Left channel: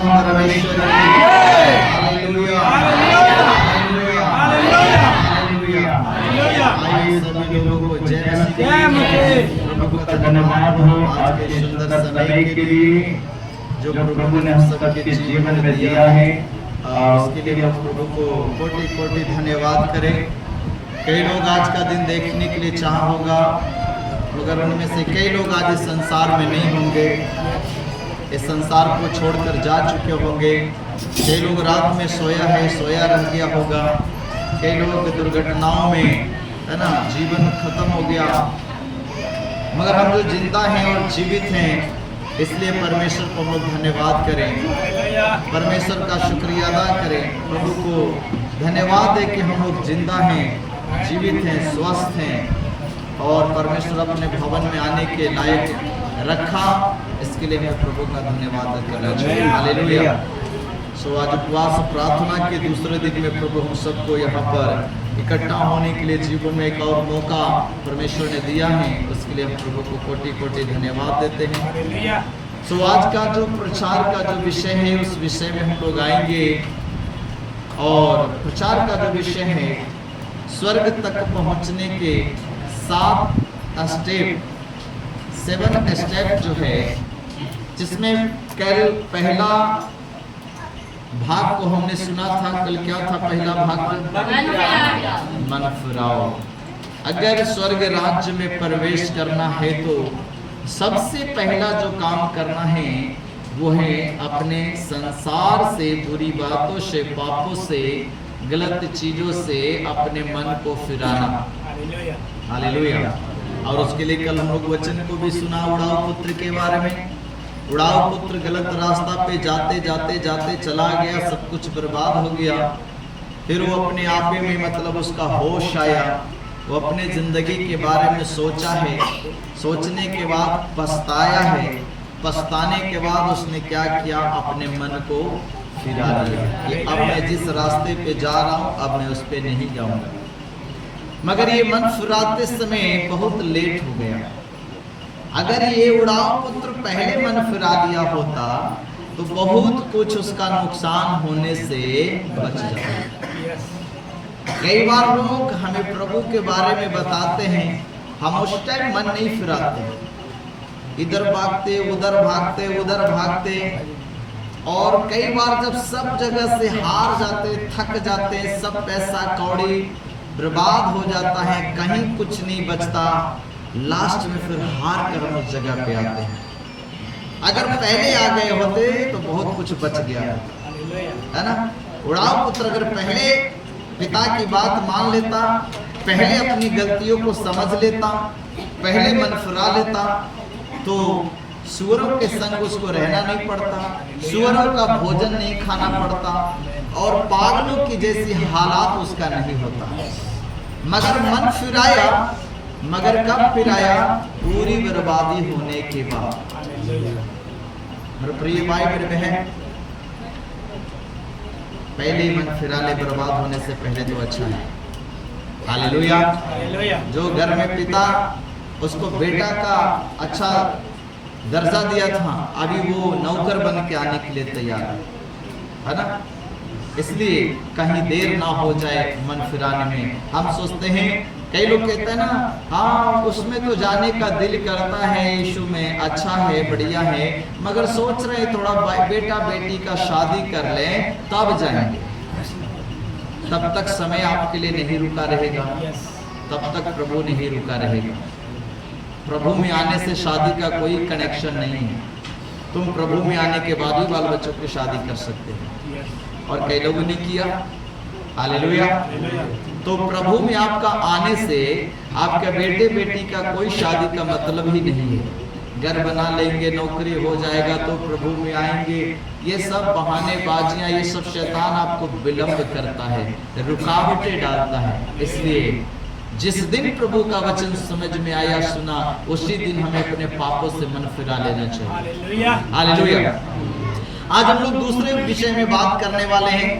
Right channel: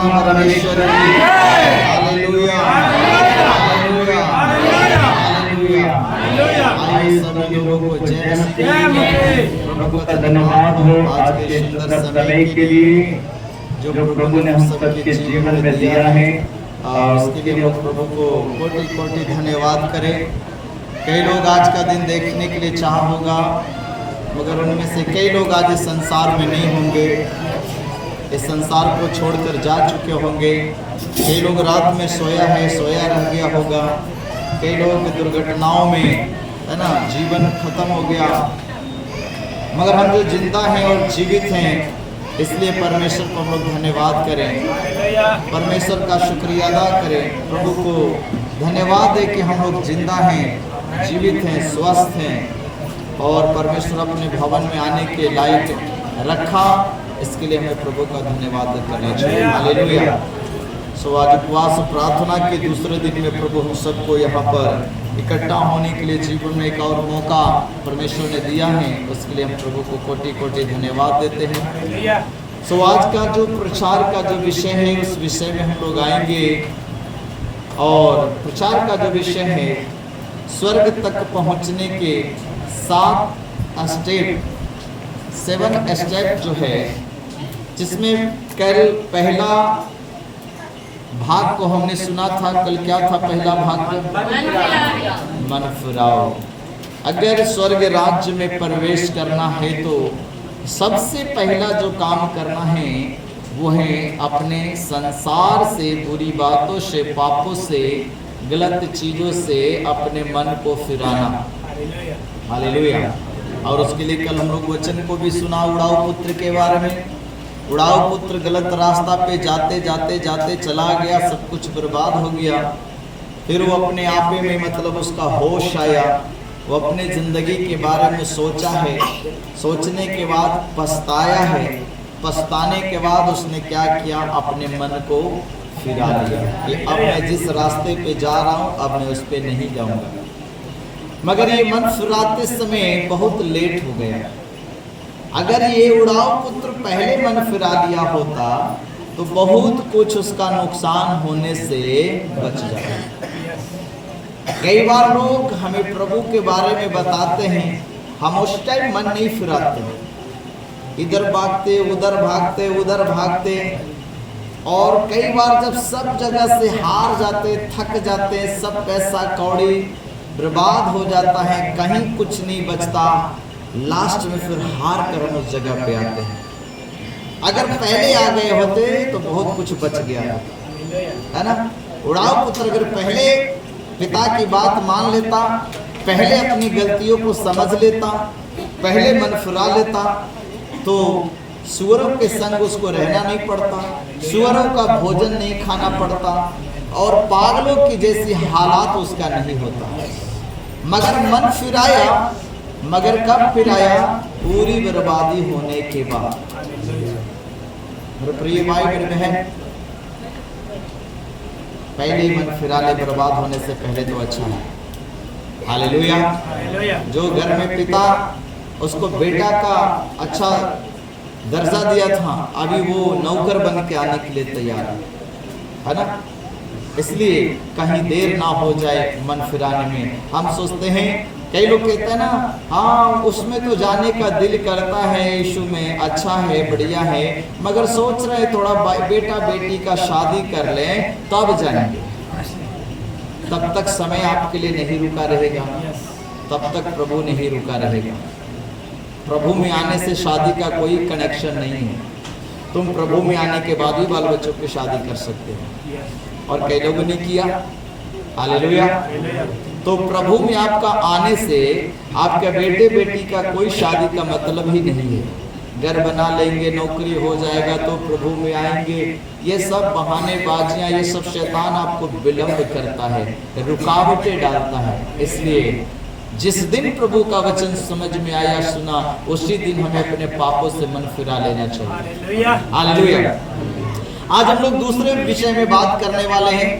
परमात्मा परमेश्वर की हालेलुया हालेलुया हालेलुया हालेलुया। आइए सभी लोगों को जय मसीह। प्रभु का धन्यवाद हो आज के सुंदर समय के लिए जो प्रभु ने हम सबके जीवन में दिया है। उसके लिए हम प्रभु को कोटि कोटि धन्यवाद करें। कई लोग आज का दिन देखने के लिए चाह होगा, मगर उनमें से कई लोग आज इस संसार में नहीं होंगे, इस संसार को छोड़कर जा चुके होंगे। कई लोग रात में सोया रह गया होगा। कई लोग दुर्घटनाओं में है ना जीवन खत्म हो गया। मगर हम जो जिंदा हैं और जीवित हैं, इसलिए परमेश्वर को हम लोग धन्यवाद करें, परमेश्वर का शुक्रिया अदा करें। प्रभु को धन्यवाद है कि हम लोग जिंदा हैं, जीवित हैं, स्वस्थ हैं और परमेश्वर अपने भवन में आने के लायक रखा। इसके लिए हमें प्रभु का धन्यवाद करना चाहिए। हालेलुया। सो आज उपवास प्रार्थना के दूसरे दिन में प्रभु हम सबको यहाँ पर इकट्ठा होने के लिए जीवन में एक और मौका परमेश्वर ने दिया है। उसके लिए हम प्रभु को कोटि कोटि धन्यवाद देते हैं। सो आज का जो प्रचार का जो विषय है, उस विषय में हम लोग आएंगे और प्रचार का जो विषय है स्वर्ग तक पहुंचने के 7 स्टेप जो है, जिसमें कल पहला भाग को हमने सुना था। कल क्या था पहला भाग? मन फिराओ। अगर स्वर्ग राज्य में प्रवेश करना है तो सबसे पहला जो काम करना है वो है अपने संसार से, बुरी बातों से, पापों से, गलत चीजों से अपने मन को फिराना। हालेलुया। और उसके लिए कल हम लोग वचन को भी सुना उड़ाऊ पुत्र के बारे में। उड़ाऊ पुत्र गलत रास्ता पे जाते जाते जाते चला गया, सब कुछ बर्बाद हो गया। फिर वो अपने आपे में मतलब उसका होश आया, वो अपने ज़िंदगी के बारे में सोचा है, सोचने के बाद पछताया है, पछताने के बाद उसने क्या किया? अपने मन को फिरा लिया कि अब मैं जिस रास्ते पे जा रहा हूँ अब मैं उस पे नहीं जाऊँगा। मगर ये मन फिराते समय बहुत लेट हो गया। अगर ये उड़ाऊ पुत्र पहले मन फिरा लिया होता तो बहुत कुछ उसका नुकसान होने से बच जाता। कई बार लोग हमें प्रभु के बारे में बताते हैं, हम उस टाइम मन नहीं फिराते, इधर भागते उधर भागते उधर भागते, और कई बार जब सब जगह से हार जाते, थक जाते, सब पैसा कौड़ी बर्बाद हो जाता है, कहीं कुछ नहीं बचता, लास्ट में फिर हार कर हम उस जगह पे आते हैं। अगर पहले आ गए होते तो बहुत कुछ बच गया है ना। उड़ाऊ पुत्र अगर पहले पिता की बात मान लेता, पहले अपनी गलतियों को समझ लेता, पहले मन फिरा लेता, तो सुअरों के संग उसको रहना नहीं पड़ता, सुअरों का भोजन नहीं खाना पड़ता और पागलों की जैसी हालात उसका नहीं होता। मगर मन फिराया, मगर कब फिराया? पूरी बर्बादी होने के बाद। प्रिय भाई बहन है, पहले ही मन फिरा ले, बर्बाद होने से पहले तो अच्छा है। हालेलुया। जो घर में पिता उसको बेटा का अच्छा दर्जा दिया था, अभी वो नौकर बन के आने के लिए तैयार है ना। इसलिए कहीं देर ना हो जाए मन फिराने में। हम सोचते हैं, कई लोग कहते हैं ना, हाँ उसमें तो जाने का दिल करता है, यीशु में अच्छा है, बढ़िया है, मगर सोच रहे थोड़ा बेटा बेटी का शादी कर लें तब जाएंगे। तब तक समय आपके लिए नहीं रुका रहेगा, तब तक प्रभु नहीं रुका रहेगा। प्रभु में आने से शादी का कोई कनेक्शन नहीं है। तुम प्रभु में आने के बाद भी बाल बच्चों की शादी कर सकते हो, और कई लोगों ने किया। हालेलुया। तो प्रभु में आपका आने से आपके बेटे बेटी का कोई शादी का मतलब ही नहीं है। घर बना लेंगे, नौकरी हो जाएगा तो प्रभु में आएंगे, ये सब बहानेबाजियां, ये सब शैतान आपको विलंब करता है, रुकावटें डालता है। इसलिए जिस दिन प्रभु का वचन समझ में आया, सुना, उसी दिन हमें अपने पापों से मन फिरा लेना चाहिए। हालेलुया। आज हम लोग दूसरे विषय में बात करने वाले हैं।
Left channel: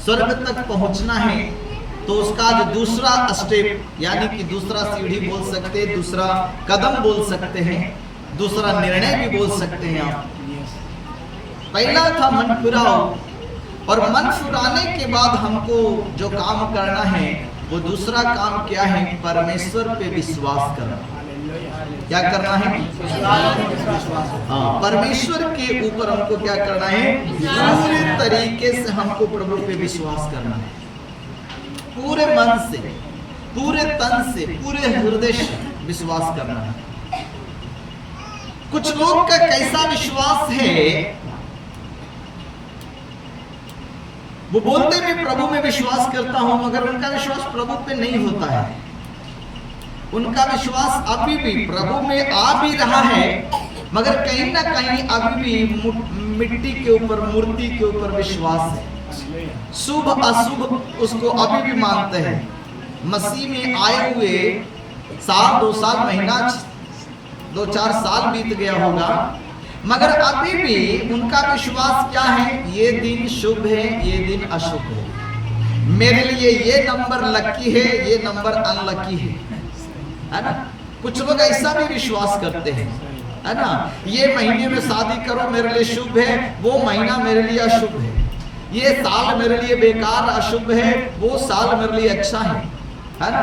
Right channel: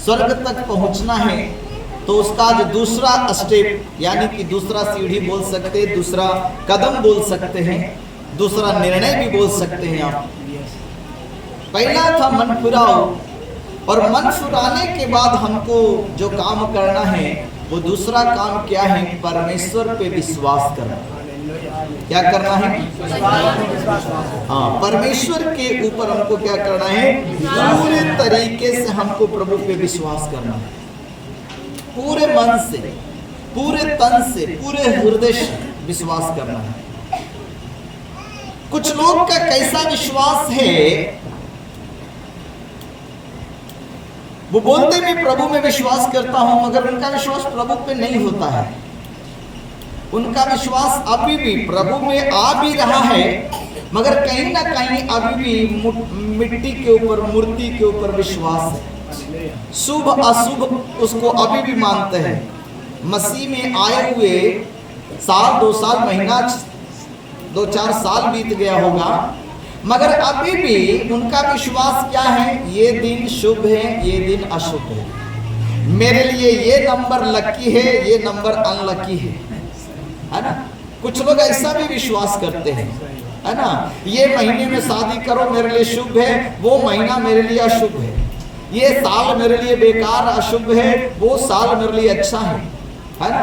स्वर्ग तक पहुंचना है तो उसका जो दूसरा स्टेप, यानी कि दूसरा सीढ़ी बोल सकते हैं, दूसरा कदम बोल सकते हैं, दूसरा निर्णय भी बोल सकते हैं आप। पहला था मन फिराओ, और मन फिराने के बाद हमको जो काम करना है वो दूसरा काम क्या है? परमेश्वर पे विश्वास करना। क्या करना है? हाँ, परमेश्वर के ऊपर हमको क्या करना है? पूरे तरीके से हमको प्रभु पे विश्वास करना है, पूरे मन से, पूरे तन से, पूरे हृदय से विश्वास करना है। कुछ लोग का कैसा विश्वास है, वो बोलते मैं प्रभु में विश्वास करता हूं, मगर उनका विश्वास प्रभु पे नहीं होता है। उनका विश्वास अभी भी प्रभु में आ भी रहा है, मगर कहीं ना कहीं अभी भी मिट्टी के ऊपर, मूर्ति के ऊपर विश्वास है। शुभ अशुभ उसको अभी भी मानते हैं। मसीह में आए हुए साल, 2 साल, महीना, 2-4 साल बीत गया होगा, मगर अभी भी उनका विश्वास क्या है? ये दिन शुभ है, ये दिन अशुभ है, मेरे लिए ये नंबर लकी है, ये नंबर अनलकी है ना? कुछ लोग ऐसा भी विश्वास करते हैं, है ना? ये महीने में शादी करो मेरे लिए शुभ है, वो महीना मेरे लिए अशुभ है, ये साल मेरे लिए बेकार अशुभ है, वो साल मेरे लिए अच्छा है ना?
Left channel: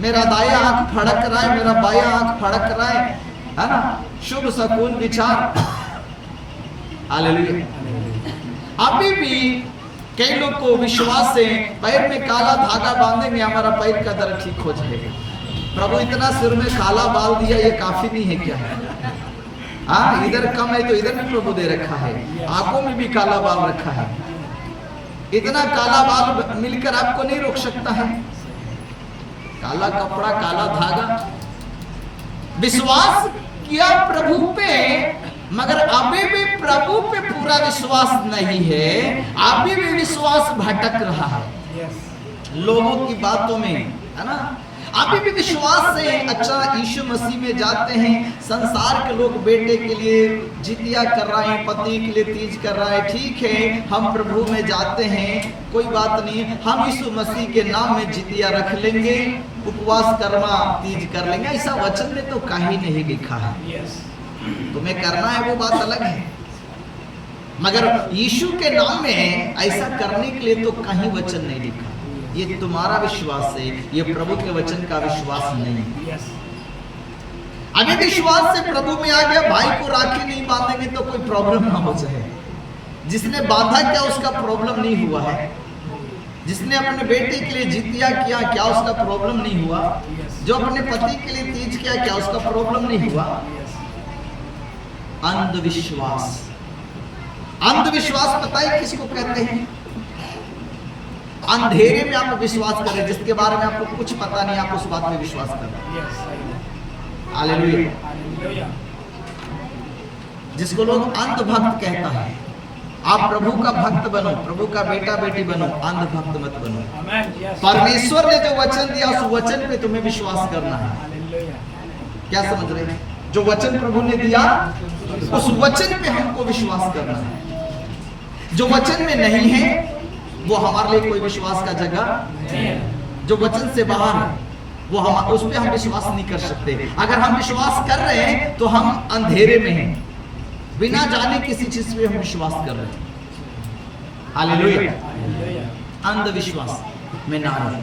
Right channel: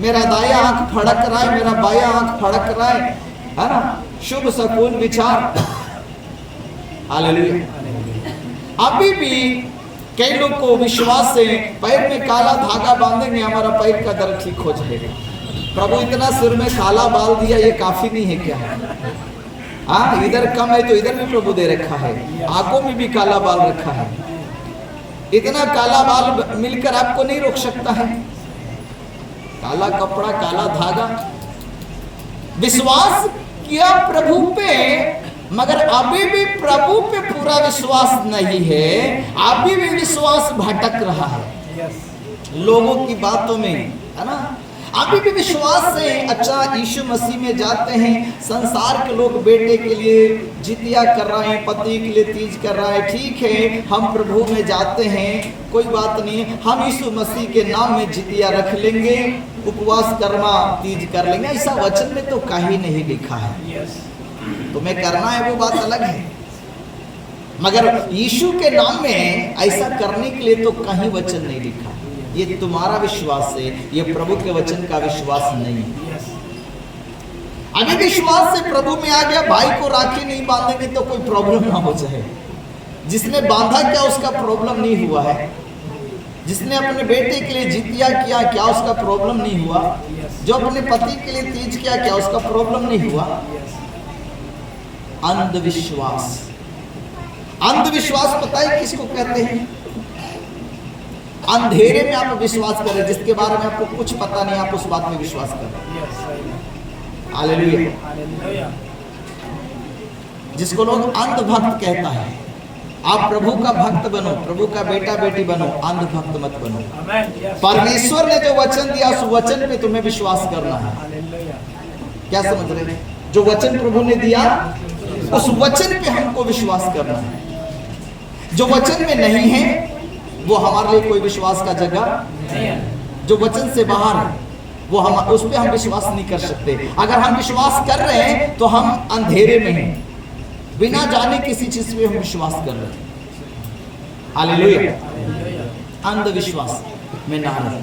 मेरा दाया आंख फड़क रहा है, मेरा बाया आंख फड़क रहा है ना? शुभ शकुन विचार। हालेलुया। अभी भी कई लोग को विश्वास से पैर में काला धागा बांधेंगे, हमारा पैर का दर्द ठीक हो जाएगा। प्रभु इतना सिर में काला बाल दिया, ये काफी नहीं है क्या? हाँ, इधर कम है तो इधर भी प्रभु दे रखा है, आंखों में भी काला बाल रखा है। इतना काला बाल मिलकर आपको नहीं रोक सकता है। काला कपड़ा, काला धागा, विश्वास किया प्रभु पे, मगर अभी भी प्रभु पे पूरा विश्वास नहीं है। अभी भी विश्वास भटक रहा है लोगों की बातों में, है ना? अभी भी विश्वास से अच्छा यीशु मसीह में जाते हैं। संसार के लोग बेटे के लिए जितिया कर रहे हैं, पति के लिए तीज कर रहा है, ठीक है, हम प्रभु में जाते हैं, कोई बात नहीं, हम यीशु मसीह के नाम में जितिया रख लेंगे, उपवास कर्मा तीज कर लेंगे। ऐसा वचन में तो कहीं नहीं लिखा है। तुम्हें करना है वो बात अलग है, मगर यीशु के नाम में ऐसा करने के लिए तो कहीं वचन नहीं लिखा। ये तुम्हारा विश्वास है, ये प्रभु के वचन का विश्वास नहीं है। अभी विश्वास से प्रभु में आ गया, भाई को राखी नहीं बांधेंगे तो कोई प्रॉब्लम ना हो जाए। जिसने बांधा क्या उसका प्रॉब्लम नहीं हुआ है, जिसने अपने बेटे के लिए जितिया किया क्या उसका प्रॉब्लम नहीं हुआ, जो अपने पति के लिए तीज किया क्या उसका प्रॉब्लम नहीं हुआ। अंधविश्वास, अंधविश्वास पता है किसको कहते हैं? अंधेरे में आप विश्वास करें, जिसके बारे में आपको कुछ पता नहीं, आप उस बात में विश्वास करें। हालेलुया। जिसको लोग अंधभक्त कहता है, आप प्रभु का भक्त बनो, प्रभु का बेटा बेटी बनो, अंधभक्त मत बनो। परमेश्वर ने जो वचन दिया उस वचन पे तुम्हें विश्वास करना है। क्या समझ रहे हैं? जो वचन प्रभु ने दिया उस वचन पे हमको विश्वास करना है। जो वचन में नहीं है वो हमारे लिए कोई विश्वास का जगह नहीं है। जो वचन से बाहर है वो हम उस पे हम विश्वास नहीं कर सकते। अगर हम विश्वास कर रहे हैं तो हम अंधेरे में हैं, बिना जाने किसी चीज पे हम विश्वास कर रहे हैं। हालेलुया। अंधविश्वास में ना रहे।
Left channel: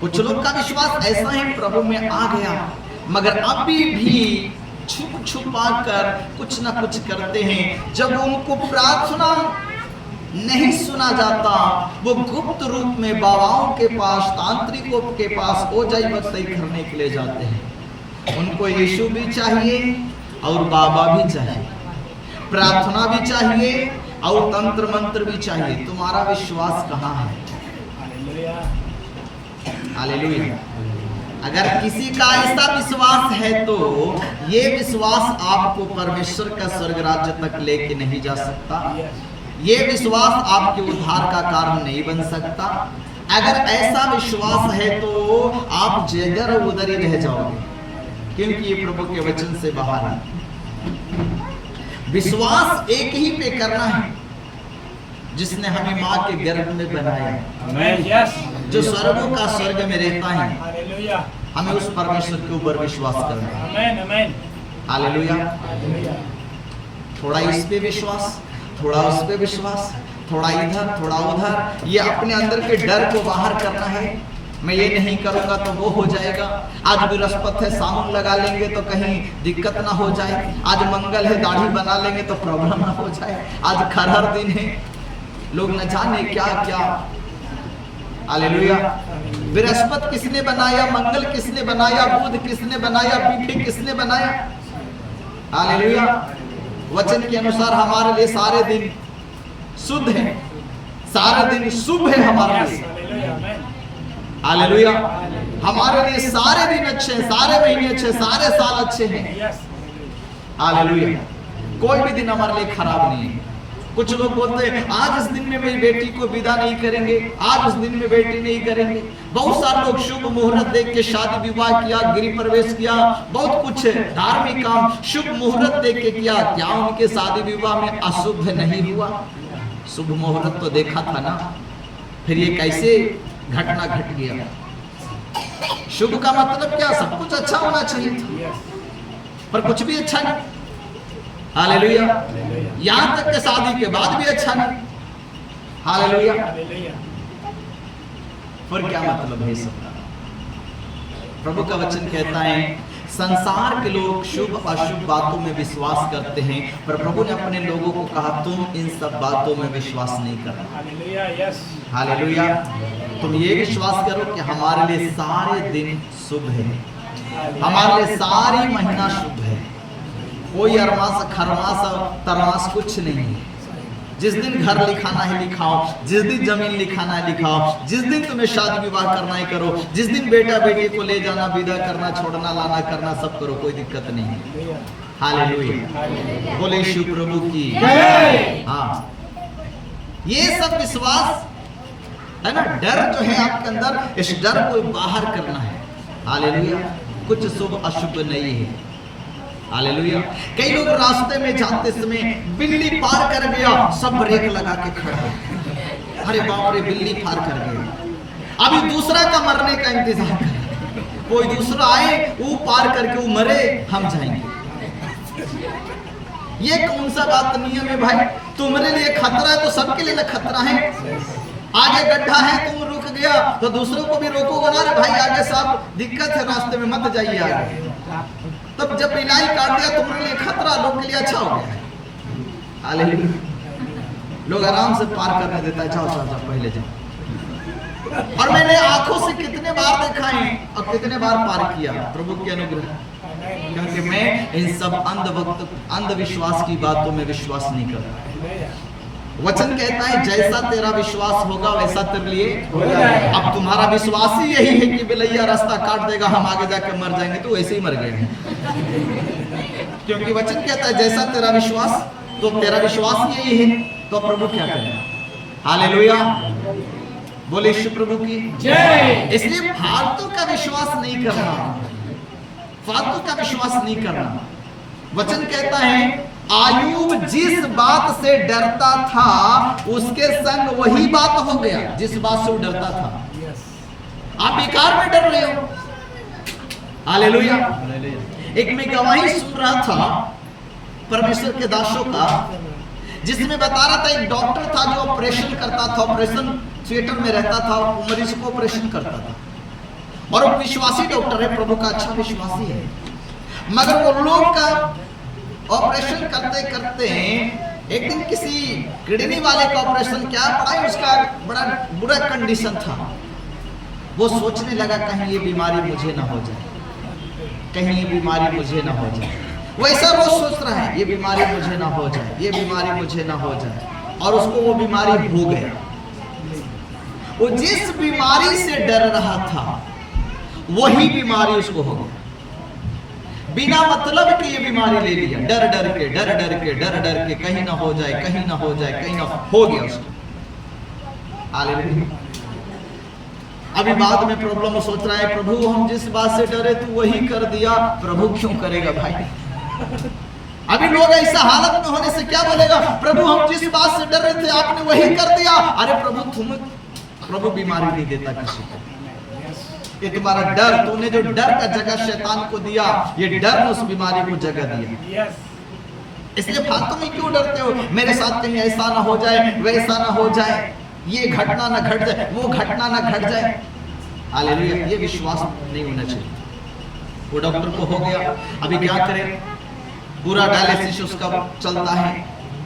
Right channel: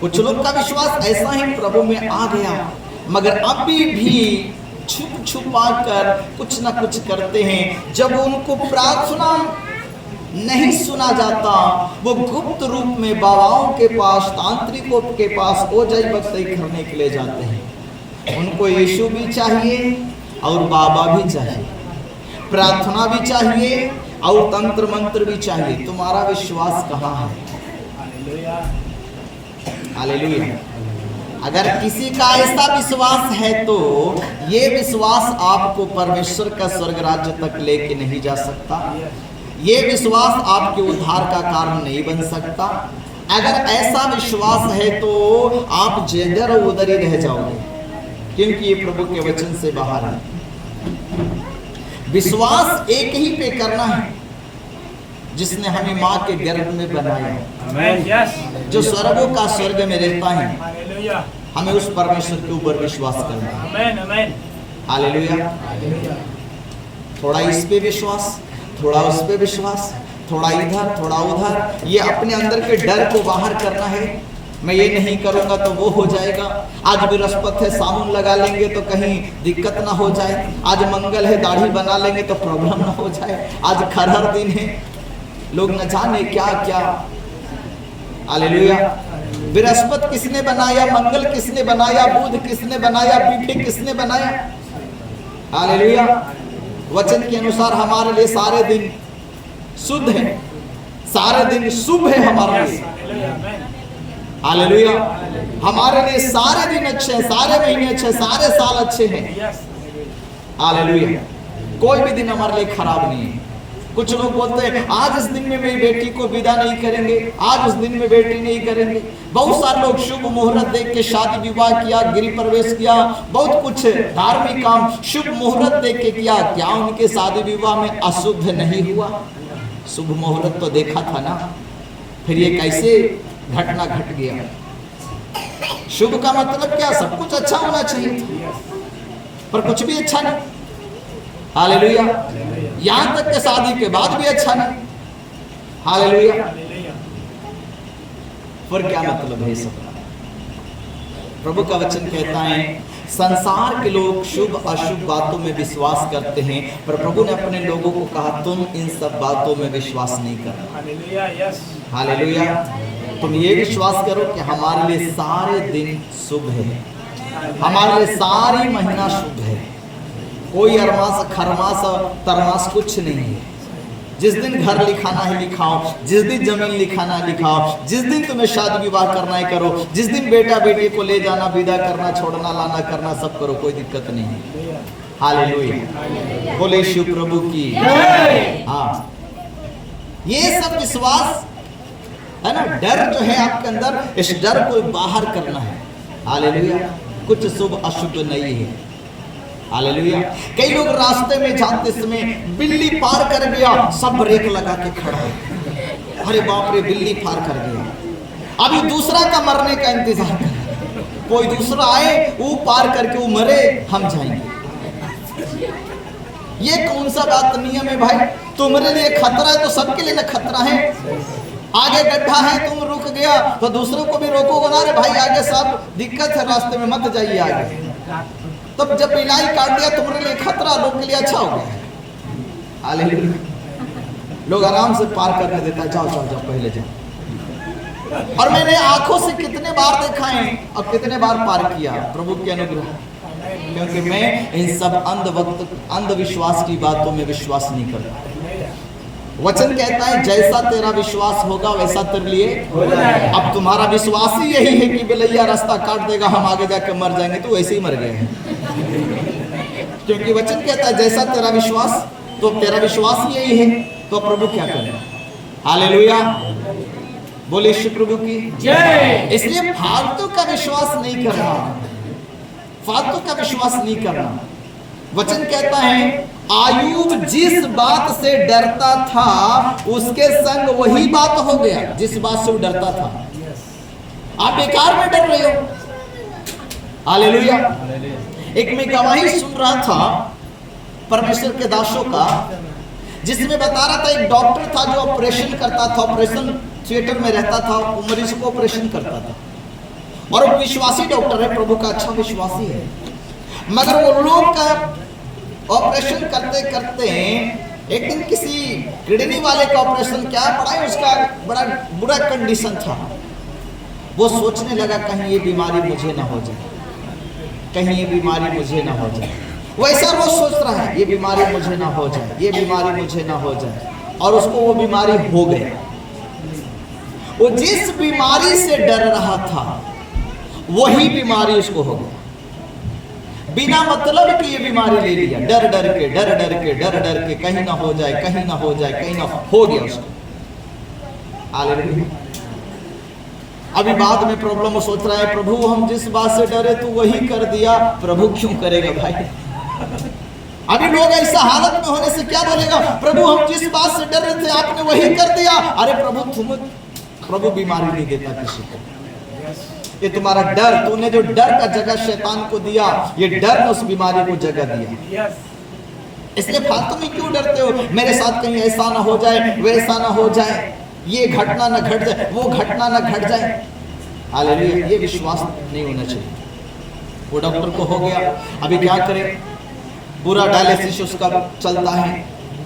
कुछ लोग का विश्वास ऐसा ही प्रभु में आ गया, मगर अभी भी छुप छुपा कर कुछ ना कुछ करते हैं। जब उनको प्रार्थना नहीं सुना जाता, वो गुप्त रूप में बाबाओं के पास, तांत्रिकों के पास ओझाई बख्ताई करने के लिए जाते हैं। उनको यीशु भी चाहिए और बाबा भी चाहिए, प्रार्थना भी चाहिए और तंत्र मंत्र भी चाहिए। तुम्हारा विश्वास कहाँ है? हालेलुया। अगर किसी का ऐसा विश्वास है तो ये विश्वास आपको परमेश्वर का स्वर्ग राज्य तक लेके नहीं जा सकता। ये विश्वास आपके उद्धार का कारण नहीं बन सकता। अगर ऐसा विश्वास है तो आप जिधर उधर ही रह जाओगे, क्योंकि ये प्रभु के वचन से बाहर है। विश्वास एक ही पे करना है जिसने हमें माँ के गर्भ में बनाया है, जो स्वर्गों का स्वर्ग में रहता है। हमें उस परमेश्वर के ऊपर विश्वास करना है। हालेलुया। थोड़ा इस पे विश्वास, थोड़ा उस पे विश्वास, थोड़ा इधर थोड़ा उधर। ये अपने अंदर के डर को बाहर करना है। मैं ये नहीं करूंगा तो वो हो जाएगा। आज बृहस्पति है, साबुन लगा लेंगे तो कहीं दिक्कत ना हो जाए। आज मंगल है, दाढ़ी बना लेंगे तो प्रॉब्लम ना हो जाए। आज खरहर दिन है, लोग न जाने क्या क्या। हालेलुया। बृहस्पति किसने बनाया, मंगल किसने बनाया, बुध किसने बनाया, पीठे किसने बनाया? हालेलुया। वचन के अनुसार हमारे लिए सारे दिन शुद्ध है, सारे दिन शुभ है हमारे लिए। हालेलुया। हमारे लिए सारे दिन अच्छे हैं, सारे महीने अच्छे, सारे साल अच्छे हैं। हालेलुया। कोई भी दिन हमारे लिए खराब नहीं है। कुछ लोग बोलते हैं आज इस दिन में मेरी बेटी को विदा नहीं करेंगे, आज इस दिन में बेटी नहीं करेंगे। बहुत सारे लोग शुभ मुहूर्त देख के शादी विवाह किया, गृह प्रवेश किया, बहुत कुछ धार्मिक काम शुभ मुहूर्त देख के किया। क्या उनके शादी विवाह में अशुभ नहीं हुआ? शुभ मुहूर्त तो देखा था ना। फिर ये कैसे घटना घट गया? शुभ का मतलब क्या? सब कुछ अच्छा होना चाहिए, पर कुछ भी अच्छा नहीं। हालेलुया। यहां तक कि शादी के बाद भी अच्छा नहीं। हालेलुया। फिर क्या मतलब है सब? प्रभु का वचन कहता है संसार के लोग शुभ अशुभ बातों में विश्वास करते हैं, पर प्रभु ने अपने लोगों को कहा तुम इन सब बातों में विश्वास नहीं करना। हालेलुया। तुम ये विश्वास करो कि हमारे लिए सारे दिन शुभ है, हमारे लिए सारी महीना शुभ है। कोई अरमास खरमास तरमास कुछ नहीं है। जिस दिन घर लिखाना है लिखाओ, जिस दिन जमीन लिखाना है लिखाओ, जिस दिन तुम्हें शादी विवाह करना है करो, जिस दिन बेटा बेटी को ले जाना, विदा करना, छोड़ना, लाना करना, सब करो, कोई दिक्कत नहीं है। हालेलुया। बोले शिव प्रभु की। हाँ, ये सब विश्वास है ना। डर जो है आपके अंदर, इस डर को बाहर करना है। हालेलुया। कुछ शुभ अशुभ नहीं है। हालेलुया। कई लोग रास्ते में जाते समय बिल्ली पार कर गया, सब ब्रेक लगा के खड़ा है। अरे बाप रे, बिल्ली पार कर गया। अभी दूसरा का मरने का इंतजार कर रहा है। कोई दूसरा आए, वो पार करके वो मरे, हम जाएंगे। ये कौन सा बात नियम है भाई? तुम्हारे लिए खतरा है तो सबके लिए खतरा है। आगे गड्ढा है, तुम रुक गया तो दूसरों को भी रोकोगे ना। रे भाई आगे सब दिक्कत है, रास्ते में मत जाइए आगे। तब जब बिलाई काट दिया तुम्हारे लिए खतरा, लोग के लिए अच्छा हो गया है। हालेलुया। लोग आराम से पार करने देता है, जाओ जाओ जाओ पहले जाओ। और मैंने आंखों से कितने बार देखा है और कितने बार पार किया, प्रभु के अनुग्रह। क्योंकि मैं इन सब अंधविश्वास की बातों में विश्वास नहीं करता। वचन कहता है जैसा तेरा विश्वास होगा वैसा तेरे लिए हो जाएगा। अब तुम्हारा विश्वास ही यही है कि बिलैया रास्ता काट देगा, हम आगे जाके मर जाएंगे, तो वैसे ही मर गया है। क्योंकि वचन कहता है जैसा तेरा विश्वास, तो तेरा विश्वास यही है, तो प्रभु क्या करेगा? हालेलुया। बोले श्री प्रभु की जय। इसलिए फालतू का विश्वास नहीं करना, फालतू का विश्वास नहीं करना। वचन कहता है आयूब जिस बात से डरता था उसके संग वही बात हो गया जिस बात से वो डरता था। आप बेकार में डर रहे हो। हालेलुया। एक मैं गवाही सुन रहा था परमेश्वर के दासों का, जिसमें बता रहा था एक डॉक्टर था जो ऑपरेशन करता था, ऑपरेशन थिएटर में रहता था, मरीज को ऑपरेशन करता था। और वो विश्वासी डॉक्टर है, प्रभु का अच्छा विश्वासी है। मगर वो लोग का ऑपरेशन करते करते एक दिन किसी किडनी वाले का ऑपरेशन क्या पड़ा है, उसका बड़ा बुरा कंडीशन था। वो सोचने लगा कहीं ये बीमारी मुझे ना हो जाए, कहीं ये बीमारी मुझे ना हो जाए। वैसा रोज सोच रहा है ये बीमारी मुझे ना हो जाए, ये बीमारी मुझे ना हो जाए। और उसको वो बीमारी हो गई। वो जिस बीमारी से डर रहा था वही बीमारी उसको हो गया। बिना मतलब कि ये बीमारी ले लिया, डर डर के डर डर के डर डर के, कहीं ना हो जाए, कहीं ना हो जाए, कहीं ना हो गया उसको। हालेलुया। अभी बाद में प्रॉब्लम सोच रहा है प्रभु हम जिस बात से डरे तू वही कर दिया, प्रभु क्यों करेगा भाई? अभी लोग ऐसा हालत में होने से क्या बोलेगा, प्रभु हम जिस बात से डर रहे थे आपने वही कर दिया। अरे प्रभु बीमारी नहीं देता किसी को। ये तुम्हारा डर, तूने जो डर का जगह शैतान को दिया, ये डर ने उस बीमारी को जगह दिया। इसलिए फालतू में क्यों डरते हो, मेरे साथ कहीं ऐसा ना हो जाए, वैसा ना हो जाए, ये घटना ना घट जाए, वो घटना ना घट जाए। हालेलुया। ये विश्वास नहीं होना चाहिए। वो डॉक्टर को हो गया, अभी क्या करे, पूरा डायलिसिस उसका चलता है,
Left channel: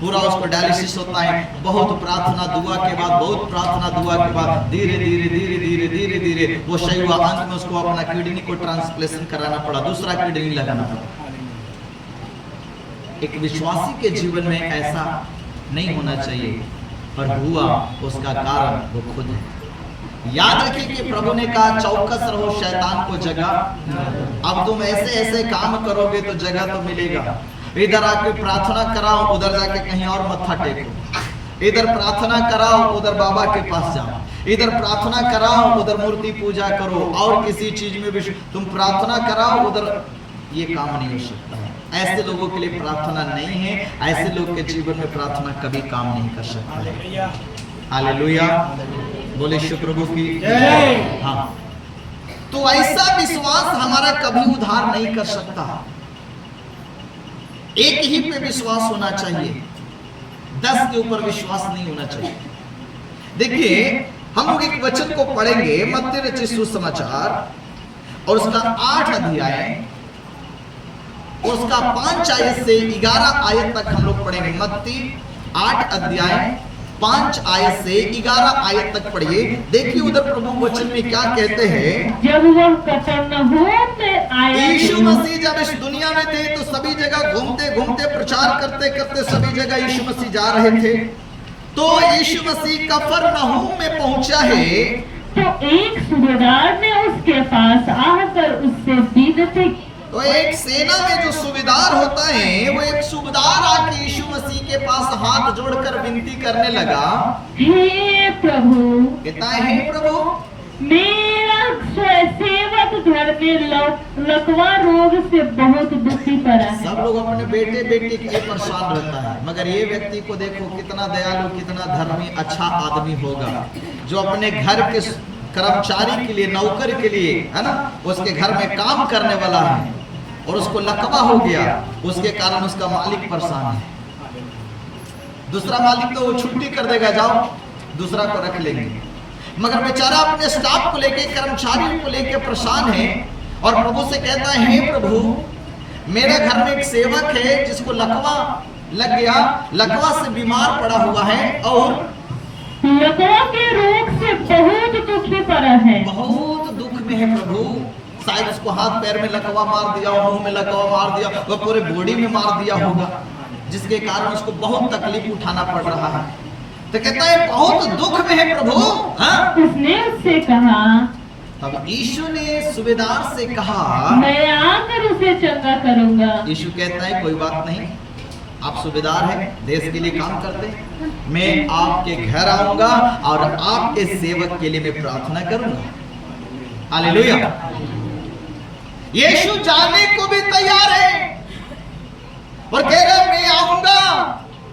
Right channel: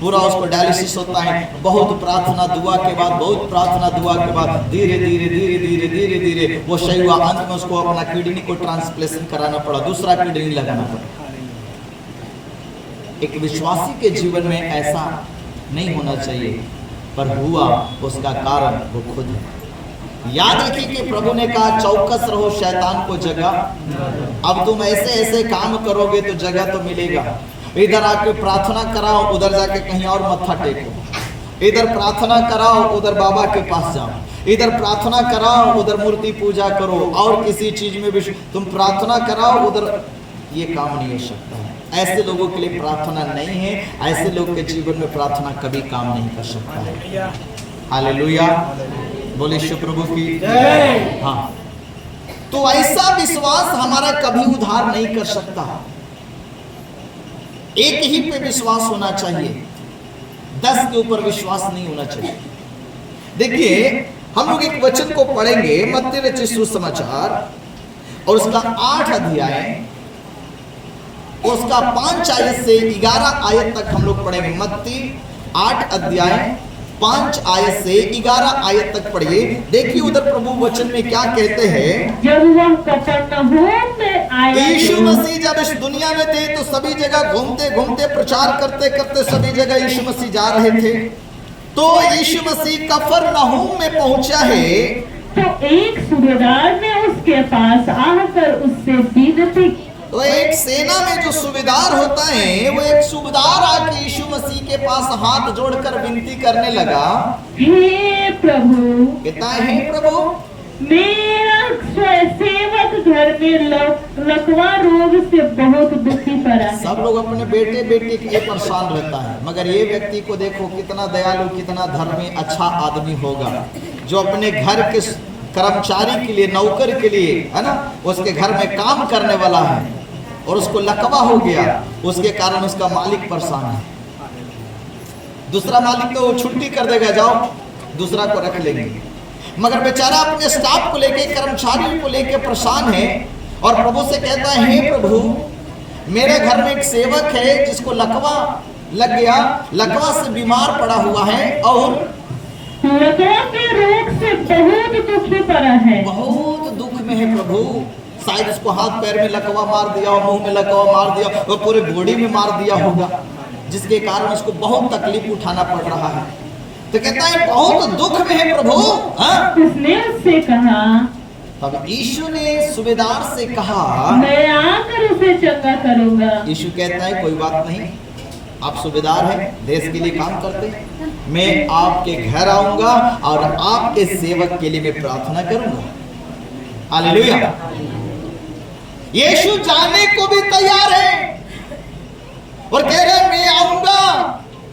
पूरा उसको डायलिसिस होता है। बहुत प्रार्थना दुआ के बाद, बहुत प्रार्थना दुआ के बाद धीरे धीरे धीरे धीरे धीरे धीरे वो सही हुआ। अंत में उसको अपना किडनी को ट्रांसप्लेशन कराना पड़ा, दूसरा किडनी लगाना पड़ा। एक विश्वासी के जीवन में ऐसा नहीं होना चाहिए, पर हुआ, उसका कारण वो खुद है। याद रखिए कि प्रभु ने कहा चौकस रहो, शैतान को जगह। अब तुम ऐसे ऐसे काम करोगे तो जगह तो मिलेगा। इधर आके प्रार्थना कराओ, उधर जाके कहीं और मत्था टेको। इधर प्रार्थना कराओ, उधर बाबा के पास जाओ। इधर प्रार्थना कराओ, उधर मूर्ति पूजा करो, और किसी चीज में भी तुम प्रार्थना कराओ, उधर ये काम नहीं हो सकता है। ऐसे लोगों के लिए प्रार्थना नहीं है। ऐसे लोग के जीवन में प्रार्थना कभी काम नहीं कर सकता है। हालेलुया, बोले शिव प्रभु की। हाँ, तो ऐसा विश्वास हमारा कभी उद्धार नहीं कर सकता। एक ही पे विश्वास होना चाहिए, 10 के ऊपर विश्वास नहीं होना चाहिए। देखिए, हम लोग एक वचन को पढ़ेंगे, मत्ती रचित सुसमाचार और उसका 8 अध्याय, उसका 5 आयत से 11 आयत तक हम लोग पढ़ेंगे। मत्ती 8 अध्याय 5 आयत से 11 आयत तक पढ़िए। देखिए उधर प्रभु वचन में क्या कहते हैं। जब वह कफरनहूम में आया, यीशु मसीह जब इस दुनिया में थे तो सभी जगह घूमते घूमते प्रचार करते करते सभी जगह यीशु मसीह जा रहे थे। तो यीशु मसीह कफरनहूम में पहुंचा है, तो एक सूबेदार ने उसके पास आकर उससे विनती। तो एक सेना में जो सूबेदार होता है, वो एक सूबेदार आके यीशु मसीह के पास हाथ जोड़कर विनती करने लगा, हे प्रभु, कहता है, हे प्रभु, मेरा सेवक घर में लकवा रोग से बहुत दुखी पड़ा है। सब लोग अपने बेटे बेटी के लिए परेशान रहता है, मगर ये व्यक्ति को देखो कितना दयालु, कितना धर्मी, अच्छा आदमी होगा, जो अपने घर के कर्मचारी के लिए, नौकर के लिए, है ना, उसके घर में काम करने वाला है, और उसको लकवा हो गया, उसके कारण उसका मालिक परेशान है। दूसरा मालिक तो छुट्टी कर देगा, जाओ दूसरा को रख लेंगे, मगर बेचारा अपने स्टाफ को लेके, कर्मचारियों को लेके परेशान है, और प्रभु से कहता है, हे प्रभु, मेरे घर में एक सेवक है जिसको लकवा लग गया, लकवा से बीमार पड़ा हुआ है, और लकवा के रोग से बहुत दुखी पड़ा है। बहुत दुख में है प्रभु। शायद उसको हाथ पैर में लकवा मार दिया, मुंह में लकवा मार दिया, वो पूरे बॉडी में मार दिया होगा, जिसके कारण उसको बहुत तकलीफ उठाना पड़ रहा है। तो कहता है बहुत दुख में है प्रभु। हाँ? उसने उससे कहा, तब यीशु ने सूबेदार से कहा, मैं आकर उसे चंगा करूंगा। यीशु कहता है कोई बात नहीं, आप सूबेदार हैं, देश के लिए काम करते हैं, मैं आपके घर आऊंगा और आपके सेवक के लिए मैं प्रार्थना करूंगा। हालेलुया। यीशु जाने को भी तैयार है और कह रहा है मैं आऊंगा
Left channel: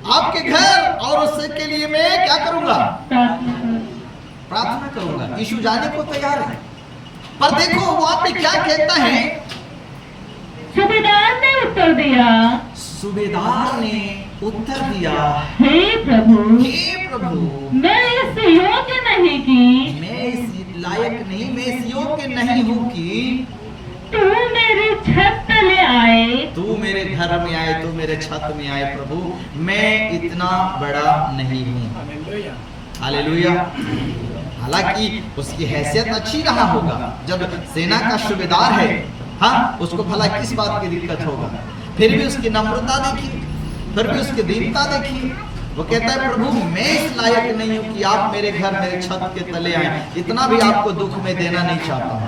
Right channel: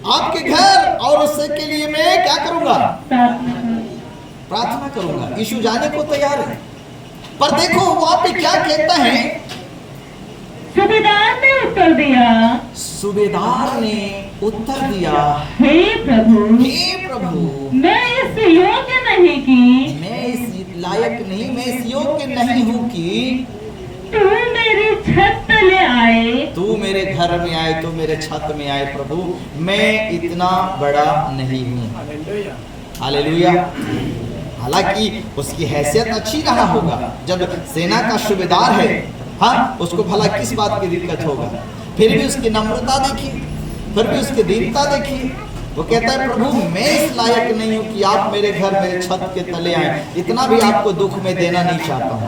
आपके घर और उससे के लिए मैं क्या करूंगा, प्रार्थना करूंगा। यीशु जाने को तैयार है, पर देखो वहां पे क्या कहता है। सूबेदार ने उत्तर दिया, सूबेदार ने उत्तर दिया, हे प्रभु, हे प्रभु, मैं इस योग्य नहीं कि, मैं इस लायक नहीं, मैं इस योग्य नहीं हूँ कि तू मेरी छत तले आए, तू मेरे घर में आए, तू मेरे छत में आए। प्रभु, मैं इतना बड़ा नहीं हूँ। हालेलुया। हालांकि उसकी हैसियत अच्छी रहा होगा, जब सेना का सूबेदार है, हाँ, उसको भला किस बात की दिक्कत होगा, फिर भी उसकी नम्रता देखिए, फिर भी उसकी दीनता देखिए। वो कहता है प्रभु, मैं इस लायक नहीं हूँ कि आप मेरे घर, मेरे छत के तले आए, इतना भी आपको दुख में देना नहीं चाहता हूँ।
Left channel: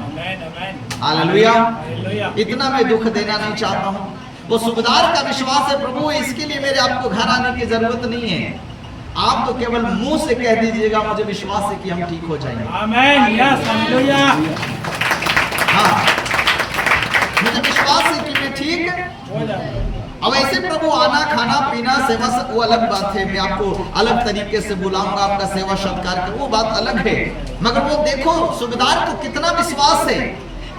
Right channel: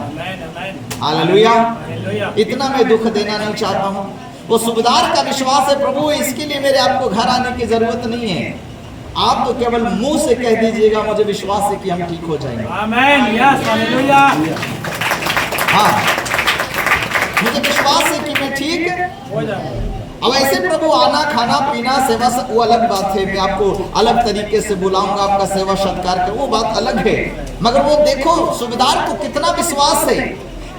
हालेलुया। इतना मैं दुख देना नहीं चाहता हूँ। वो सूबेदार का विश्वास है, प्रभु इसके लिए मेरे आपको घर आने की जरूरत नहीं है, आप तो केवल मुंह से कह दीजिएगा, मुझे विश्वास है कि हम ठीक हो जाएंगे। आमीन। Yes, hallelujah. हाँ, मुझे विश्वास है कि मैं ठीक हो जाएगा। अब ऐसे प्रभु आना, खाना, पीना, सेवा, वो अलग बात है, मैं आपको अलग तरीके से बुलाऊंगा, आपका सेवा सत्कार कर, वो बात अलग है। मगर वो देखो सूबेदार को कितना विश्वास है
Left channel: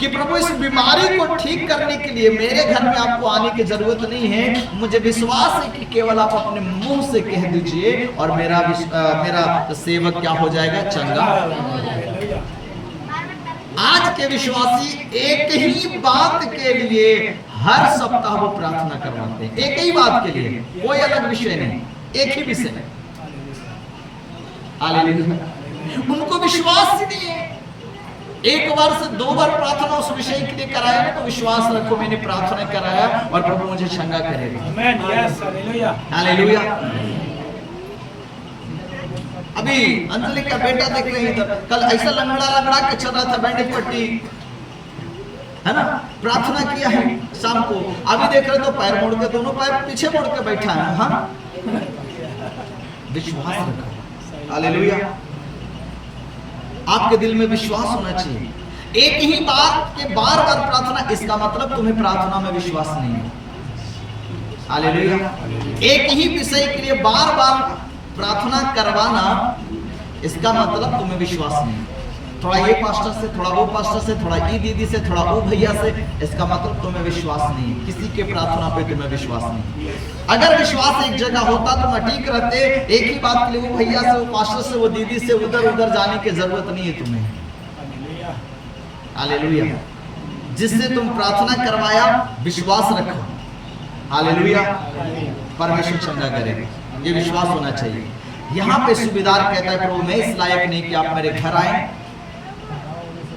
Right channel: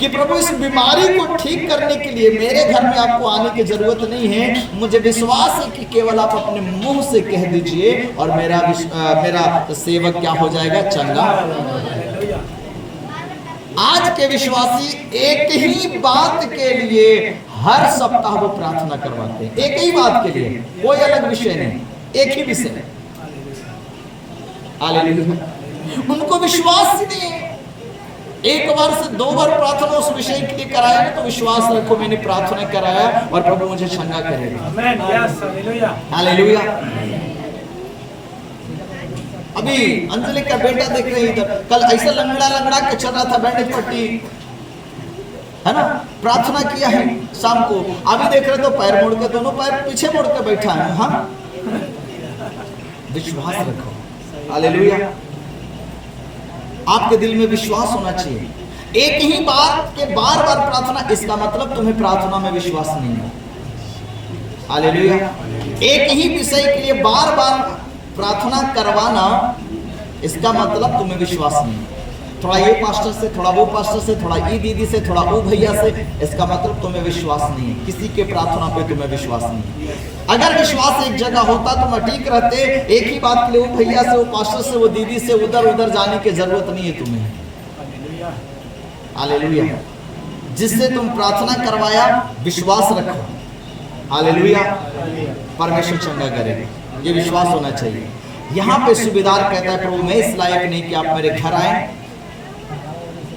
कि प्रभु इस बीमारी को ठीक करने के लिए मेरे घर में आपको आने की जरूरत नहीं है, मुझे विश्वास है कि केवल आप अपने मुंह से कह दीजिए और मेरा सेवक क्या हो जाएगा, चंगा। आज के विश्वासी एक ही बात के लिए हर सप्ताह वो प्रार्थना करवाते हैं, एक ही बात के लिए, कोई अलग विषय नहीं, एक ही विषय। हालेलुया। उनको विश्वास ही नहीं है। एक बार से 2 बार प्रार्थना उस विषय के लिए कराया ना, तो विश्वास रखो मैंने प्रार्थना कराया और प्रभु मुझे चंगा करेगा। आमेन, यस, हालेलुया, हालेलुया। अभी अंजलि का बेटा देख रहे हैं इधर, कल ऐसा लंगड़ा के चल रहा था, बैंडेज पट्टी है ना, प्रार्थना किया है शाम को, अभी देख रहे तो पैर मोड़ के, दोनों पैर पीछे मोड़ के बैठा है। हाँ, विश्वास रखो। हालेलुया। आपके दिल में विश्वास होना चाहिए। एक ही बात के बार बार प्रार्थना, इसका मतलब तुम्हें प्रार्थना में विश्वास नहीं है। हालेलुया। एक ही विषय के लिए बार बार प्रार्थना करवाना, इसका मतलब तुम्हें विश्वास नहीं है। थोड़ा ये पास्टर से, थोड़ा वो पास्टर से, थोड़ा ई दीदी से, थोड़ा वो भैया से, इसका मतलब तुम्हें विश्वास नहीं है। किसी के प्रार्थना पे तुम्हें विश्वास नहीं है। अगर विश्वास एक जगह होता तो मैं ठीक रहते, एक ही बात के लिए वो भैया से, वो पास्टर से, वो दीदी से उधर उधर जाने की जरूरत नहीं है तुम्हें। हालेलुया। जिससे तुम प्रार्थना करवाया, विश्वास रखो। हालेलुया। परमेश्वर चंगा करेगा, ये विश्वास होना चाहिए। यहाँ पे सूबेदार कहता है, प्रभु मैं इस लायक नहीं कि आप मेरे घर आए।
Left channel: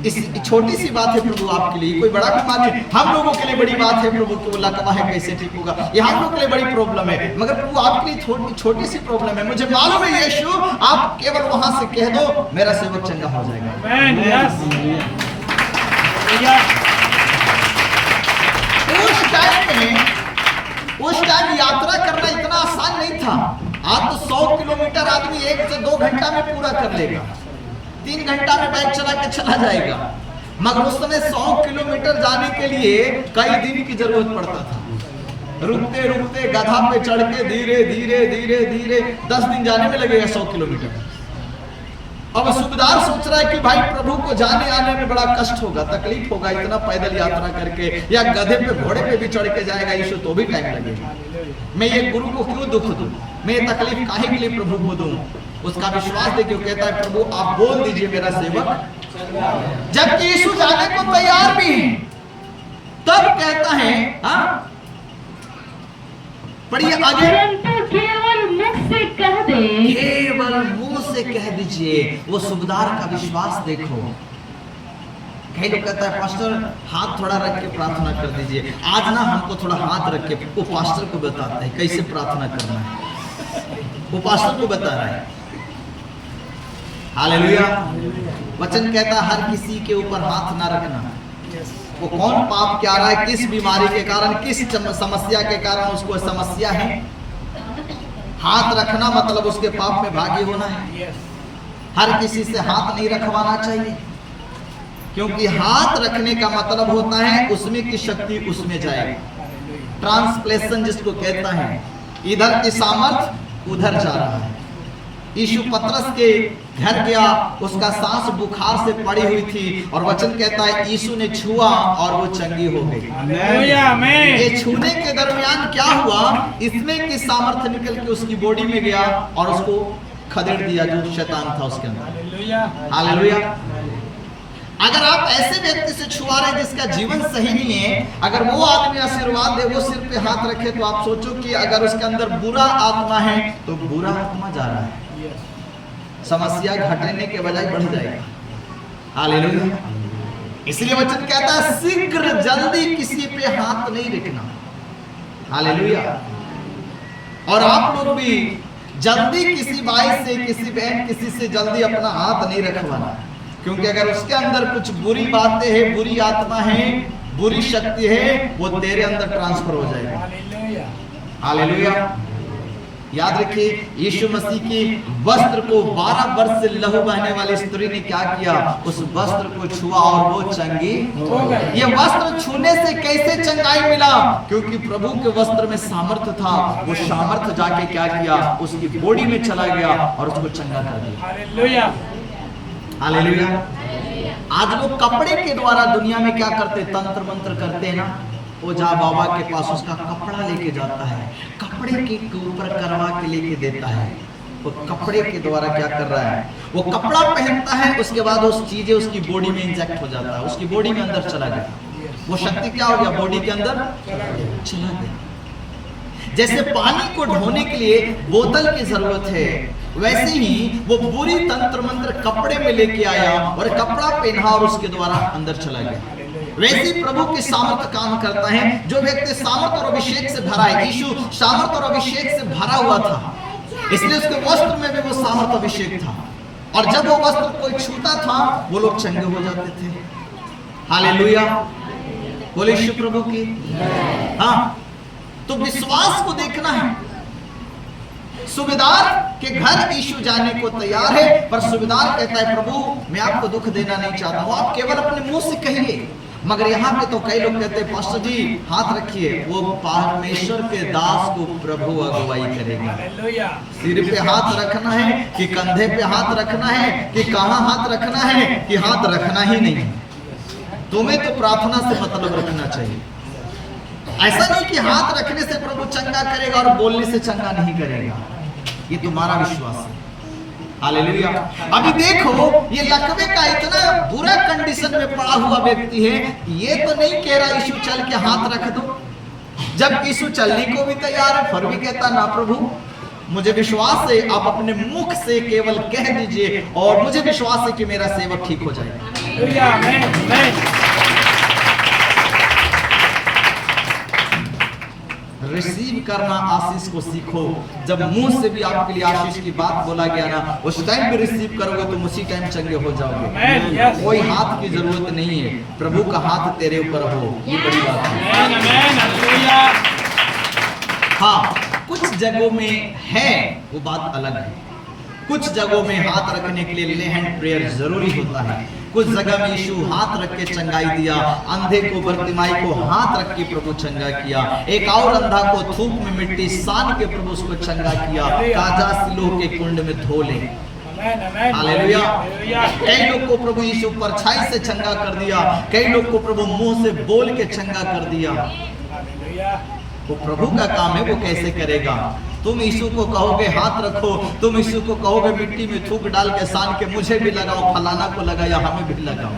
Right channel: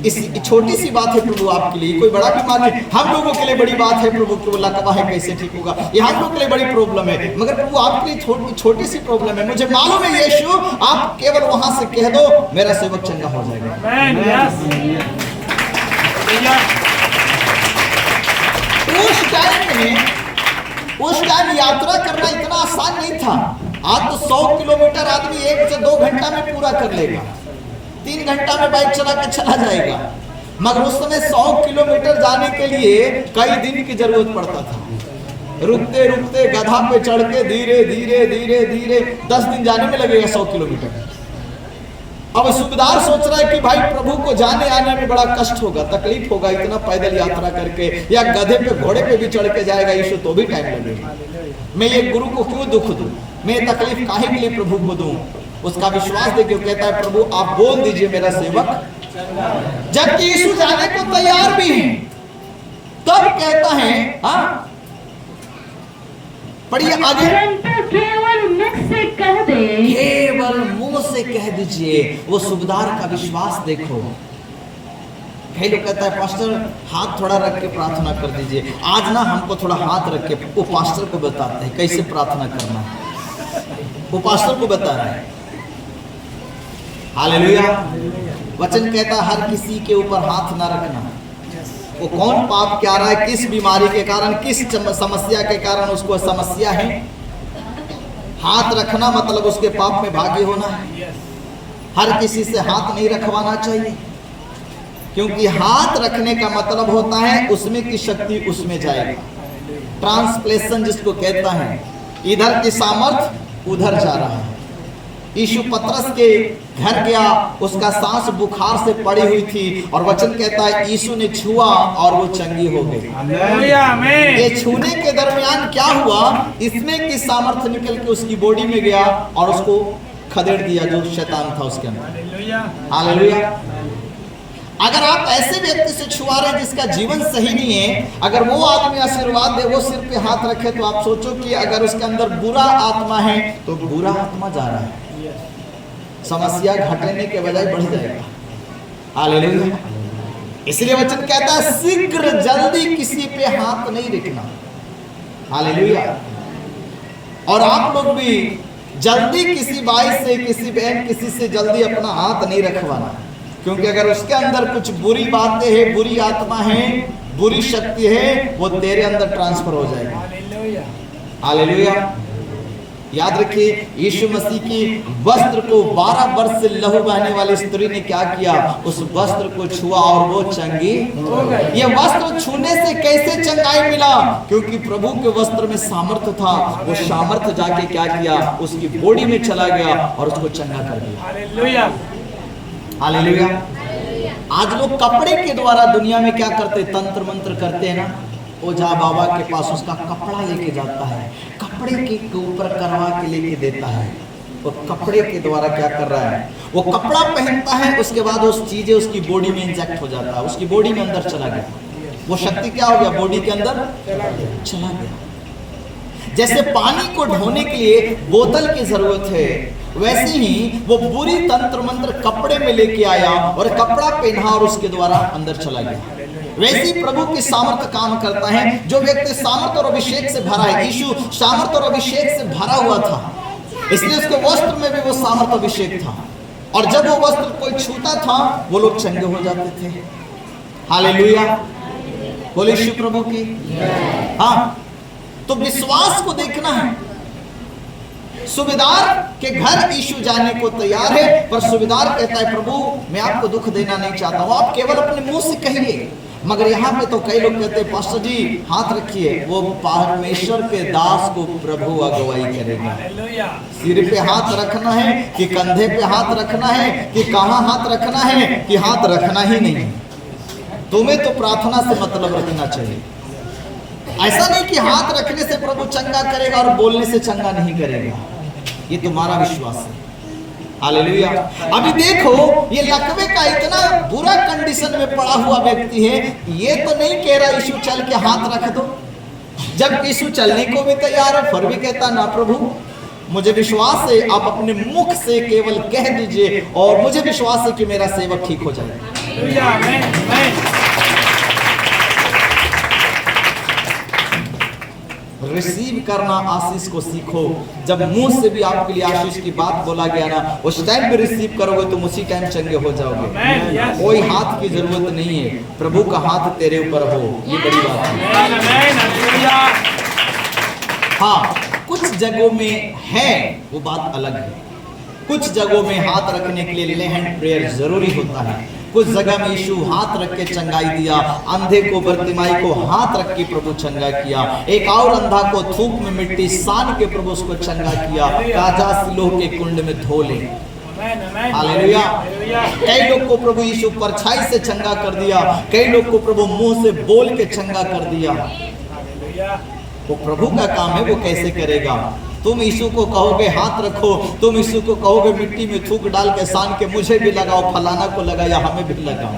इस छोटी सी बात है प्रभु आपके लिए, कोई बड़ा बीमार नहीं। हम लोगों के लिए बड़ी बात है प्रभु कि वो लकवा है कैसे ठीक होगा, ये हम लोगों के लिए बड़ी प्रॉब्लम है, मगर प्रभु आपके लिए छोटी सी प्रॉब्लम है। मुझे मालूम है यीशु, आप केवल वहां से कह दो, मेरा सेवक चंगा हो जाएगा। आमेन, यस। उस टाइम यात्रा करना इतना आसान नहीं था। आज तो 100 किलोमीटर आदमी 1 से 2 घंटा में पूरा कर लेगा, 3 घंटा में बाइक चला के चला जाएगा। मगर उस समय 100 किलोमीटर जाने के लिए कई दिन की जरूरत पड़ता था। रुकते रुकते गधा पे चढ़ के धीरे धीरे धीरे धीरे 10 दिन जाने में लगेगा 100 किलोमीटर। अब सूबेदार सोच रहा है कि भाई प्रभु को जाने आने में बड़ा कष्ट होगा, तकलीफ होगा, इतना पैदल यात्रा करके, या गधे पे घोड़े पे भी चढ़ के जाएगा यीशु तो भी टाइम लगेगा। मैं ये गुरु को क्यों दुख दूं, मैं तकलीफ काहे के लिए प्रभु को दूं। उसका विश्वास देखिए, कहता है प्रभु आप बोल दीजिए मेरा सेवक, जबकि यीशु जाने को तैयार भी है, तब कहता है, हाँ पढ़िए आगे, केवल मुख से कह दे, केवल मुंह से कह दीजिए। वो सूबेदार का विश्वास देखो। कई लोग कहता है पास्टर हाथ थोड़ा रख के प्रार्थना कर दीजिए। आज ना हमको थोड़ा हाथ रख के, वो पास्टर को बताते हैं कैसे प्रार्थना करना है, वो पास्टर को बता रहा है। हालेलुया। वचन कहता है हर किसी के ऊपर हाथ ना रखना। वो कौन पाप क्या रहा है, किस बीमारी के कारण, किस समस्या के कारण उसको समस्या है, हाथ रखना मतलब उसके पाप में भागी होना है। हर किसी से हाथ नहीं रखवाना चाहिए, क्योंकि हाथ रखने का मतलब होता है उसमें की शक्ति उसमें जाएगी। ट्रांसप्लेशन जिसको कहता है, इधर की सामर्थ उधर जा रहा है। यीशु पतरस के घर गया, उसका सांस बुखार से पड़ी हुई थी, और वचन कहता है यीशु ने छुआ और वो चंगी हो गई। ये छूने के दरमियान क्या हुआ, इसमें की सामर्थ्य निकल के उसकी बॉडी में गया और उसको खदेड़ दिया जो शैतान था उसके अंदर। हालेलुया। अगर आप ऐसे व्यक्ति से छुआ रहे जिसका जीवन सही नहीं है, अगर वो आदमी आशीर्वाद दे, वो सिर पे हाथ रखे, तो आप सोचो कि अगर उसके अंदर बुरा आत्मा है तो बुरा आत्मा जा रहा है, समस्या घटने के बजाय बढ़ जाएगा। हालेलुया। इसलिए वचन कहता है शीघ्र जल्दी किसी पे हाथ नहीं रखना। हालेलुया। और आप लोग भी जल्दी किसी भाई से, किसी बहन, किसी से जल्दी अपना हाथ नहीं रखवाना, क्योंकि अगर उसके अंदर कुछ बुरी बातें हैं, बुरी आत्मा है, बुरी शक्ति है, वो तेरे अंदर ट्रांसफर हो जाएगा। हालेलुया। याद रखिए यीशु मसीह की वस्त्र को 12 वर्ष से लहू बहने वाली स्त्री ने क्या किया, उस वस्त्र को छुआ और वो चंगी हो गई। ये वस्त्र छूने से कैसे चंगाई मिला, क्योंकि प्रभु के वस्त्र में सामर्थ्य था। वो सामर्थ्य जाके क्या किया, उसकी बॉडी में चला गया और उसको चंगा कर दिया। हालेलुया। हालेलुया। आज लोग कपड़े के द्वारा दुनिया में क्या करते, तंत्र मंत्र करते हैं ना। ओझा बाबा के पास उसका कपड़ा लेके जाता है, कपड़े के ऊपर करवा के लेके देता है, और कपड़े के द्वारा क्या कर रहा है, वो कपड़ा पहनता है, उसके बाद उस चीजें उसकी बॉडी में इंजेक्ट हो जाता है, उसकी बॉडी में अंदर चला गया, वो शक्ति क्या हो गया, बॉडी के अंदर चला गया। जैसे पानी को ढोने के लिए बोतल की जरूरत है, वैसे ही वो बुरी तंत्र मंत्र कपड़े में लेके आया और कपड़ा पहना और उसके द्वारा अंदर चला गया। वैसे ही प्रभु की सामर्थ काम करता है। जो व्यक्ति सामर्थ और अभिषेक से भरा है, यीशु सामर्थ और अभिषेक से भरा हुआ था, इसलिए उसके वस्त्र में भी वो सामर्थ अभिषेक था, और जब वो वस्त्र कोई छूता था वो लोग चंगे हो जाते थे। हालेलुया, बोले यीशु प्रभु की। हाँ, तो विश्वास को देखना है। सूबेदार के घर यीशु जाने को तैयार है, पर सूबेदार कहता है प्रभु मैं आपको दुख देना नहीं चाहता हूं, आप केवल अपने मुंह से कहिए। मगर यहाँ पे तो कई लोग कहते हैं पास्टर जी हाथ रखिए, वो परमेश्वर के दास को प्रभु अगुवाई करेगा। सिर पे हाथ रखना है कि कंधे पे हाथ रखना है कि कहाँ हाथ रखना है कि हाथ रखना ही नहीं। तुम्हें तो प्रार्थना से मतलब रखना चाहिए। ऐसा नहीं कि हाथ रखने से प्रभु चंगा करेगा और बोलने से चंगा नहीं करेगा, ये तुम्हारा विश्वास है। हालेलुया। अभी देखो ये लकवे का इतना बुरा कंडीशन में पड़ा हुआ व्यक्ति है, ये तो नहीं कह रहा यीशु चल के हाथ रख दो, जब यीशु चलने को भी तैयार है, फिर भी कहता ना प्रभु मुझे विश्वास है, आप अपने मुख से केवल कह दीजिए और मुझे विश्वास है कि मेरा सेवक ठीक हो जाएगा। रिसीव करना आशीष को सीखो। जब मुंह से भी आपके लिए आशीष की बात बोला गया ना, उस टाइम पे रिसीव करोगे तुम उसी टाइम चंगे हो जाओगे। कोई हाथ की जरूरत नहीं है, प्रभु का हाथ तेरे ऊपर हो, ये बड़ी बात है। हाँ, कुछ जगहों में है वो बात अलग है, कुछ जगहों में हाथ रखने के लिए ले हैंड प्रेयर जरूरी होता है। कुछ जगह में यीशु हाथ रख के चंगाई दिया, अंधे को बर्तिमाई को हाथ रख के प्रभु चंगा किया, एक और अंधा को थूक में मिट्टी सान के प्रभु उसको चंगा किया, राजा सिलोह के कुंड में धो ले। हालेलुया। कई लोग को प्रभु यीशु परछाई से चंगा कर दिया, कई लोग को प्रभु मुंह से बोल के चंगा कर दिया। वो प्रभु का काम है, वो कैसे करेगा। तुम यीशु को कहोगे हाथ रखो, तुम यीशु को कहोगे मिट्टी में थूक डाल के सान के मुझे भी लगाओ, फलाना को लगा या हमें भी लगाओ।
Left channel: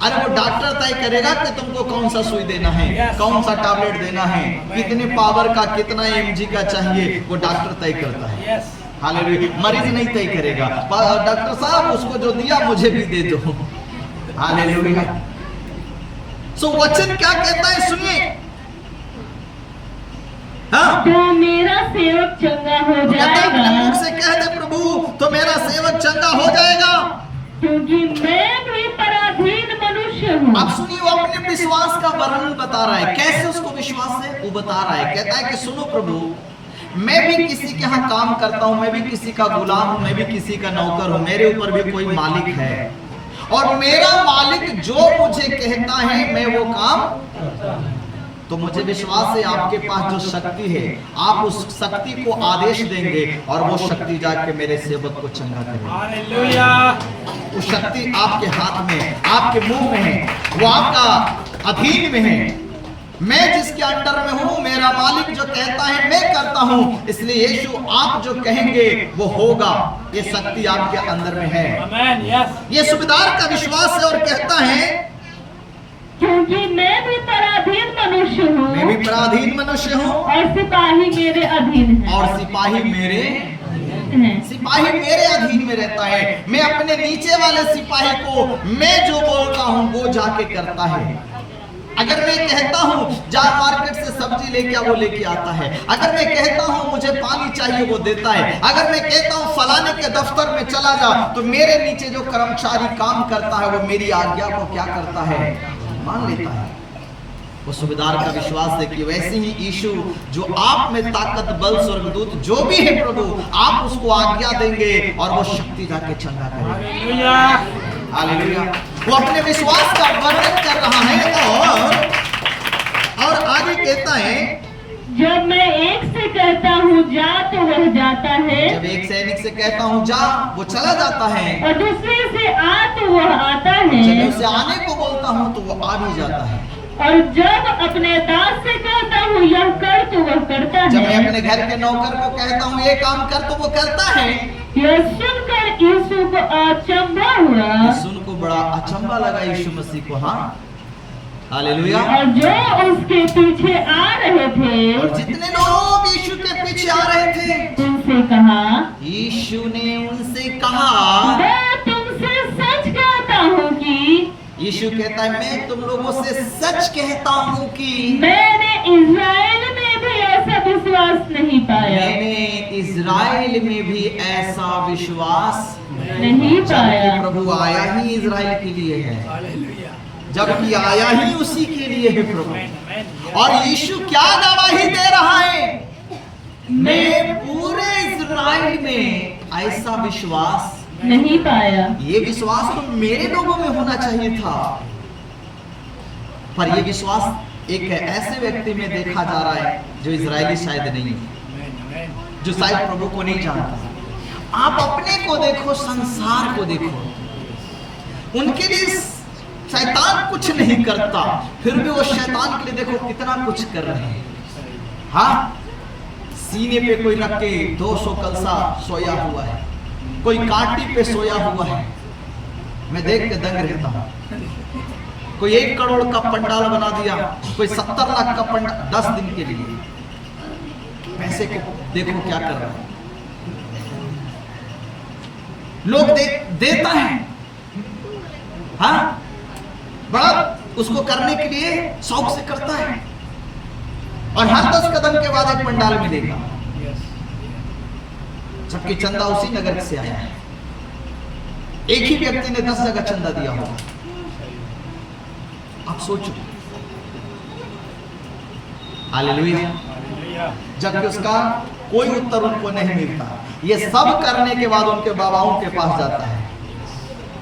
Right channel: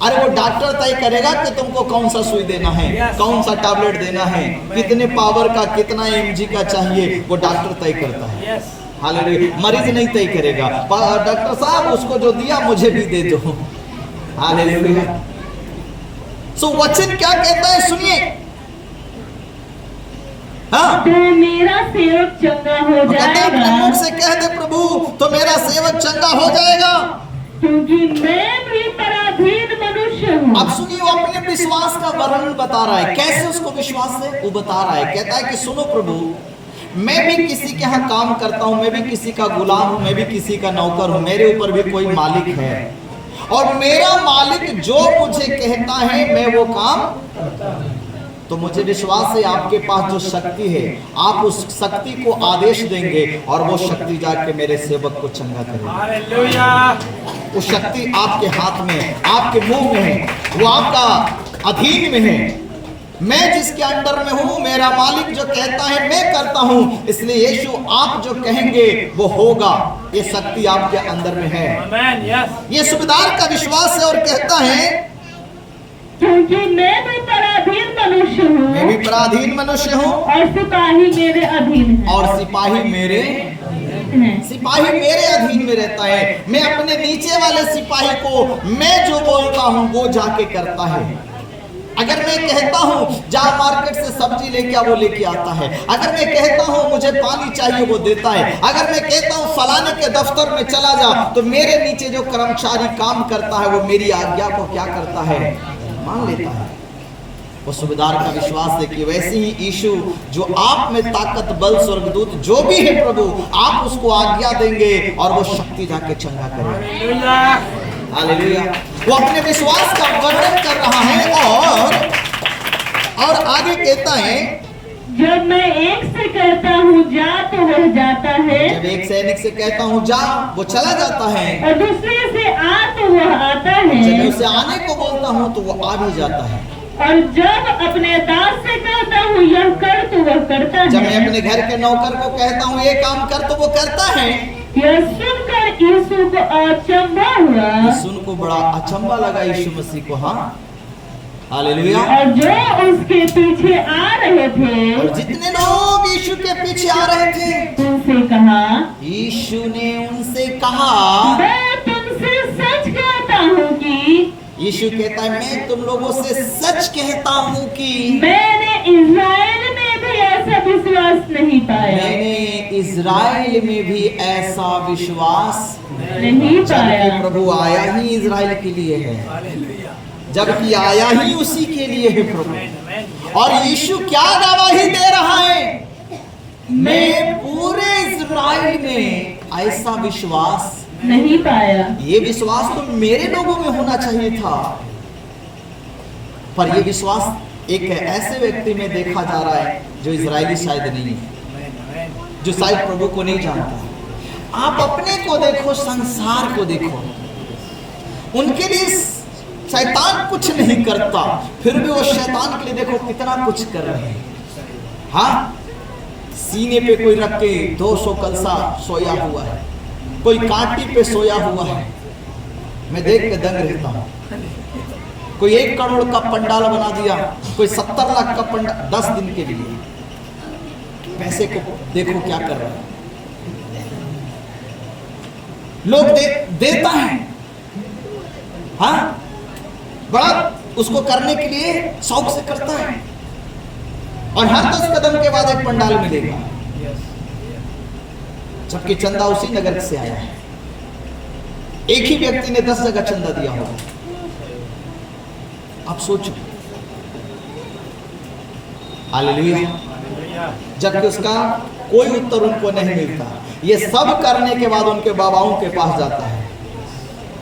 अरे वो डॉक्टर तय करेगा कि तुमको कौन सा सुई देना है, कौन सा टैबलेट देना है, कितने पावर का, कितना mg का चाहिए, वो डॉक्टर तय करता है। हालेलुया। मरीज नहीं तय करेगा, डॉक्टर साहब उसको जो दिया मुझे भी दे दो। हालेलुया। सो वचन क्या कहता है सुनिए। हाँ? तो मेरा सेवक चंगा हो जाएगा। मुख से कह दे प्रभु तो मेरा सेवक चंगा हो जाएगा, क्योंकि मैं भी पराधीन मनुष्य हूँ। अब सुनिए, वो अपने विश्वास का वर्णन बता रहा है। कैसे उसको विश्वास है वो बता रहा है। कहता है कि सुनो प्रभु, मैं भी किसी के यहाँ काम करता हूँ, मैं भी किसी का गुलाम हूँ, मैं भी किसी का नौकर हूँ, मेरे ऊपर भी कोई मालिक है, और मेरा मालिक जो मुझे कहता है मैं वो काम, तो मुझे विश्वास है आपके पास जो शक्ति है, आप उस शक्ति को आदेश देंगे और वो शक्ति जाके मेरे सेवक को चंगा करेगी। हालेलुया। वो शक्ति आपके हाथ में है, आपके मुंह में है, वो आपका अधीन में है। मैं जिसके अंडर में हूँ, मेरा मालिक जो कहता है मैं करता हूँ, इसलिए यीशु आप जो कहेंगे वो होगा। ये शक्ति आपके अंदर में है। ये सूबेदार का विश्वास है और कहता है क्योंकि मैं भी पराधीन मनुष्य हूँ, मैं भी पराधीन मनुष्य हूँ, और सिपाही मेरे अधीन है, और सिपाही मेरे अधीन में रहता है। मैं अपने नीचे वाले सिपाही को मैं जो बोलता हूँ वो जाके करता है। अगर मैं कहता हूँ जा मार्केट से सब्जी लेके आ, वो लेके आता है। अगर मैं कहता हूँ मुझे पानी चाहिए, वो देता है। अगर मैं कहता हूँ फलाने के दफ्तर में चला जा, तो मेरे नीचे जो कर्मचारी काम करता है वो मेरी आज्ञा को क्या करता है, मान लेता है। वो सूबेदार का विश्वास है कि वैसे ही यीशु जो आप में ताकत, बल, स्वर्गदूत जो भी है प्रभु, आप उसको आज्ञा देंगे और वो शक्ति जाके चंगा करेगा। हालेलुया। वो अपने विश्वास का वर्णन कर रहा है और आगे कहता है जब मैं एक से कहता हूँ जा तो वह जाता है, जब एक सैनिक से कहता हूँ जा, वो चला जाता है। और दूसरे से आ तो वह आता जब मैं है, उसे आने को बोलता हूँ तो वो आ भी जाता है। और जब अपने दास से कहता हूँ यह कर तो वह करता जब मैं है। अपने घर के नौकर को कहता हूँ ये काम कर तो वो करता है। यह सुनकर यीशु को अचंभा हुआ, सुन को बड़ा अचंभा लगा यीशु मसीह को। हाँ, हालेलुया। और जो उसके पीछे आ रहे थे और जितने लोग यीशु के पीछे आ रहे थे, उनसे कहा, यीशु ने उनसे कहा, मैं तुमसे सच कहता हूँ कि यीशु कहता है मैं तुम लोगों से सच कहता हूँ कि मैंने इज़राइल में भी ऐसा विश्वास नहीं पाया, मैंने इज़राइल में भी ऐसा विश्वास नहीं पाया। जबकि प्रभु आया ही इज़राइल के लिए है, जबकि आया ही उसी के लिए है प्रभु। और यीशु क्या गवाही दे रहा है, मैं पूरे इज़राइल में ऐसा विश्वास नहीं पाया। ये विश्वास तो मेरे लोगों में होना चाहिए था, पर ये विश्वास एक ऐसे व्यक्ति में देखा जा रहा है जो इजरायली शायद नहीं है, जो शायद प्रभु को नहीं जानता। आप अपने को देखो, संसार को देखो, उनके लिए शैतान कुछ नहीं करता, फिर भी वो शैतान के लिए देखो कितना कुछ कर रहे हैं। हाँ, सीने पे कोई रख के 200 कलसा सोया हुआ है, कोई काटी पे सोया हुआ है, मैं देख के दंग रहता हूँ। कोई 1 करोड़ का पंडाल बना दिया, कोई 70 लाख का पंडाल 10 दिन के लिए। पैसे को देखो क्या कर रहा है, लोग देता है। हाँ, बड़ा उसको करने के लिए शौक से करता है, और हर 10 कदम के बाद एक पंडाल मिलेगा, जबकि चंदा उसी नगर से आया है। एक ही व्यक्ति ने 10 जगह चंदा दिया होगा। आप सोचो, हालेलुया। जबकि उसका कोई उत्तर उनको नहीं मिलता। ये सब करने के बाद उनके बाबाओं के पास जाता है,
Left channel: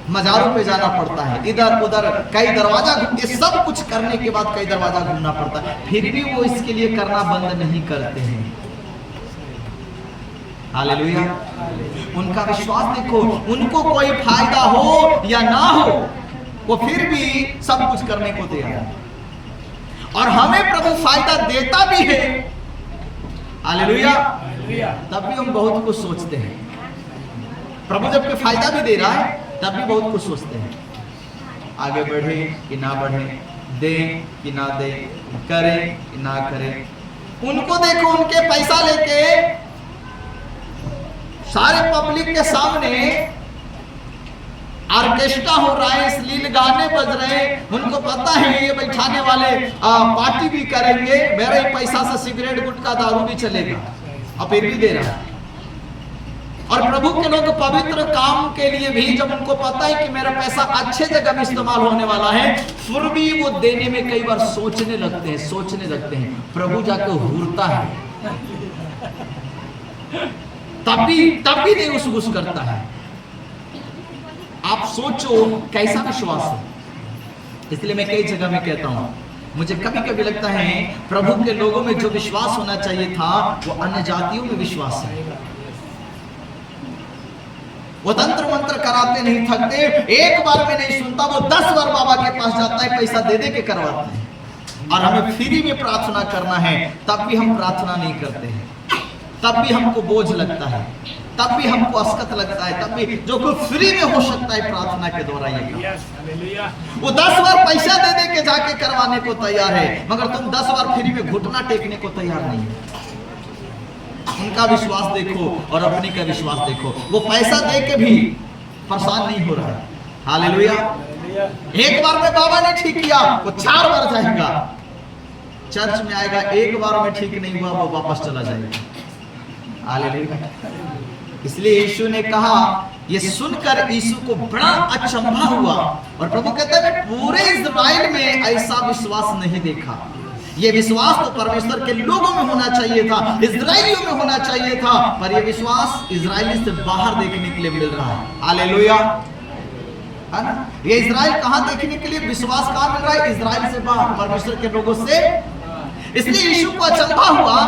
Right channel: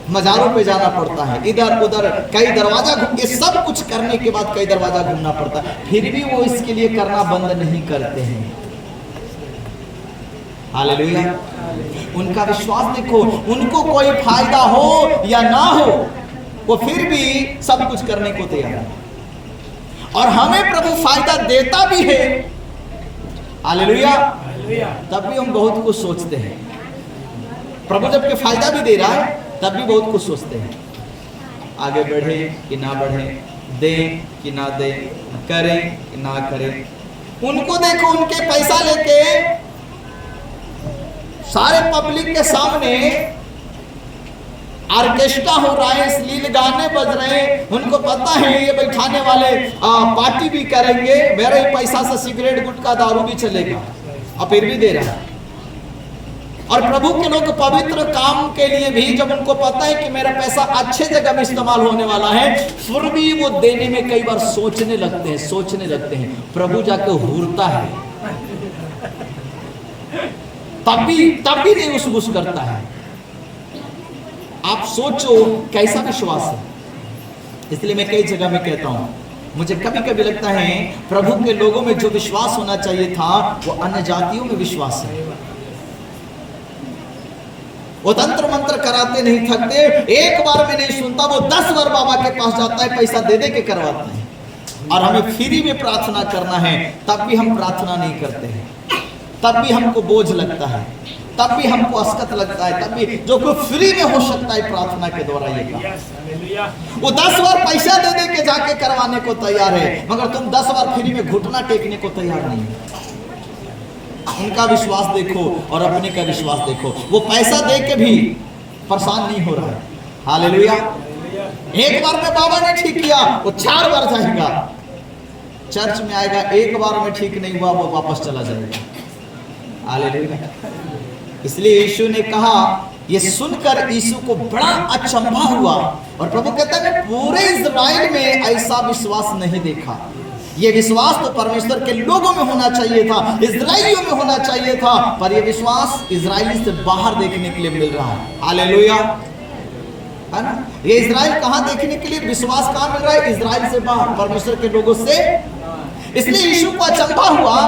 मजारों पे जाना पड़ता है, इधर उधर कई दरवाजा, ये सब कुछ करने के बाद कई दरवाजा घूमना पड़ता है, फिर भी वो इसके लिए करना बंद नहीं करते हैं। हालेलुया। उनका विश्वास देखो, उनको कोई फायदा हो या ना हो, वो फिर भी सब कुछ करने को तैयार है। और हमें प्रभु फायदा देता भी है, हालेलुया, तब भी हम बहुत कुछ सोचते हैं। प्रभु जबकि फायदा भी दे रहा है तब भी बहुत कुछ सोचते हैं, आगे बढ़े कि ना बढ़े, दे कि ना दे, करें कि ना करें। उनको देखो, उनके पैसा लेके सारे पब्लिक के सामने ऑर्केस्ट्रा हो रहा है, अश्लील गाने बज रहे हैं, उनको पता है ये बैठाने वाले पार्टी भी करेंगे, मेरे पैसा से सिगरेट गुटखा दारू भी चलेगा, और फिर भी दे रहा है। और प्रभु के लोग पवित्र काम के लिए भी जब उनको पता है कि मेरा पैसा अच्छे जगह में इस्तेमाल होने वाला है, फिर भी वो देने में कई बार सोचने लगते हैं। प्रभु जाके हुरता है, तब भी नहीं उस करता है। आप सोचो कैसा विश्वास है। इसलिए मैं कई जगह में कहता हूं, मुझे कभी कभी लगता है प्रभु के लोगों में जो विश्वास होना चाहिए था वो अन्य जातियों में विश्वास है। वो तंत्र मंत्र कराते नहीं थकते, एक बार में नहीं सुनता, वो 10 बार बाबा के पास जाता है, पैसा दे दे के करवाते हैं। और हमें फ्री में प्रार्थना करना है, तब भी हम प्रार्थना नहीं करते हैं, तब भी हमको बोझ लगता है, तब भी हमको अस्कत लगता है, तब भी जो कुछ फ्री में हो सकता है प्रार्थना के द्वारा ये काम। वो 10 बार पैसा दे दे के जाके करवाने को तैयार है, मगर तुम 10 बार फ्री में घुटना टेकने को तैयार नहीं है। उनका विश्वास देखो और अपने का विश्वास देखो, वो पैसा दे के भी परेशान नहीं हो रहा है। हालेलुया। एक बार में बाबा ने ठीक किया, वो 4 बार जाएगा, चर्च में आएगा, एक बार में ठीक नहीं हुआ वो वापस चला जाएगा। हालेलुया। इसलिए यीशु ने कहा, ये सुनकर यीशु को बड़ा अचंभा हुआ, और प्रभु कहता है पूरे इज़राइल में ऐसा विश्वास नहीं देखा। ये विश्वास तो परमेश्वर के लोगों में होना चाहिए था, इज़राइलियों में होना चाहिए था, पर ये विश्वास इज़राइली से बाहर देखने के लिए मिल रहा है। हालेलुया, है ना? ये इज़राइल कहाँ देखने के लिए विश्वास कहाँ मिल रहा है? इज़राइल से बाहर, परमेश्वर के लोगों से। इसलिए यीशु को अचंभा हुआ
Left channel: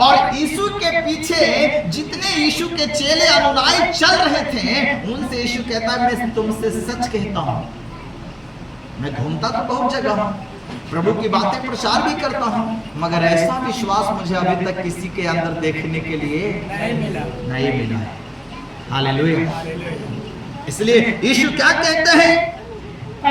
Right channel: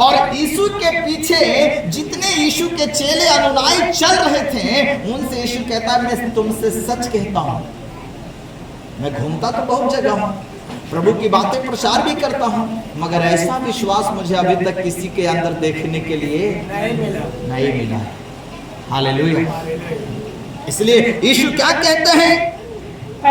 और यीशु के पीछे जितने यीशु के चेले अनुयायी चल रहे थे उनसे यीशु कहता है मैं तुमसे सच कहता हूं, मैं घूमता तो बहुत जगह हूं, प्रभु की बातें प्रचार भी करता हूं, मगर ऐसा विश्वास मुझे अभी तक किसी के अंदर देखने के लिए नहीं मिला है। हालेलुया। इसलिए यीशु क्या कहते हैं,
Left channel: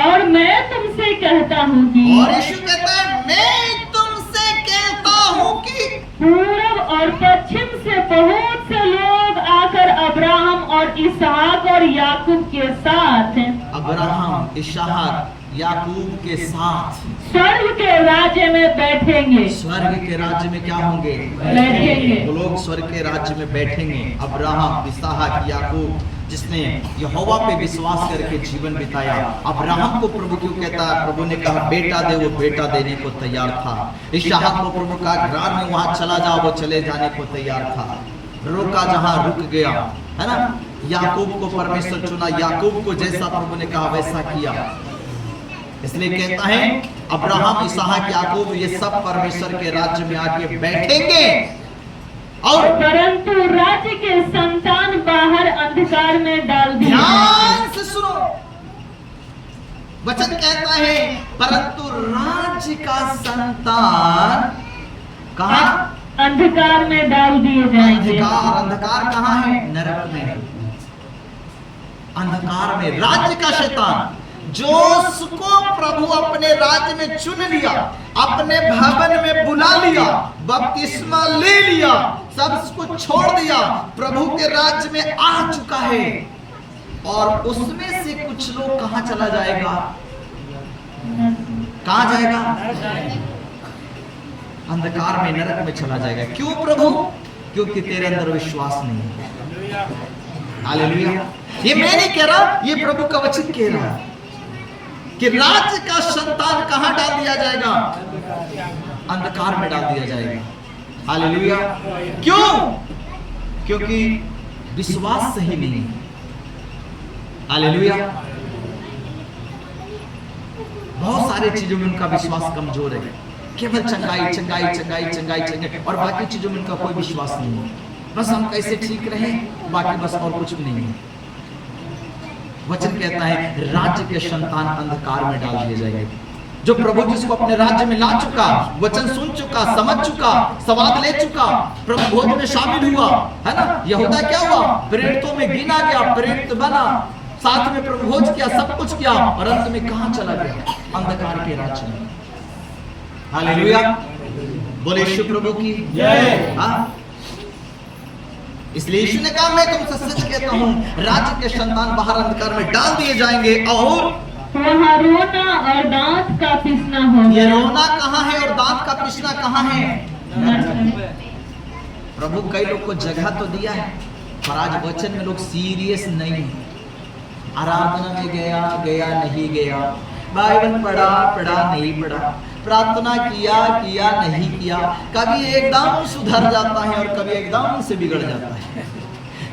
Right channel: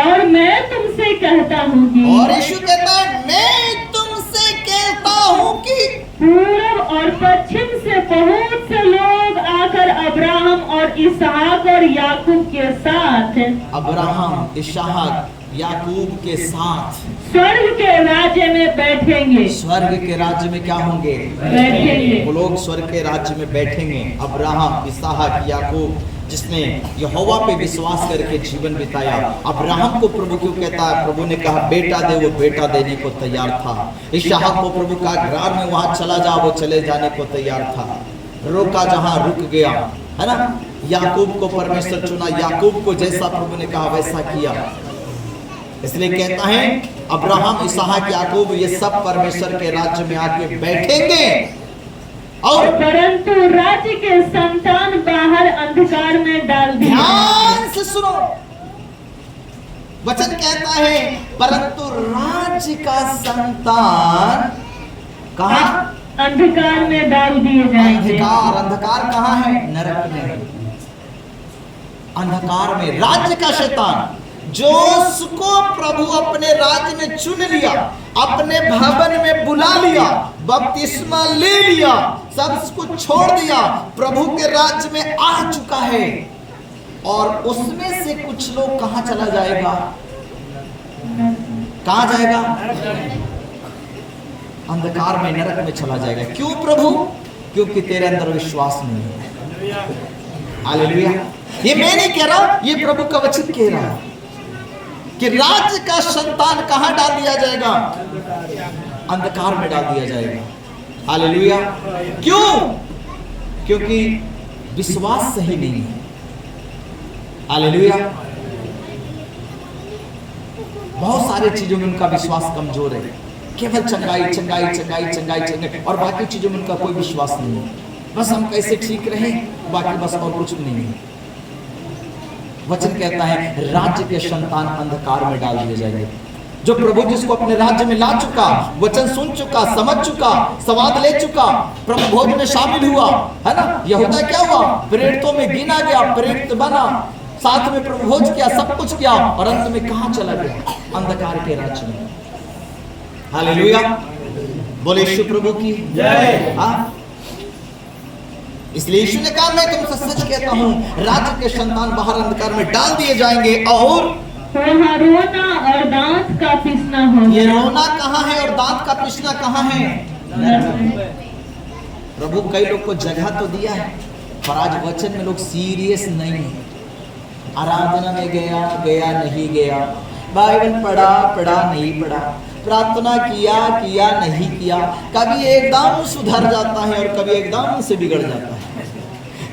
और मैं तुमसे कहता हूँ कि और यीशु कहता है मैं तुमसे कहता हूं कि पूर्व और पश्चिम से बहुत से लोग आकर अब्राहम और इसहाक और याकूब के साथ अब्राहम, इसहाक, याकूब के साथ स्वर्ग के राज्य में बैठेंगे। स्वर्ग के राज्य में क्या होंगे? बैठेंगे। वो लोग स्वर्ग के राज्य में बैठेंगे। अब्राहम, इसहाक, याकूब जिसने यहोवा पे विश्वास करके जीवन बिताया। अब्राहम को प्रभु क्यों कहता है? प्रभु ने कहा बेटा दे, वो बेटा देने को तैयार था। इसहाक को प्रभु का ग्राम में वहां चला जाओ, वो चले जाने को तैयार था। रोका जहां रुक गया, है ना। याकूब को परमेश्वर चुना, याकूब को जैसा प्रभु ने कहा वैसा किया। इसलिए कहता है अब्राहम, इसहाक, याकूब ये सब परमेश्वर के राज्य में आके बैठेंगे। और परंतु राज्य के संतान बाहर अंधकार में डाल दिए। ध्यान से सुनो, वचन कहता है परंतु राज्य का संतान कहां? अंधकार में डाल दिए जाएंगे। अंधकार, अंधकार कहां है? नरक में, अंधकार में। राज्य का शैतान जो उसको प्रभु अपने राज्य में चुन लिया, अपने भवन में बुला लिया, बपतिस्मा ले लिया, सब कुछ छोड़ दिया, प्रभु के राज्य में आ चुका है। और उसमें से कुछ लोग कहां चला जाएगा? कहां जाएगा? अंधकार में, नरक में चला जाएगा। क्यों प्रभु? क्योंकि तेरे अंदर विश्वास नहीं है। हालेलुया। ये मैं नहीं कह रहा, ये प्रभु का वचन कह रहा है कि राज्य का संतान कहां डाल दिया जाएगा? अंधकार में डाल दिया जाएगा। हालेलुया। क्यों? क्योंकि विश्वास सही नहीं है। हालेलुया। बहुत सारे चीजों में उनका विश्वास कमजोर है। केवल चंगाई चंगाई चंगाई चंगाई चंगाई, और बाकी चीजों में उनका कोई विश्वास नहीं है। बस हम कैसे ठीक रहे, बाकी बस और कुछ भी नहीं है। वचन कहता है राज्य के संतान अंधकार में डाल दिए जाएंगे। जो प्रभु जिसको अपने राज्य में ला चुका, वचन सुन चुका, समझ चुका, स्वाद ले चुका, प्रभु भोज में शामिल हुआ, है ना। यहूदा क्या हुआ? प्रेरितों में गिना गया, प्रेरित बना, साथ में प्रभु भोज किया, सब कुछ किया, और अंत में कहां चला गया? अंधकार के राज्य में। हालेलुया। बोले यीशु प्रभु की जय। इसलिए यीशु ने कहा मैं तुमसे सच कहता हूं, राज्य के संतान बाहर अंधकार में डाल दिए जाएंगे और वहाँ रोना और दांत का पीसना होगा। ये रोना कहाँ है और दांत का पीसना कहाँ है? प्रभु कई लोग को जगह तो दिया है, पर आज वचन में लोग सीरियस नहीं है। आराधना में गया गया नहीं गया, बाइबल पढ़ा पढ़ा नहीं पढ़ा, प्रार्थना किया किया नहीं किया, कभी एकदम सुधर जाता है और कभी एकदम से बिगड़ जाता है,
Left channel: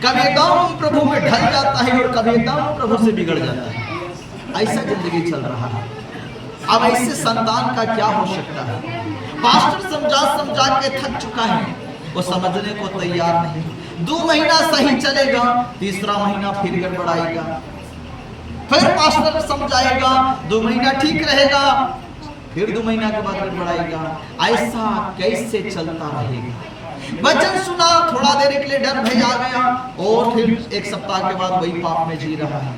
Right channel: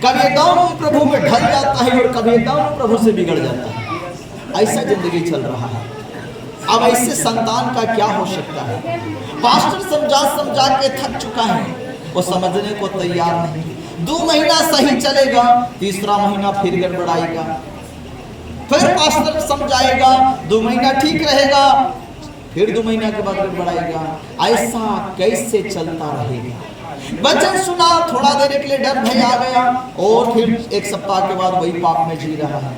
कभी एकदम प्रभु में ढल जाता है और कभी एकदम प्रभु से बिगड़ जाता है। ऐसा जिंदगी चल रहा है। अब ऐसे संतान का क्या हो सकता है? पास्टर समझा समझा के थक चुका है, वो समझने को तैयार नहीं। 2 महीना सही चलेगा, तीसरा महीना फिर गड़बड़ाएगा, फिर पास्टर समझाएगा, 2 महीना ठीक रहेगा, फिर 2 महीना के बाद गड़बड़ाएगा। ऐसा कैसे चलता रहेगा? वचन सुना, थोड़ा देर के लिए डर भय आ गया, और फिर 1 सप्ताह के बाद वही पाप में जी रहा है।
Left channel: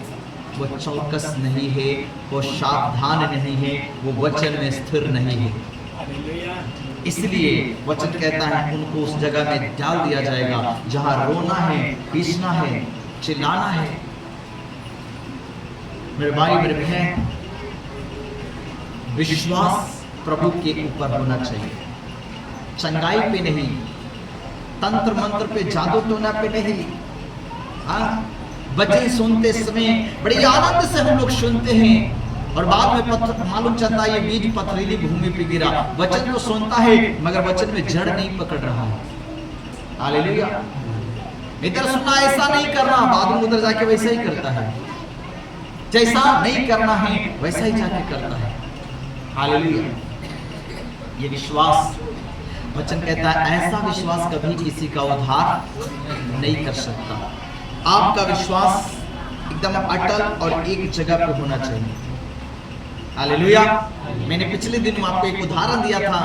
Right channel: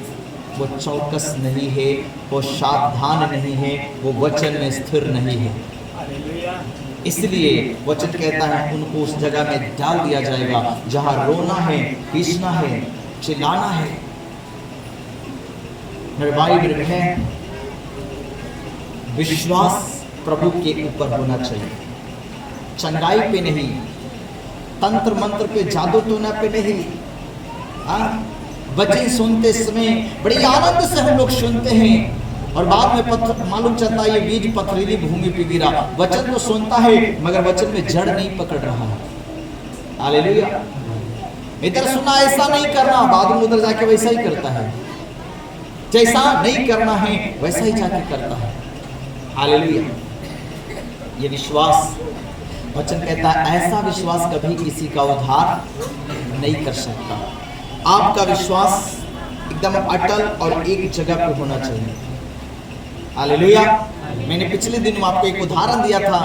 वो चौकस नहीं है, वो सावधान नहीं है, वो वचन में स्थिर नहीं है। इसलिए वचन कहता है उनको उस जगह में डाल दिया जाएगा जहां रोना है, पीसना है, चिल्लाना है। मेरे भाई मेरे बहन, विश्वास प्रभु के ऊपर होना चाहिए, चंगाई पे नहीं, तंत्र मंत्र पे, जादू टोना पे नहीं। वचन सुनते समय बड़ी आनंद से हम लोग सुनते हैं, और बाद में मालूम चलता है ये बीज पथरीली भूमि पे गिरा। वचन तो सुनता है मगर वचन में जड़ नहीं पकड़ रहा। हालेलुया। इधर सुना ऐसा नहीं करना, बाद में उधर जाके वैसा ही करता है, जैसा नहीं करना है वैसा ही जाके करता है। हालेलुया। ये विश्वास वचन कहता है ऐसा विश्वास कभी किसी का उद्धार नहीं कर सकता। आपका विश्वास एकदम अटल और एक जगह पे होना चाहिए। हालेलुया। मैंने पिछले दिन आपको एक उदाहरण दिया था,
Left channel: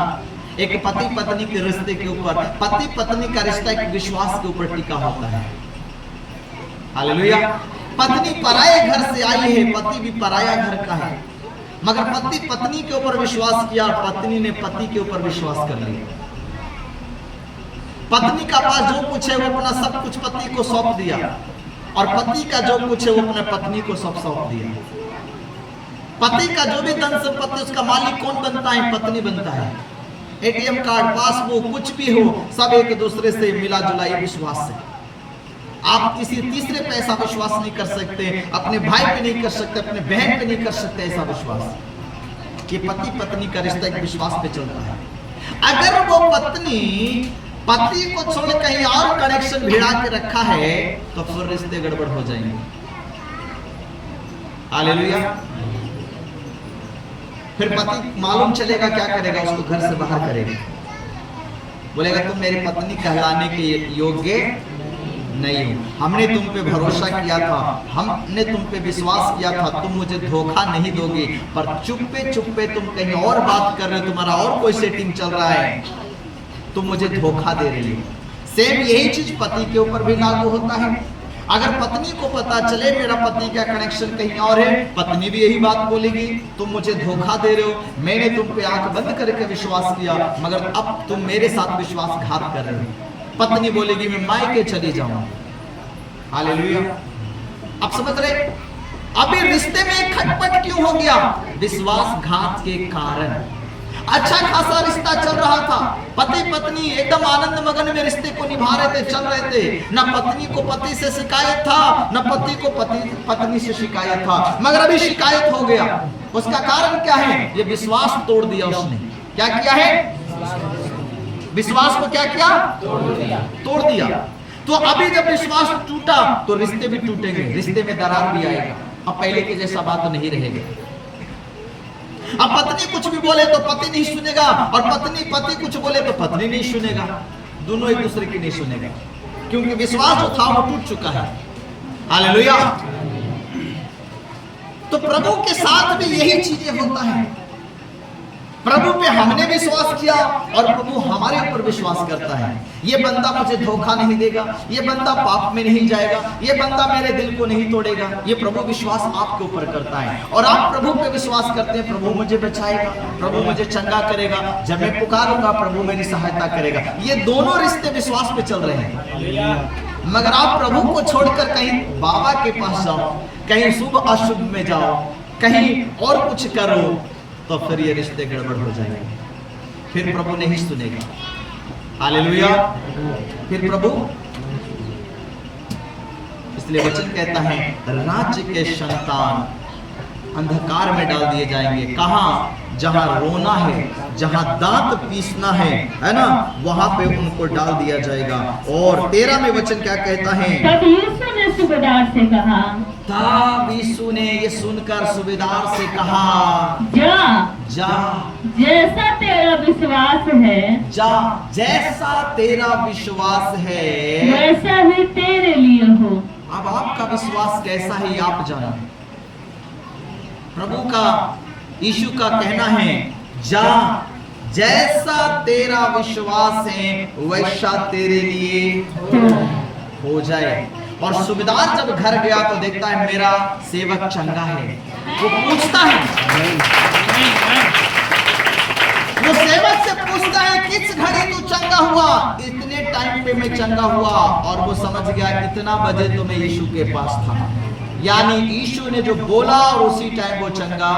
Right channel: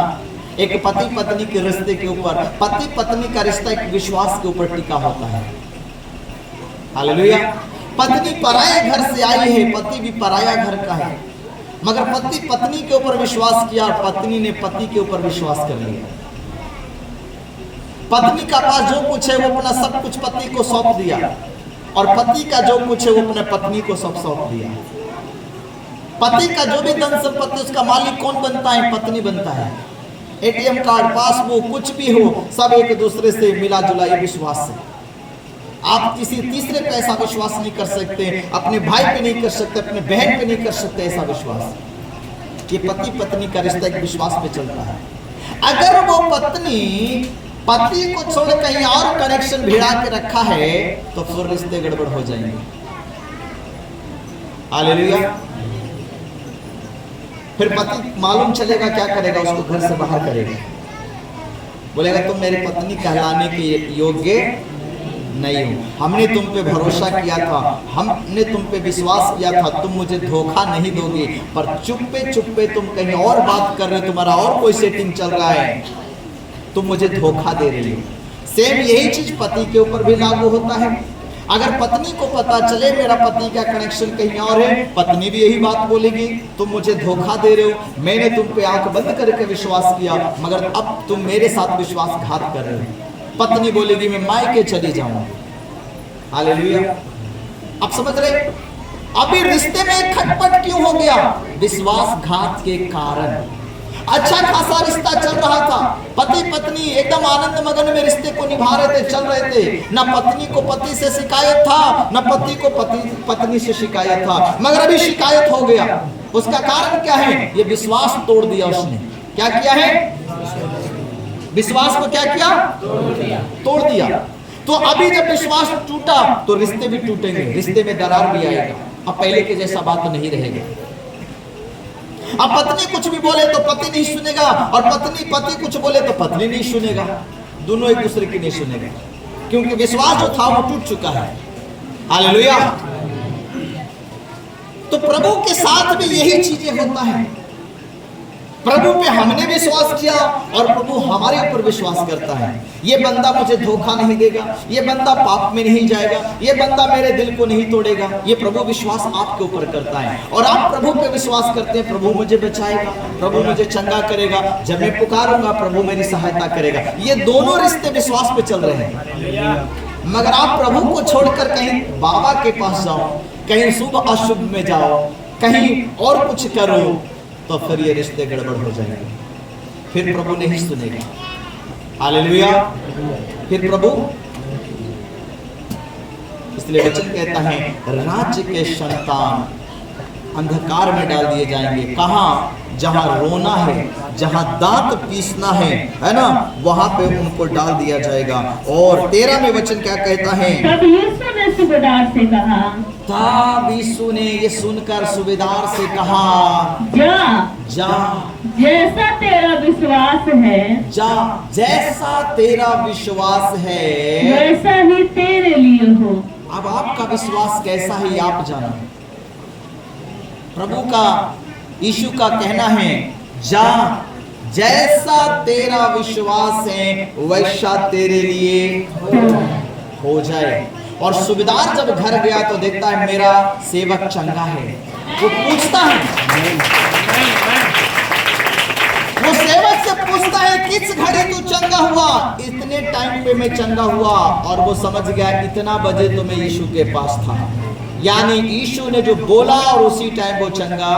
एक पति पत्नी के रिश्ते के ऊपर। पति पत्नी का रिश्ता एक विश्वास के ऊपर टिका होता है। हालेलुया। पत्नी पराये घर से आई है, पति भी पराया घर का है, मगर पति पत्नी के ऊपर विश्वास किया, पत्नी ने पति के ऊपर विश्वास कर लिया। पत्नी का पास जो कुछ है वो अपना सब कुछ पति को सौंप दिया, और पति का जो कुछ है वो अपने पत्नी को सब सौंप दिया। पति का जो भी धन संपत्ति उसका मालिक कौन बनता है? पत्नी बनता है। एटीएम कार्ड, पासबुक, कुछ भी हो, सब एक दूसरे से मिला जुला ये विश्वास से। आप किसी तीसरे पे ऐसा विश्वास नहीं कर सकते, अपने भाई पे नहीं कर सकते, अपने बहन पे नहीं कर सकते ऐसा विश्वास। ये पति पत्नी का रिश्ता एक विश्वास पे चलता है। अगर वो पत्नी पति को छोड़ कहीं और कनेक्शन भिड़ा के रखा है तो फिर रिश्ते गड़बड़ हो जाएंगे। हालेलुया। फिर पति मालूम चलेगा क्या करेगा? उसको घर से बाहर करेगा, बोलेगा तुम मेरी पत्नी कहलाने के योग्य नहीं हो, हमने तुम पे भरोसा किया था, हमने तुम पे विश्वास किया था, तुम मुझे धोखा नहीं दोगे, पर चुप्पे चुप्पे तुम कहीं और बात कर रहे हो, तुम्हारा और कोई सेटिंग चल रहा है, तुम मुझे धोखा दे रही हो। सेम यही चीज पति के ऊपर भी लागू होता है। अगर पत्नी को पता चले मेरा पति का कनेक्शन कहीं और है, पत्नी भी यही बात बोलेगी, तुम मुझे धोखा दे रहे हो, मैंने तुम पे आंख बंद करके विश्वास किया, मगर अब तुम मेरे साथ विश्वासघात कर रहे हो। पत्नी बोलेगी मैं मायके चली जाऊंगी। हालेलुया। अब समझ रहे? अभी रिश्ते में खटपट क्यों हो गया? विश्वासघात के कारण। अच्छा खासा रिश्ता चल रहा था, पति पत्नी एकदम आनंद मगन में रिश्ते को निभा रहे थे, चल रहे थे, न पत्नी को पति से शिकायत था, न पति को पत्नी से शिकायत था, मगर अभी शिकायत हो गया। उसका कारण क्या है? ये विश्वास तोड़ दिया उसने। क्या किया है? विश्वास को क्या किया? तोड़ दिया। तो अभी जब विश्वास टूटा तो रिश्ते भी टूटेंगे, रिश्ते में दरार भी आएगा। अब पहले के जैसा बात तो नहीं रहेगा। अब पत्नी कुछ भी बोले तो पति नहीं सुनेगा, और पति कुछ बोले तो पत्नी नहीं सुनेगा, दोनों एक दूसरे की नहीं सुनेगा, क्योंकि विश्वास जो था वो टूट चुका है। हालेलुया। तो प्रभु के साथ भी यही चीजें होता है। प्रभु पे हमने विश्वास किया और प्रभु हमारे ऊपर विश्वास करता है। ये बंदा मुझे धोखा नहीं देगा, ये बंदा पाप में नहीं जाएगा, ये बंदा मेरे दिल को नहीं तोड़ेगा। ये प्रभु विश्वास आपके ऊपर करता है, और आप प्रभु पे विश्वास करते हैं, प्रभु मुझे बचाएगा, प्रभु मुझे चंगा करेगा, जब मैं पुकारूंगा प्रभु मेरी सहायता करेगा। ये दोनों रिश्ते विश्वास पे चल रहे हैं। मगर आप प्रभु को छोड़कर कहीं बाबा के पास जाओ, कहीं शुभ अशुभ में जाओ, कहीं और कुछ करो, तो फिर ये रिश्ते गड़बड़ हो जाएंगे, फिर प्रभु नहीं सुनेगा। हालेलुया। फिर प्रभु, इसलिए वचन कहता है राज्य के संतान अंधकार में डाल दिए जाएंगे। कहां? जहां रोना है, जहां दांत पीसना है ना, वहां पे उनको डाल दिया जाएगा। और 13 में वचन क्या कहता है? तब यीशु ने सूबेदार से कहा, तब यीशु ने ये सुनकर सूबेदार से कहा, जा जैसा तेरा विश्वास है, जा जैसा तेरा विश्वास है वैसा ही तेरे लिए हो। अब आपका विश्वास कैसा है आप जानो। प्रभु का, यीशु का कहना है जा जैसा तेरा विश्वास है वैसा तेरे लिए हो जाए। और सूबेदार जब घर गया तो देखता है मेरा सेवक चंगा है। वो पूछता है, वो सेवक से पूछता है किस घड़ी तू चंगा हुआ? इतने टाइम पे मैं चंगा हुआ। और वो समझ गया इतना बजे तो मैं यीशु के पास था, यानी यीशु ने जो बोला और उसी टाइम वो चंगा।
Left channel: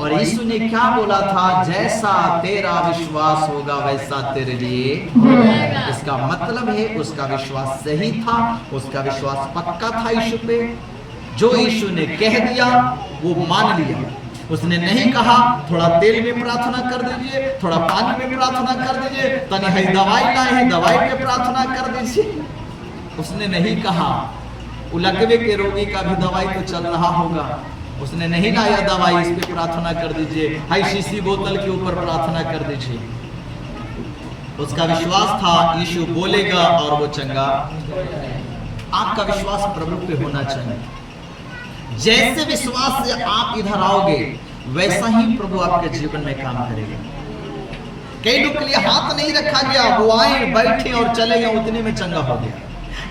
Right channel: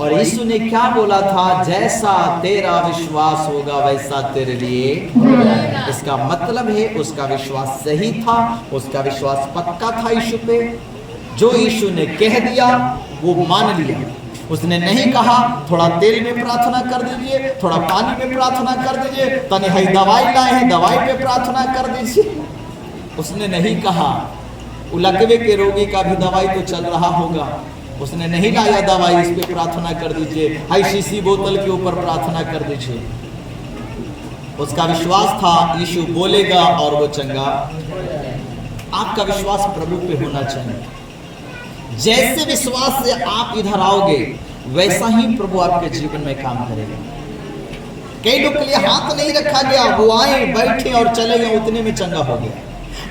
और यीशु ने क्या बोला था? जैसा तेरा विश्वास होगा वैसा तेरे लिए। इसका मतलब है उसका विश्वास सही था, उसका विश्वास पक्का था यीशु पे। जो यीशु ने कह दिया वो मान लिया। उसने नहीं कहा थोड़ा तेल में प्रार्थना कर दीजिए, थोड़ा पानी में प्रार्थना कर दीजिए, तनी है दवाई लाए हैं दवाई पे प्रार्थना कर दीजिए। उसने नहीं कहा उलकवे के रोगी का भी दवाई तो चल रहा होगा, उसने नहीं लाया दवाई इस पे प्रार्थना कर दीजिए, हाई शीशी बोतल के ऊपर प्रार्थना कर दीजिए। उसका विश्वास था यीशु बोलेगा और वो चंगा। आपका विश्वास प्रभु पे होना चाहिए। जैसे विश्वास से आप इधर आओगे वैसा ही प्रभु आपके जीवन में काम करेगा। कई लोग के लिए हाथ नहीं रखा गया, वो आए बैठे और चले गए, उतने में चंगा हो गया।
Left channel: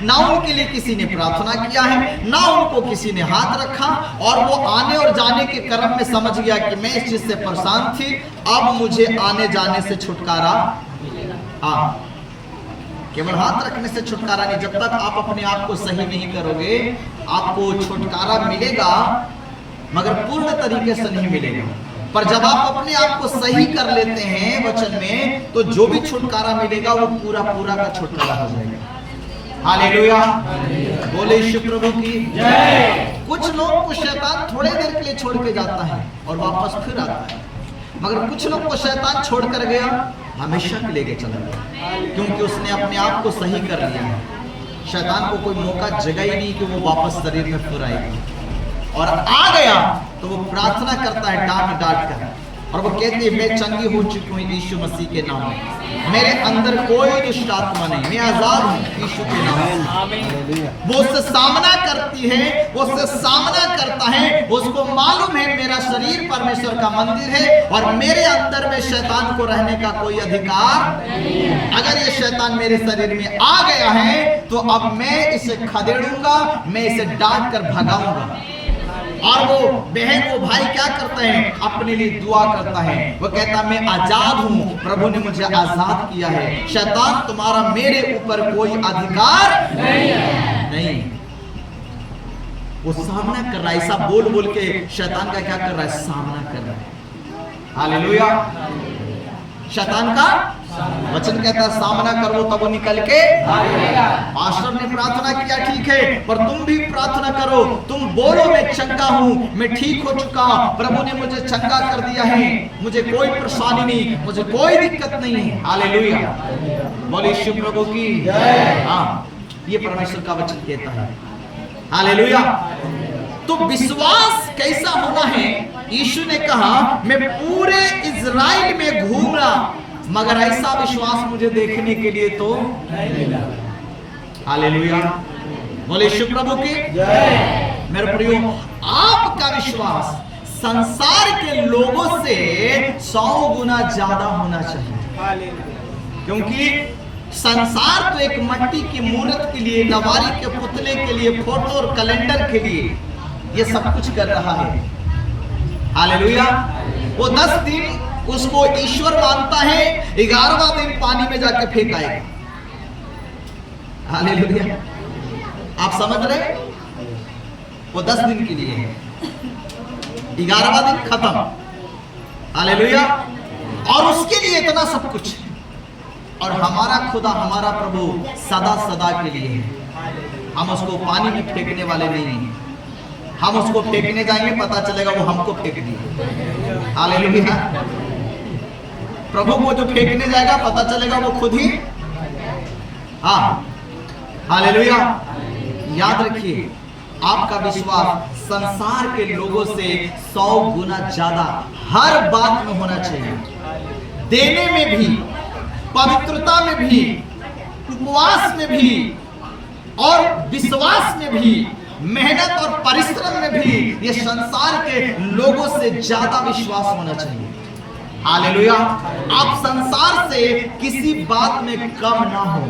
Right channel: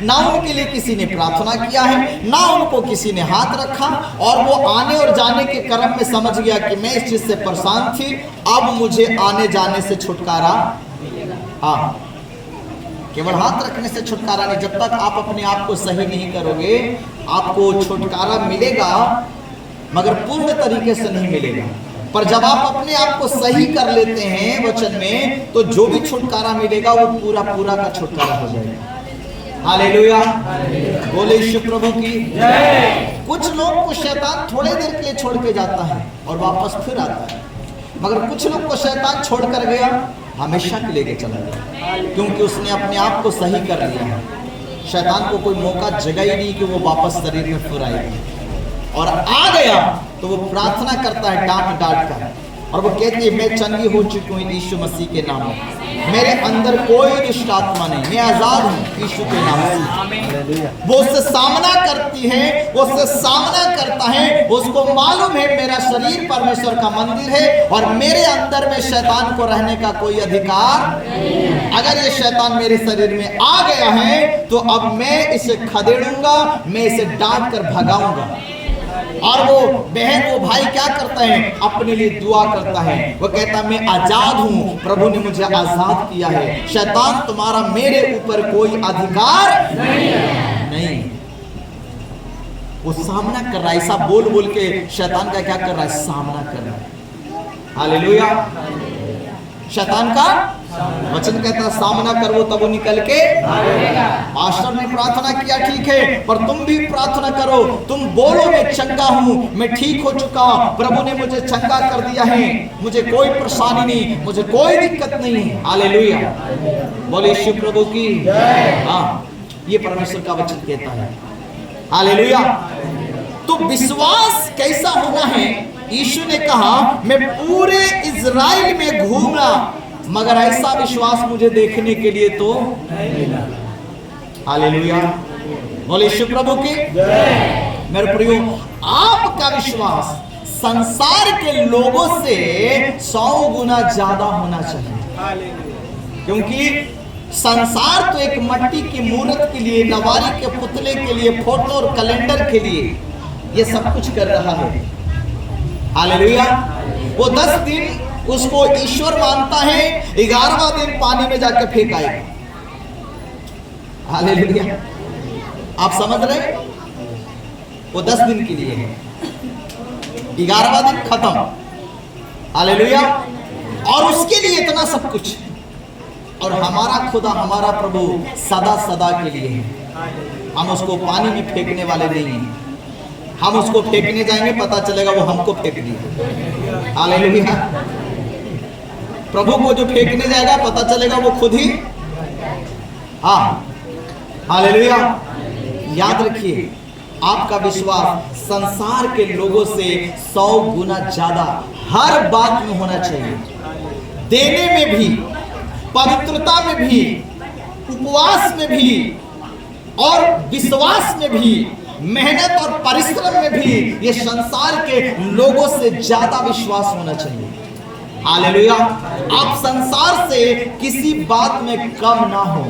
ना उनके लिए किसी ने प्रार्थना किया है, ना उनको किसी ने हाथ रखा, और वो आने और जाने के क्रम में समझ गया कि मैं इस चीज से परेशान थी, अब मुझे आने जाने से छुटकारा। हाँ, केवल हाथ रखने से छुटकारा नहीं। जब तक आप अपने आप को सही नहीं करोगे आपको छुटकारा मिलेगा, मगर पूर्ण तरीके से नहीं मिलेगा। पर जब आप अपने आप को सही कर लेते हैं वचन में, तो जो भी छुटकारा मिलेगा वो पूरा पूरा का छुटकारा हो जाएगा। हालेलुया, बोले यीशु प्रभु की जय। कुछ लोग को शैतान थोड़े देर के लिए छोड़ के जाता है और वापस फिर आता है, मगर कुछ लोग को शैतान छोड़ कर गया, हमेशा के लेके चला गया, क्योंकि उसने अपने आप को सही कर लिया है। शैतान को कोई मौका जगह ही नहीं कि वो वापस शरीर में फिर आएगा, और आ गया तो वो प्रार्थना करता है डांट डांट कर, और वो कहती है मैं चंगी हो चुकी हूँ यीशु मसीह के नाम में, मेरे अंदर कोई दुष्ट आत्मा नहीं, मैं आजाद हूँ यीशु के नाम से। वो उससे सामना करती है, वो उससे सामना करता है, उसको मालूम है मेरा शरीर परमेश्वर का मंदिर है और मेरे अंदर में शैतान को रहने का कोई अधिकार नहीं। अगर ये शैतान मेरे शरीर में आ गया है तो अब मैं इसे खदेड़ूंगा, मैं इसे डांट कर भगाऊंगा। और वो बहन वो भाई क्या करता है, अपने लिए दुआ करता है, वो कहता मैं आजाद हूं, प्रभु ने मुझे आजाद किया है, शैतान तुम्हारा मेरे ऊपर कोई अधिकार नहीं। वो सामना कर रहा है, ऐसा बोल बोल के शैतान का क्या कर रहा है, सामना कर रहा है। हालेलुया, शैतान का वचन कहता है सामना करो तब वो निकल के आएगा। पास्टर ने प्रार्थना किया ठीक है, पर तुम भी प्रार्थना करो, तुम बोलो मैं चंगा हूं, मैं ठीक हो चुका, प्रभु ने मुझे चंगा कर दिया है, मुझे कोई परेशानी नहीं, मुझे कोई दिक्कत नहीं है। हालेलुया, बोले यीशु प्रभु की जय। हाँ, ये परमेश्वर का वचन कहता है। हालेलुया, तो विश्वास कैसा होना है? यीशु ने कहा मैं पूरे इज़राइल में घूमा, मगर ऐसा विश्वास मुझे देखने के लिए तो हालेलुया, बोले यीशु प्रभु की जय। मेरे प्रियो, आपका विश्वास संसार के लोगों से 100 गुना ज्यादा होना चाहिए, क्योंकि संसार तो एक मिट्टी की मूर्त के लिए, नवारी के पुतले के लिए, फोटो और कैलेंडर के लिए ये सब कुछ कर रहा है। हालेलुया, वो 10 दिन उसको ईश्वर मानता है, 11वां दिन पानी में जाके फेंक आएगा। हालेलुया, आप समझ रहे? वो 10 दिन के लिए है, 11वां दिन खत्म। हालेलुया, और उसके लिए इतना सब कुछ। और हमारा खुदा, हमारा प्रभु सदा सदा के लिए है। हम उसको पानी में फेंकने वाले नहीं हैं। हम उसको फेंकने जाएंगे पता चलेगा वो हमको फेंक दिया। हालेलुया, प्रभु को जो फेंकने जाएगा पता चलेगा वो खुद ही। हाँ, हालेलुया, याद रखिए आपका विश्वास संसार के लोगों से 100 गुना ज्यादा हर बात में होना चाहिए। देने में भी, पवित्रता में भी, उपवास में भी, और विश्वास में भी, मेहनत और परिश्रम में भी ये संसार के लोगों से ज्यादा विश्वास होना चाहिए। हालेलुया, आप संसार से किसी बात में कम ना हो,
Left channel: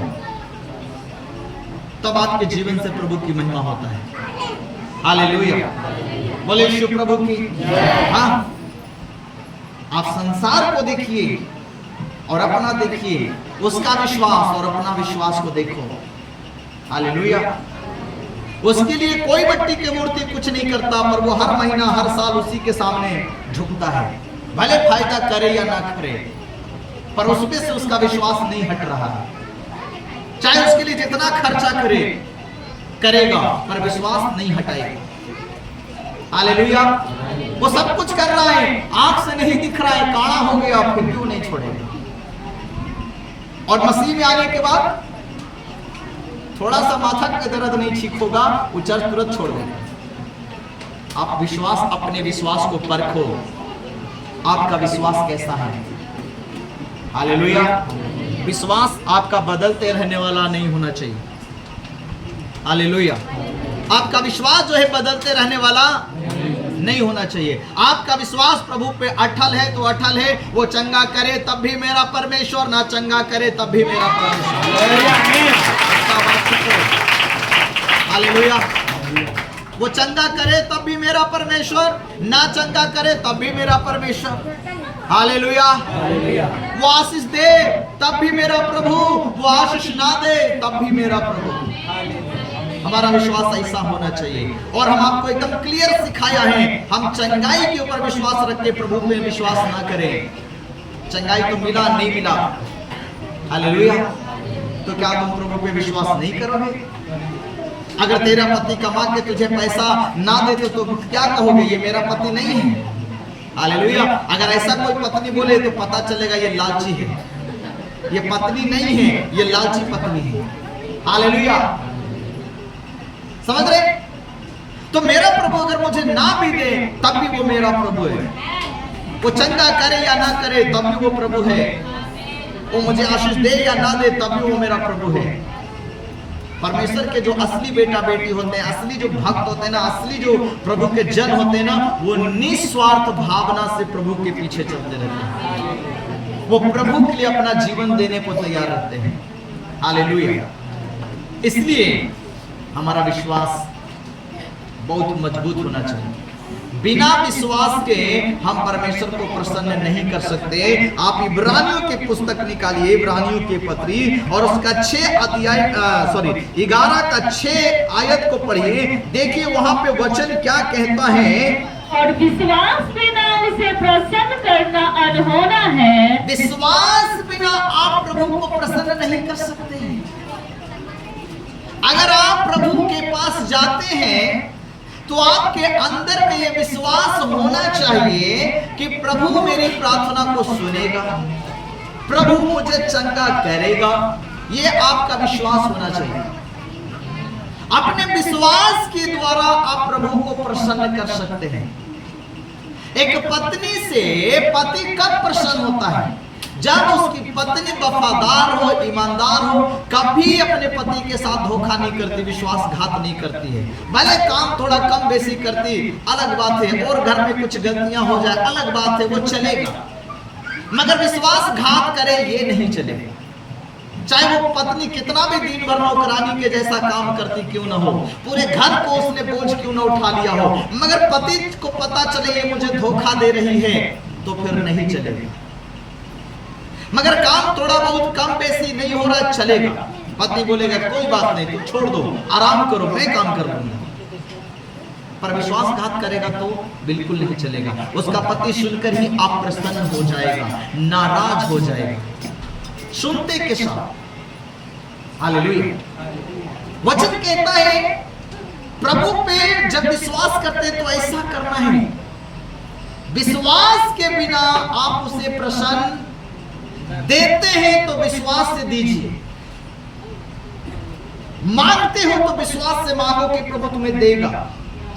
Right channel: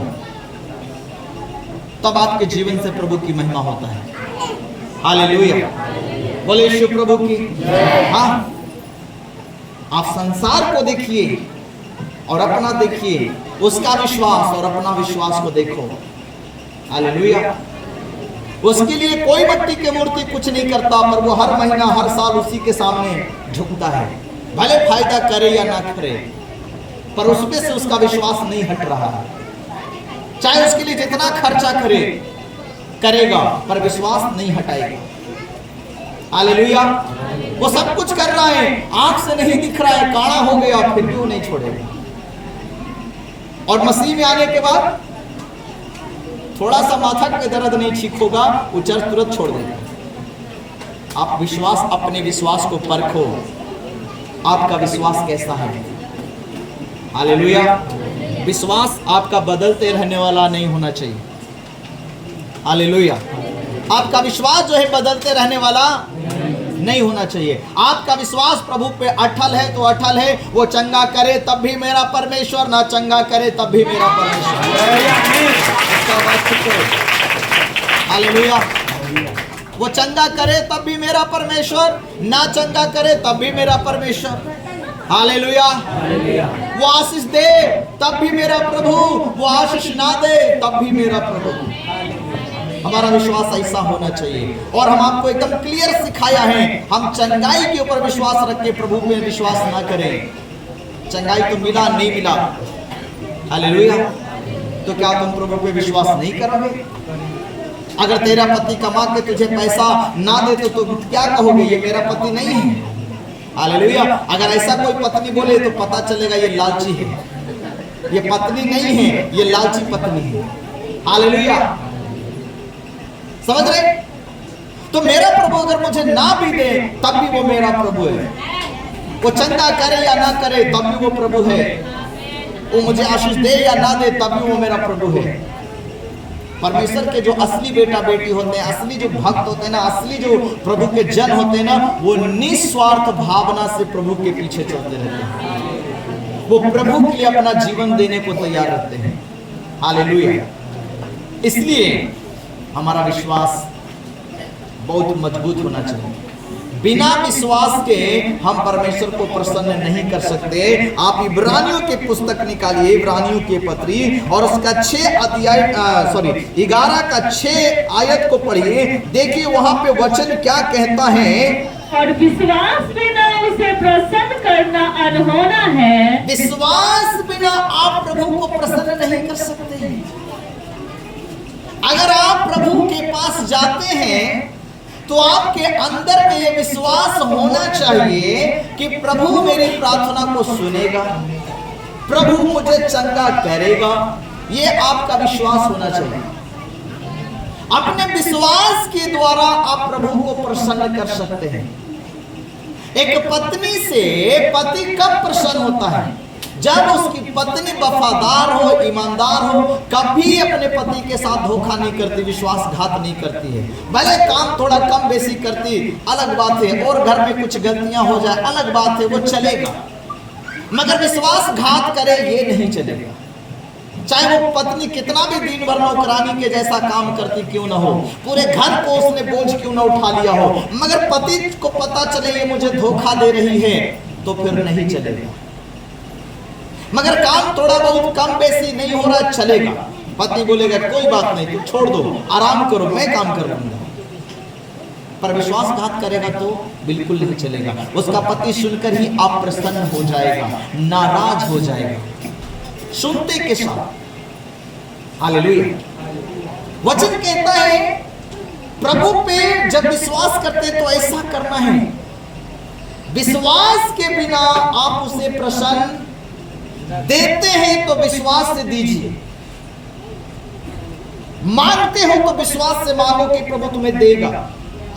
तब आपके जीवन से प्रभु की महिमा होता है। हालेलुया, बोले यीशु प्रभु की। हाँ, आप संसार को देखिए और अपना देखिए, उसका विश्वास और अपना विश्वास को देखो। हालेलुया, उसके लिए कोई मिट्टी की मूर्ति कुछ नहीं करता, पर वो हर महीना हर साल उसी के सामने झुकता है, भले फायदा करे या ना करे, पर उसमें से उसका विश्वास नहीं हट रहा है। चाहे उसके लिए जितना खर्चा करे करेगा, पर विश्वास नहीं हटाएगा। हालेलुया, वो सब कुछ कर रहा है, आंख से नहीं दिख रहा है, काला हो गया, फिर क्यों नहीं छोड़ेगा? और मसीह में आने के बाद थोड़ा सा माथा का दर्द नहीं ठीक होगा, वो चर्च तुरंत छोड़ देगा। आप विश्वास, अपने विश्वास को परखो, आपका विश्वास कैसा है। हालेलुया, विश्वास आपका बदलते रहने वाला नहीं होना चाहिए। हालेलुया। आपका विश्वास जो है बदलते रहने वाला नहीं होना चाहिए। आपका विश्वास प्रभु पे अटल है तो अटल है। वो चंगा करे तब भी मेरा परमेश्वर, ना चंगा करे तब भी मेरा परमेश्वर। हालेलुया। वो चंगा करे तब भी मेरा परमेश्वर, ना चंगा करे तब भी मेरा परमेश्वर। हालेलुया। वो आशीष दे तब भी मेरा प्रभु, वो आशीष ना दे तब भी मेरा प्रभु। हमारा विश्वास ऐसा होना चाहिए। और हम आपको एकदम क्लियर सिखाया है, हम चंगाई के ऊपर विश्वास रख के प्रभु पे विश्वास ना करें। चंगाई तो मिला नहीं मिला, हालेलुया, तो क्या तुम प्रभु पे विश्वास नहीं करोगे? अगर तेरा पति कमा के तुझे पैसा ना दे तो तुम क्या कहोगे? ये मेरा पति नहीं है। हालेलुया। अगर ऐसा कोई पत्नी बोले तो पता चलेगा ये लालची है, ये पत्नी नहीं है, ये लालची पत्नी है। हालेलुया। समझ रहे? तो मेरा प्रभु अगर मुझे ना भी दे तब भी वो मेरा प्रभु है। वो चंगा करे या ना करे तब भी वो प्रभु है। वो मुझे आशीष दे या ना दे तब भी वो मेरा प्रभु है। परमेश्वर के जो असली बेटा बेटी होते हैं, असली जो भक्त होते हैं ना, असली जो प्रभु के जन होते हैं ना, वो निस्वार्थ भावना से प्रभु के पीछे चलते रहते हैं। वो प्रभु के लिए अपना जीवन देने को तैयार रहते हैं। हालेलुया। इसलिए हमारा विश्वास बहुत मजबूत होना चाहिए। बिना विश्वास के हम परमेश्वर को प्रसन्न नहीं कर सकते। आप इब्रानियों की पुस्तक निकालिए, इब्रानियों की पत्री, और उसका 11 का 6 आयत को पढ़िए। देखिए वहां पे वचन क्या कहता है। और विश्वास बिना उसे प्रसन्न करना अनहोना है। विश्वास बिना आप प्रभु को प्रसन्न नहीं कर सकते। अगर आप प्रभु के पास जाते हैं तो आपके अंदर में यह विश्वास होना चाहिए कि प्रभु मेरी प्रार्थना को सुनेगा, प्रभु मुझे चंगा करेगा। यह आपका विश्वास होना चाहिए। अपने विश्वास के द्वारा आप प्रभु को प्रसन्न कर सकते हैं। एक पत्नी से पति कब प्रसन्न होता है? जब उसकी पत्नी वफादार हो, ईमानदार हो, कभी अपने पति के साथ धोखा नहीं करती, विश्वासघात नहीं करती है। भले काम थोड़ा कम बेसी करती, अलग बात है, और घर में कुछ गलतियां हो जाए, अलग बात है, वो चलेगा। मगर विश्वासघात करे ये नहीं चलेगा। चाहे वो पत्नी कितना भी दिन भर नौकरानी के जैसा काम करती क्यों ना हो, पूरे घर को उसने बोझ क्यों ना उठा लिया हो, मगर पति को पता चले ये मुझे धोखा दे रही है तो फिर नहीं चलेगा। मगर काम थोड़ा बहुत कम बेसी नहीं हो रहा, चलेगा। पति बोलेगा कोई बात नहीं, तू छोड़ दो, आराम करो, मैं काम कर लूंगा। पर विश्वासघात करेगा तो बिल्कुल नहीं चलेगा। उसका पति सुनकर ही अप्रसन्न हो जाएगा, नाराज हो जाएगा, सुनते के साथ। हालेलुया। वचन कहता है प्रभु पे जब विश्वास करते तो ऐसा करना है। विश्वास के बिना आप उसे प्रसन्न देते हैं तो विश्वास से दीजिए, मांगते हो तो विश्वास से मांगो कि प्रभु तुम्हें देगा।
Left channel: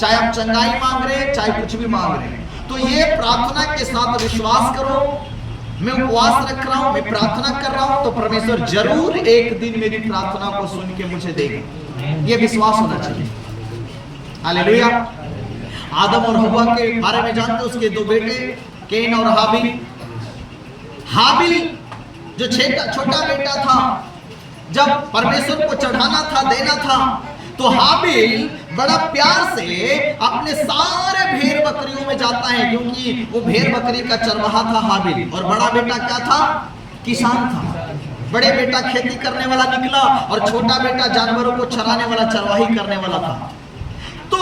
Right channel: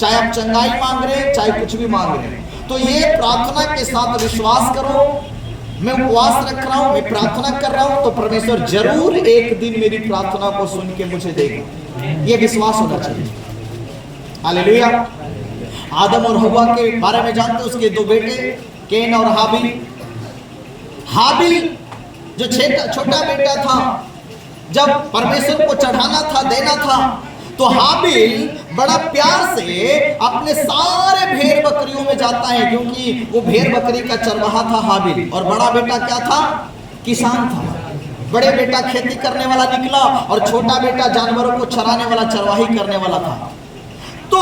चाहे आप चंगाई मांग रहे हैं, चाहे कुछ भी मांग रहे हैं, तो ये प्रार्थना के साथ विश्वास करो, मैं उपवास रख रहा हूं, मैं प्रार्थना कर रहा हूं, तो परमेश्वर जरूर एक दिन मेरी प्रार्थना को सुन के मुझे देगा। ये विश्वास होना चाहिए। हालेलुया। आदम और हव्वा के बारे में जानते, उसके 2 बेटे कैन और हाबिल। हाबिल जो छोटा बेटा था, जब परमेश्वर को चढ़ाना था, देना था, तो हाबिल बड़ा प्यार से अपने सारे भेड़ बकरियों में जाता है, क्योंकि वो भेड़ बकरी का चरवाहा था हाबिल। और बड़ा बेटा क्या था? किसान था। बड़े बेटा खेती करने वाला निकला और छोटा बेटा जानवरों को चराने वाला, चरवाही करने वाला था। तो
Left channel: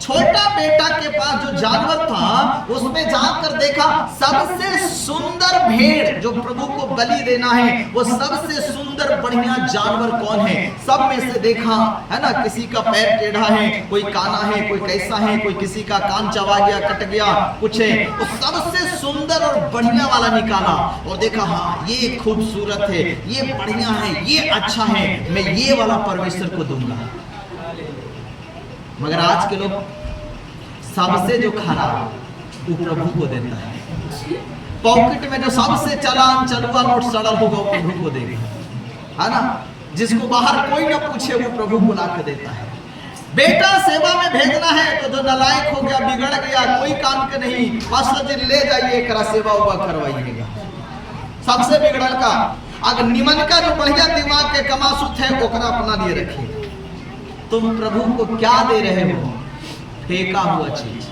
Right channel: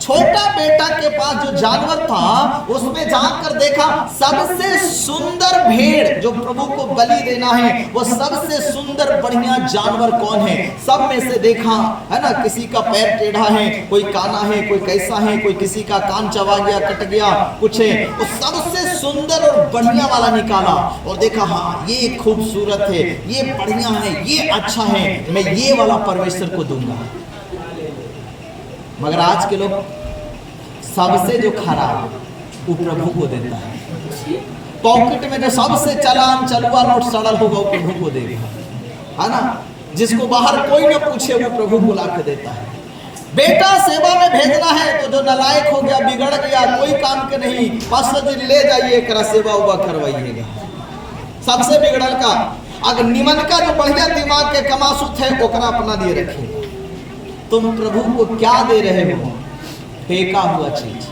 छोटा बेटा के पास जो जानवर था, उसमें जाकर देखा सबसे सुंदर भेड़ जो प्रभु को बलि देना है, वो सबसे सुंदर बढ़िया जानवर कौन है? सब में से देखा, है ना, किसी का पैर टेढ़ा है, कोई काना है, कोई कैसा है, कोई किसी का कान चबा गया, कट गया, कुछ है। वो सबसे सुंदर और बढ़िया वाला निकाला और देखा, हाँ ये खूबसूरत है, ये बढ़िया है, ये अच्छा है, मैं ये वाला परमेश्वर को दूंगा। मगर आज के लोग सबसे जो खराब वो प्रभु को देता है। पॉकेट में जो सबसे चालान चलुआ नोट सड़ल होगा वो प्रभु को देगा, है ना। जिसको बाहर कोई ना पूछे वो प्रभु को ला के देता है। बेटा सेवा में भेजना है तो जो नालायक हो गया, बिगड़ गया, कोई काम के नहीं, पास्टर जी ले जाइए करा सेवा उवा करवाइएगा। सबसे बिगड़ल का अगर निमन का जो बढ़िया दिमाग के कमासुत है ओकरा अपना लिए रखिए। तुम प्रभु को क्या दे रहे हो? फेंका हुआ चीज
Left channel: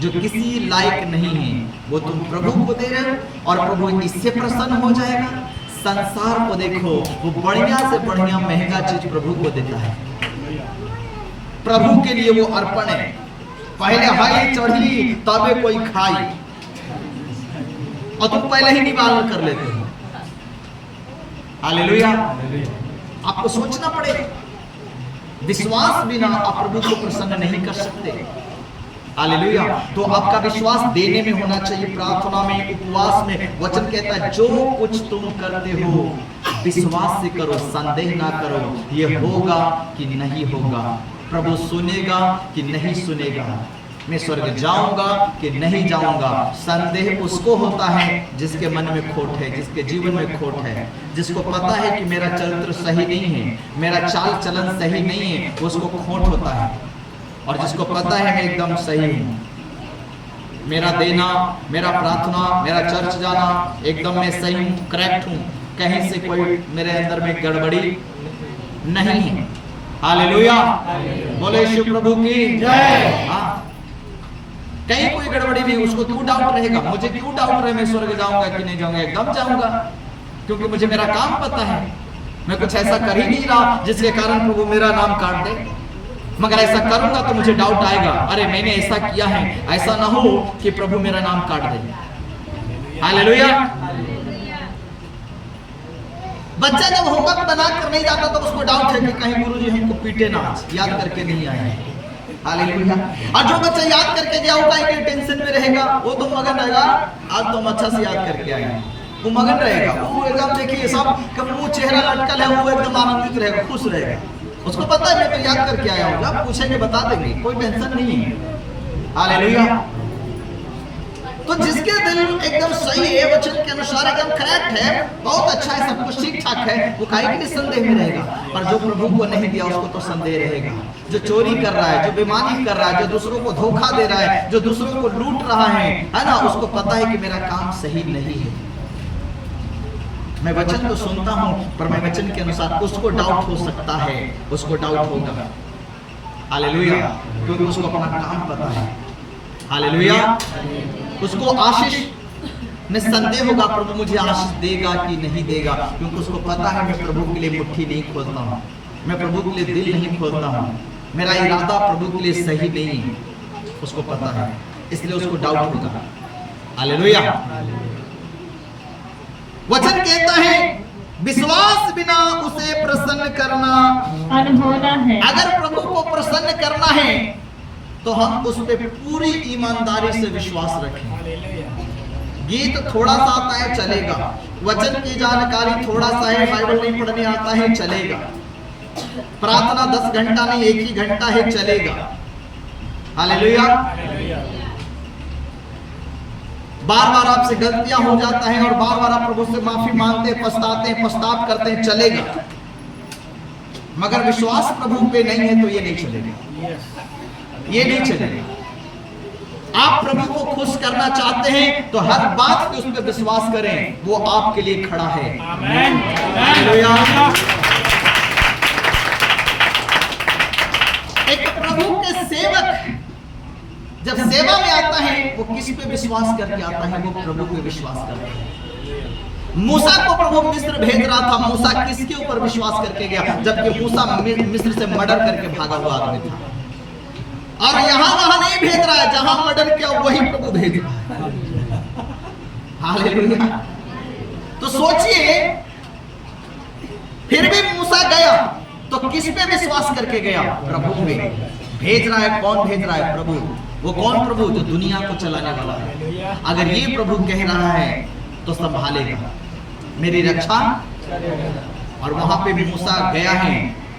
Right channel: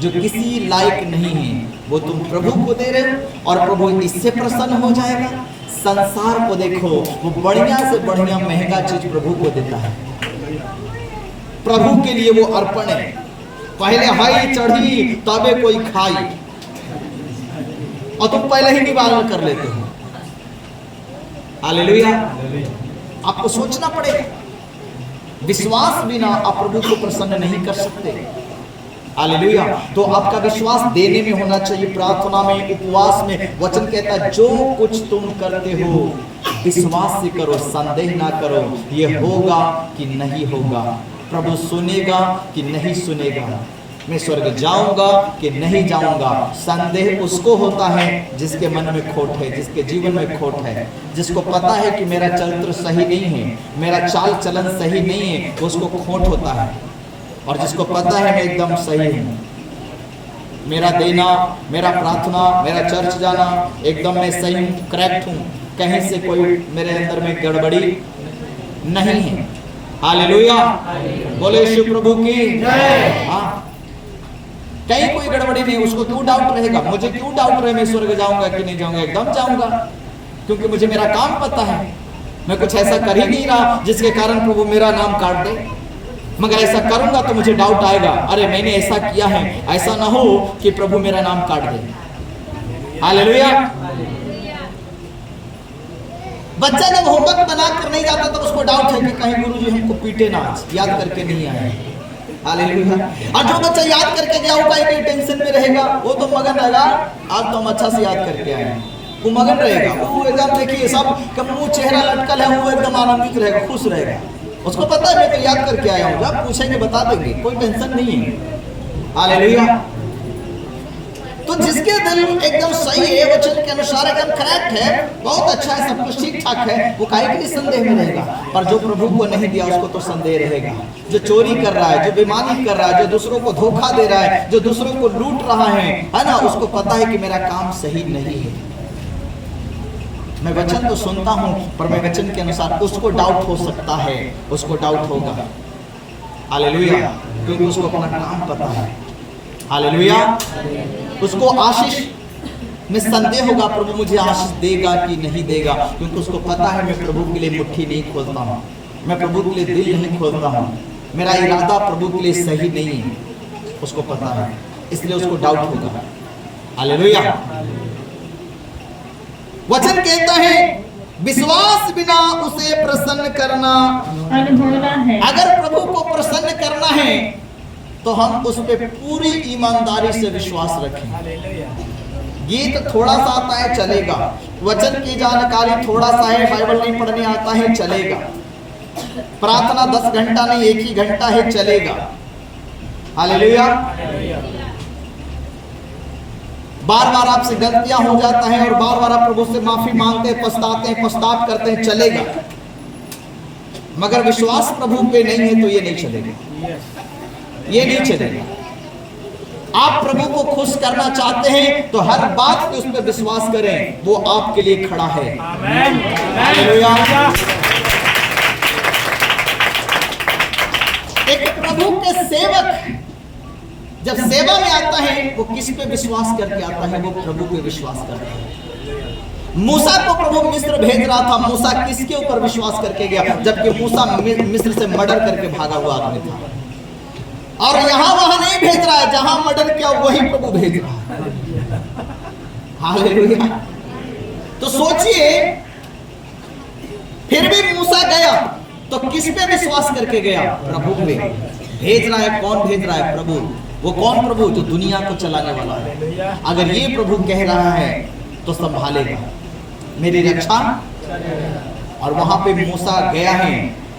जो किसी लायक नहीं है वो तुम प्रभु को दे रहे हो और प्रभु इससे प्रसन्न हो जाएगा। संसार को देखो, वो बढ़िया से बढ़िया महंगा चीज प्रभु को देता है। प्रभु के लिए वो अर्पण है। पहले हाई चढ़ी तबे कोई खाई, और तुम पहले ही निवारण कर लेते हो। हालेलुया। आपको सोचना पड़ेगा, विश्वास बिना आप प्रभु को प्रसन्न नहीं कर सकते। हालेलुया। तो आपका विश्वास देने में होना चाहिए, प्रार्थना में, उपवास में। वचन कहता है जो कुछ तुम करते हो विश्वास से करो, संदेह ना करो ये होगा कि नहीं होगा, प्रभु सुनेगा कि नहीं सुनेगा, मैं स्वर्ग जाऊंगा कि नहीं जाऊंगा। संदेह उसको होता है जिसके मन में खोट है, जिसके जीवन में खोट है, जिसको पता है कि मेरा चरित्र सही नहीं है, मेरा चाल चलन सही नहीं है, उसको खोट होता है। और जिसको पता है मैं एकदम सही हूँ, मेरा देना, मेरा प्रार्थना, मेरा चर्च जाना, एकदम मैं सही हूँ, करेक्ट हूँ, कहीं से कोई मेरे अंदर में गड़बड़ी नहीं है। हालेलुया। बोले शिव प्रभु की जय। हाँ, कहीं कोई गड़बड़ी नहीं, उसको क्यों डाउट रहेगा? मुझे क्यों डाउट रहे मैं स्वर्ग जाऊंगा कि नहीं जाऊंगा? एकदम जाऊंगा, क्योंकि मुझे मेरा काम पता है। मैं कुछ ऐसा कर ही नहीं रहा जिसके कारण प्रभु मेरा नाम काट दे। मगर ऐसा करूंगा तो मुझे डाउट आएगा, अरे मैंने ऐसा किया है, ऐसा ना हो कि प्रभु मेरा नाम काट दे। हालेलुया। बच्चा जब होमवर्क बना कर नहीं जाता तो उसको डाउट है कि कहीं गुरुजी हमको पीटे ना, याद करके नहीं आए। हालेलुया। और जो बच्चा याद करके गया होगा एक टेंशन में रहेगा, वो तो मगन रहेगा, आज तो हम अच्छा से याद करके आए हैं, वो मगन रहेगा। वो एकदम देखिए सब का मुंह चेहरा लटकल है, वो एकदम आनंदित रहेगा, खुश रहेगा। उसको पता है मैं तो याद करके आया हूँ, जब पूछेंगे बता देंगे, कोई टेंशन नहीं है। हालेलुया। तो जिसके दिल एकदम सही है, वचन के अनुसार एकदम करेक्ट है, बहुत अच्छा है, सब कुछ ठीक ठाक है, वो काहे के लिए संदेह में रहेगा? पर जो प्रभु को नहीं दिया उसको तो संदेह रहेगा। जो चोरी कर रहा है, जो बेईमानी कर रहा है, जो दूसरों को धोखा दे रहा है, जो दूसरों को लूट रहा है ना, उसको पता है कि मेरा काम सही नहीं है। मैं वचन तो सुनता हूँ पर मैं वचन के अनुसार, उसको डाउट हो सकता है, उसको डाउट होगा। हालेलुया। क्योंकि उसको अपना काम पता है। हालेलुया। उसको आशीष में संदेह होगा, प्रभु मुझे आशीष देगा कि नहीं देगा, क्योंकि उसको पता है मैं प्रभु के लिए मुट्ठी नहीं खोलता हूँ, मैं प्रभु के लिए दिल नहीं खोलता हूँ, मेरा इरादा प्रभु के लिए सही नहीं है, उसको पता है, इसलिए उसको डाउट होगा। हालेलुया। वचन कहता है विश्वास बिना उसे प्रसन्न करना अनहोना है। अगर प्रभु को प्रसन्न करना है तो हम उस पे पूरी ईमानदारी से विश्वास रखें। गीत थोड़ा सा आता है चलेगा, वचन की जानकारी थोड़ा सा है, बाइबल नहीं पढ़ने आता है चलेगा, प्रार्थना 10 घंटा नहीं 1 ही घंटा है चलेगा। हालेलुया। बार बार आपसे गलतियां हो जाता है और बार बार आप प्रभु से माफी मांगते हैं, पछताते हैं, पश्चाताप करते हैं, चलेगा। मगर विश्वास प्रभु पे नहीं है तो ये नहीं चलेगा, ये नहीं चलेगा। आप प्रभु को खुश करना चाहते हैं तो हर बात पे उस पर विश्वास करें, वो आपके लिए खड़ा है। हालेलुया। एक प्रभु के सेवक जब सेवा में आता है वो किस पे विश्वास करके आता है? वो प्रभु पे विश्वास करता है। मूसा को प्रभु मिस्र भेज रहा था, मूसा किसके ऊपर विश्वास करके गया? जबकि मूसा मिस्र से मर्डर करके भागा हुआ आदमी था। और यहां वहां नहीं भेज रहा है, जहां मर्डर किया वही प्रभु भेज रहा है। हालेलुया। तो सोचिए, फिर भी मूसा गया तो किस पे विश्वास करके गया? प्रभु पे। भेज रहा है, कौन भेज रहा है? प्रभु। वो कौन प्रभु? जो दुनिया को चलाने वाला है। अगर ये प्रभु कह रहा है तो संभालेगा मेरी रक्षा। और वहां पे मूसा गया है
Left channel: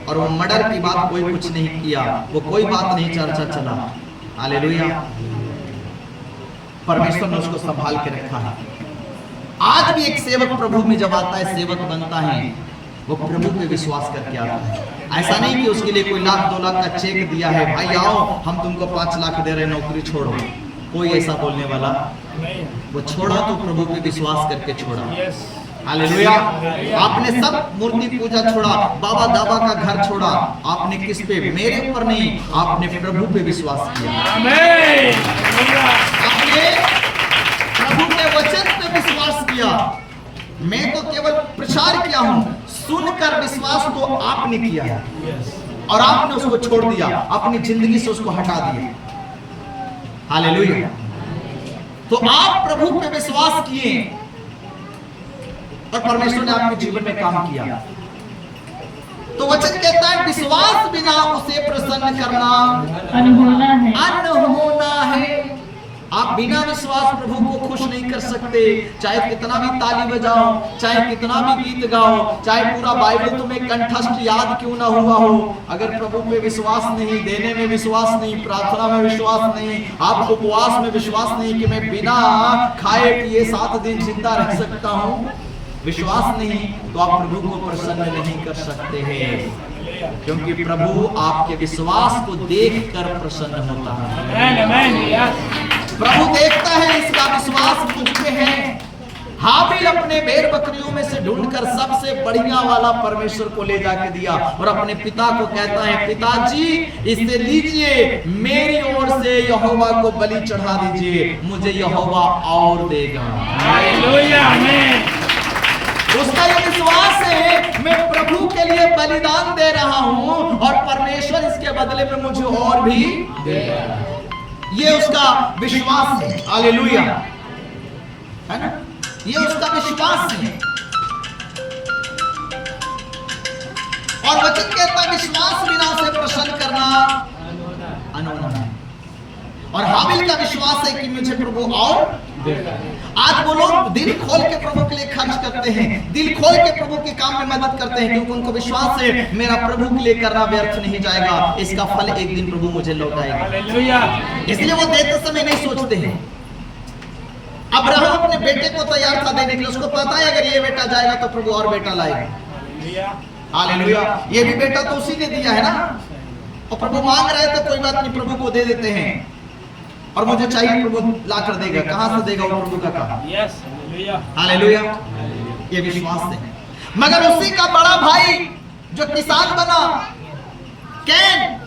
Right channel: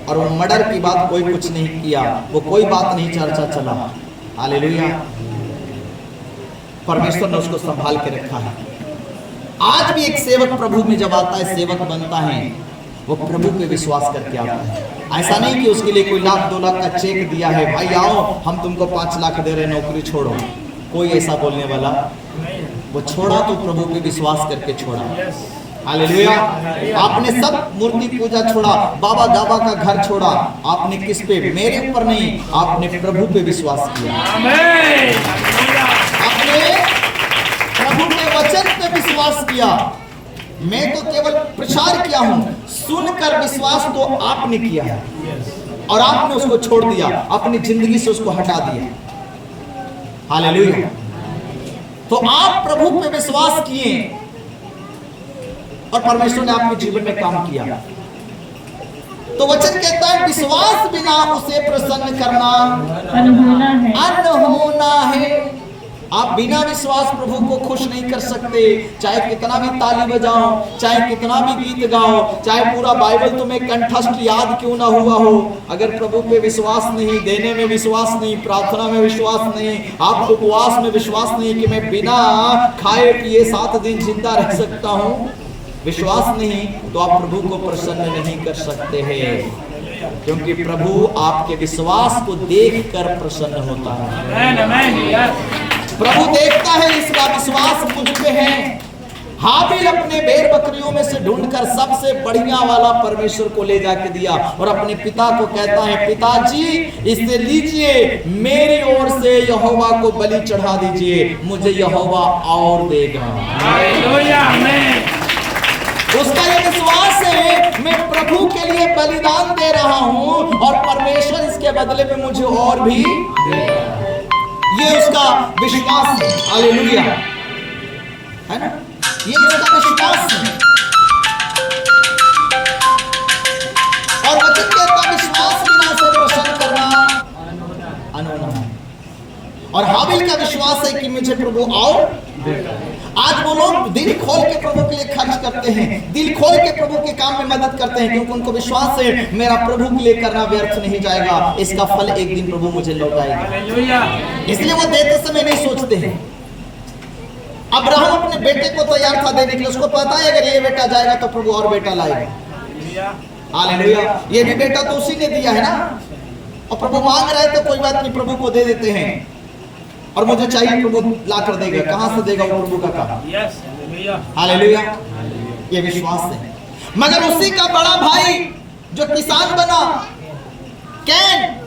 और वो मर्डर की बात कोई कुछ नहीं किया, वो कोई बात नहीं चर्चा चला। हालेलुया। परमेश्वर ने उसको संभाल के रखा है। आज भी एक सेवक प्रभु में जब आता है, सेवक बनता है, वो प्रभु पे विश्वास करके आता है। ऐसा नहीं कि उसके लिए कोई 1,00,000-2,00,000 का चेक दिया है, भाई आओ हम तुमको 5 लाख दे रहे, नौकरी छोड़ो। कोई ऐसा बोलने वाला, वो छोड़ा तो प्रभु पे विश्वास करके छोड़ा। हालेलुया। आपने सब मूर्ति पूजा छोड़ा, बाबा दादा का घर छोड़ा, आपने किस पे? मेरे ऊपर नहीं, आपने प्रभु पे विश्वास किया। आपने प्रभु के वचन पे विश्वास किया। मैं तो केवल प्रचार किया हूं, सुनकर विश्वास तो आपने किया है और आपने उसको छोड़ दिया, अपनी जिंदगी से उसको हटा दिया। हालेलुया। तो आप प्रभु पे विश्वास किए और परमेश्वर ने आपके जीवन में काम किया। तो वचन कहता है विश्वास बिना उसे प्रसन्न करना अनहोना है। आप बिना विश्वास प्रभु को खुश नहीं कर सकते। चाहे कितना भी ताली बजाओ, चाहे कितना भी गीत गाओ, चाहे पूरा बाइबल तुम्हें कंठस्थ याद क्यों ना हुआ हो, अगर प्रभु पे विश्वास नहीं, देने में विश्वास नहीं, प्रार्थना में विश्वास नहीं, आप उपवास में विश्वास नहीं कि मैं बिना खाए पिए 7 दिन जिंदा रह सकता हूँ, विश्वास नहीं, तो आप प्रभु को प्रसन्न नहीं कर सकते हैं। क्योंकि प्रभु आपके विश्वास को देखकर प्रसन्न होता है। प्रभु देखता है इसका विश्वास मुझ पे है। हाबिल अपने भेड़ बकरियों में से ढूंढकर सबसे बढ़िया वाला परमेश्वर को ले जाके दिया और अपने पिता को कहता है, पिताजी इसे लीजिए, मेरी ओर से यहोवा को बलि चढ़ा दीजिए, मुझे यहोवा और देगा। उसका ये विश्वास है, मैं प्रभु के लिए बलिदान दे रहा हूं और परमेश्वर इसके बदले में मुझे और भी देगा। ये उसका विश्वास है। हालेलुया, है ना? ये उसका विश्वास है। और वचन कहता विश्वास बिना से प्रसन्न करना अनहोना है। और हाबिल का विश्वास है कि मुझे प्रभु और देगा। आज वो लोग दिल खोल के प्रभु के लिए खर्च करते हैं, दिल खोल के प्रभु के काम में मदद करते हैं, क्योंकि उनको विश्वास है मेरा प्रभु के लिए करना व्यर्थ नहीं जाएगा, इसका फल एक दिन प्रभु मुझे लौटाएगा। इसलिए वो देते समय नहीं सोचते हैं। अब्राहम अपने बेटे को तैयार था देने के लिए, उसको पता है अगर ये बेटा जाएगा तो प्रभु और बेटा लाएगा। हालेलुया। ये भी बेटा तो उसी ने दिया है ना, और प्रभु मांग रहे तो कोई बात नहीं, प्रभु को दे देते हैं। और मुझे चाहिए प्रभु ला कर देगा, कहां से देगा वो प्रभु का काम। हालेलुया। ये विश्वास है। मगर उसी का बड़ा भाई जो किसान बना, कैन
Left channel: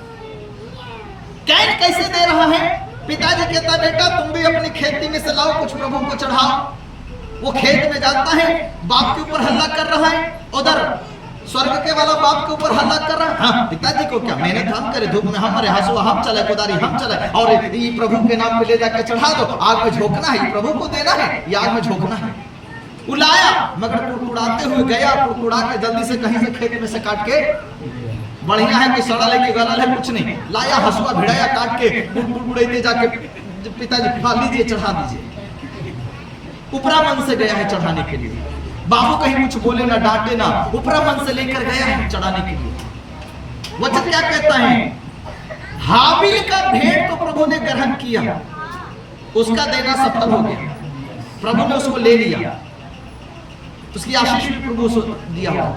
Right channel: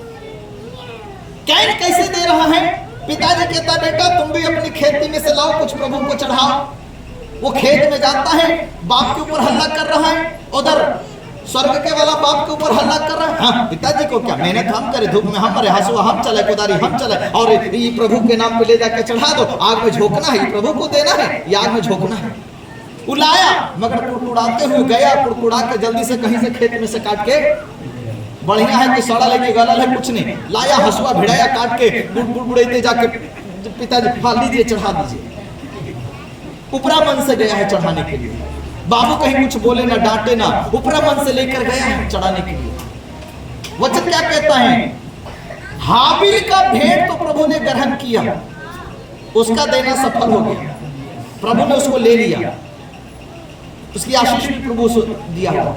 कैसे दे रहा है? पिताजी कहता बेटा तुम भी अपनी खेती में से लाओ, कुछ प्रभु को चढ़ाओ। वो खेत में जाता है, बाप के ऊपर हल्ला कर रहा है, उधर स्वर्ग के वाला बाप के ऊपर हल्ला कर रहा है। हाँ, पिताजी को क्या मेहनत हम करे, धूप में हम मरे, हंसुआ हम चले, कुदारी हम चले, और ये प्रभु के नाम पे ले जाकर चढ़ा दो, आग में झोंकना है, प्रभु को देना है, ये आग में झोंकना है। उलाया, मगर कुड़कुड़ाते हुए गया, कुड़कुड़ा के जल्दी से कहीं से खेत में से काट के, बढ़िया है कि सड़ा लेके गलल है कुछ नहीं, लाया हंसुआ भिड़ाया, काट के बुड़बुड़ाते जाके पिताजी फाल दीजिए, चढ़ा दीजिए। उपरा मन से गया है चढ़ाने के लिए, बाबू कहीं कुछ बोले ना, डांटे ना, उपरा मन से लेकर गया है चढ़ाने के लिए। वचन क्या कहता है? हाबिल का भेंट तो प्रभु ने ग्रहण किया, उसका देना सफल हो गया, प्रभु ने उसको ले लिया, उसकी आशीष भी प्रभु को दिया हुआ।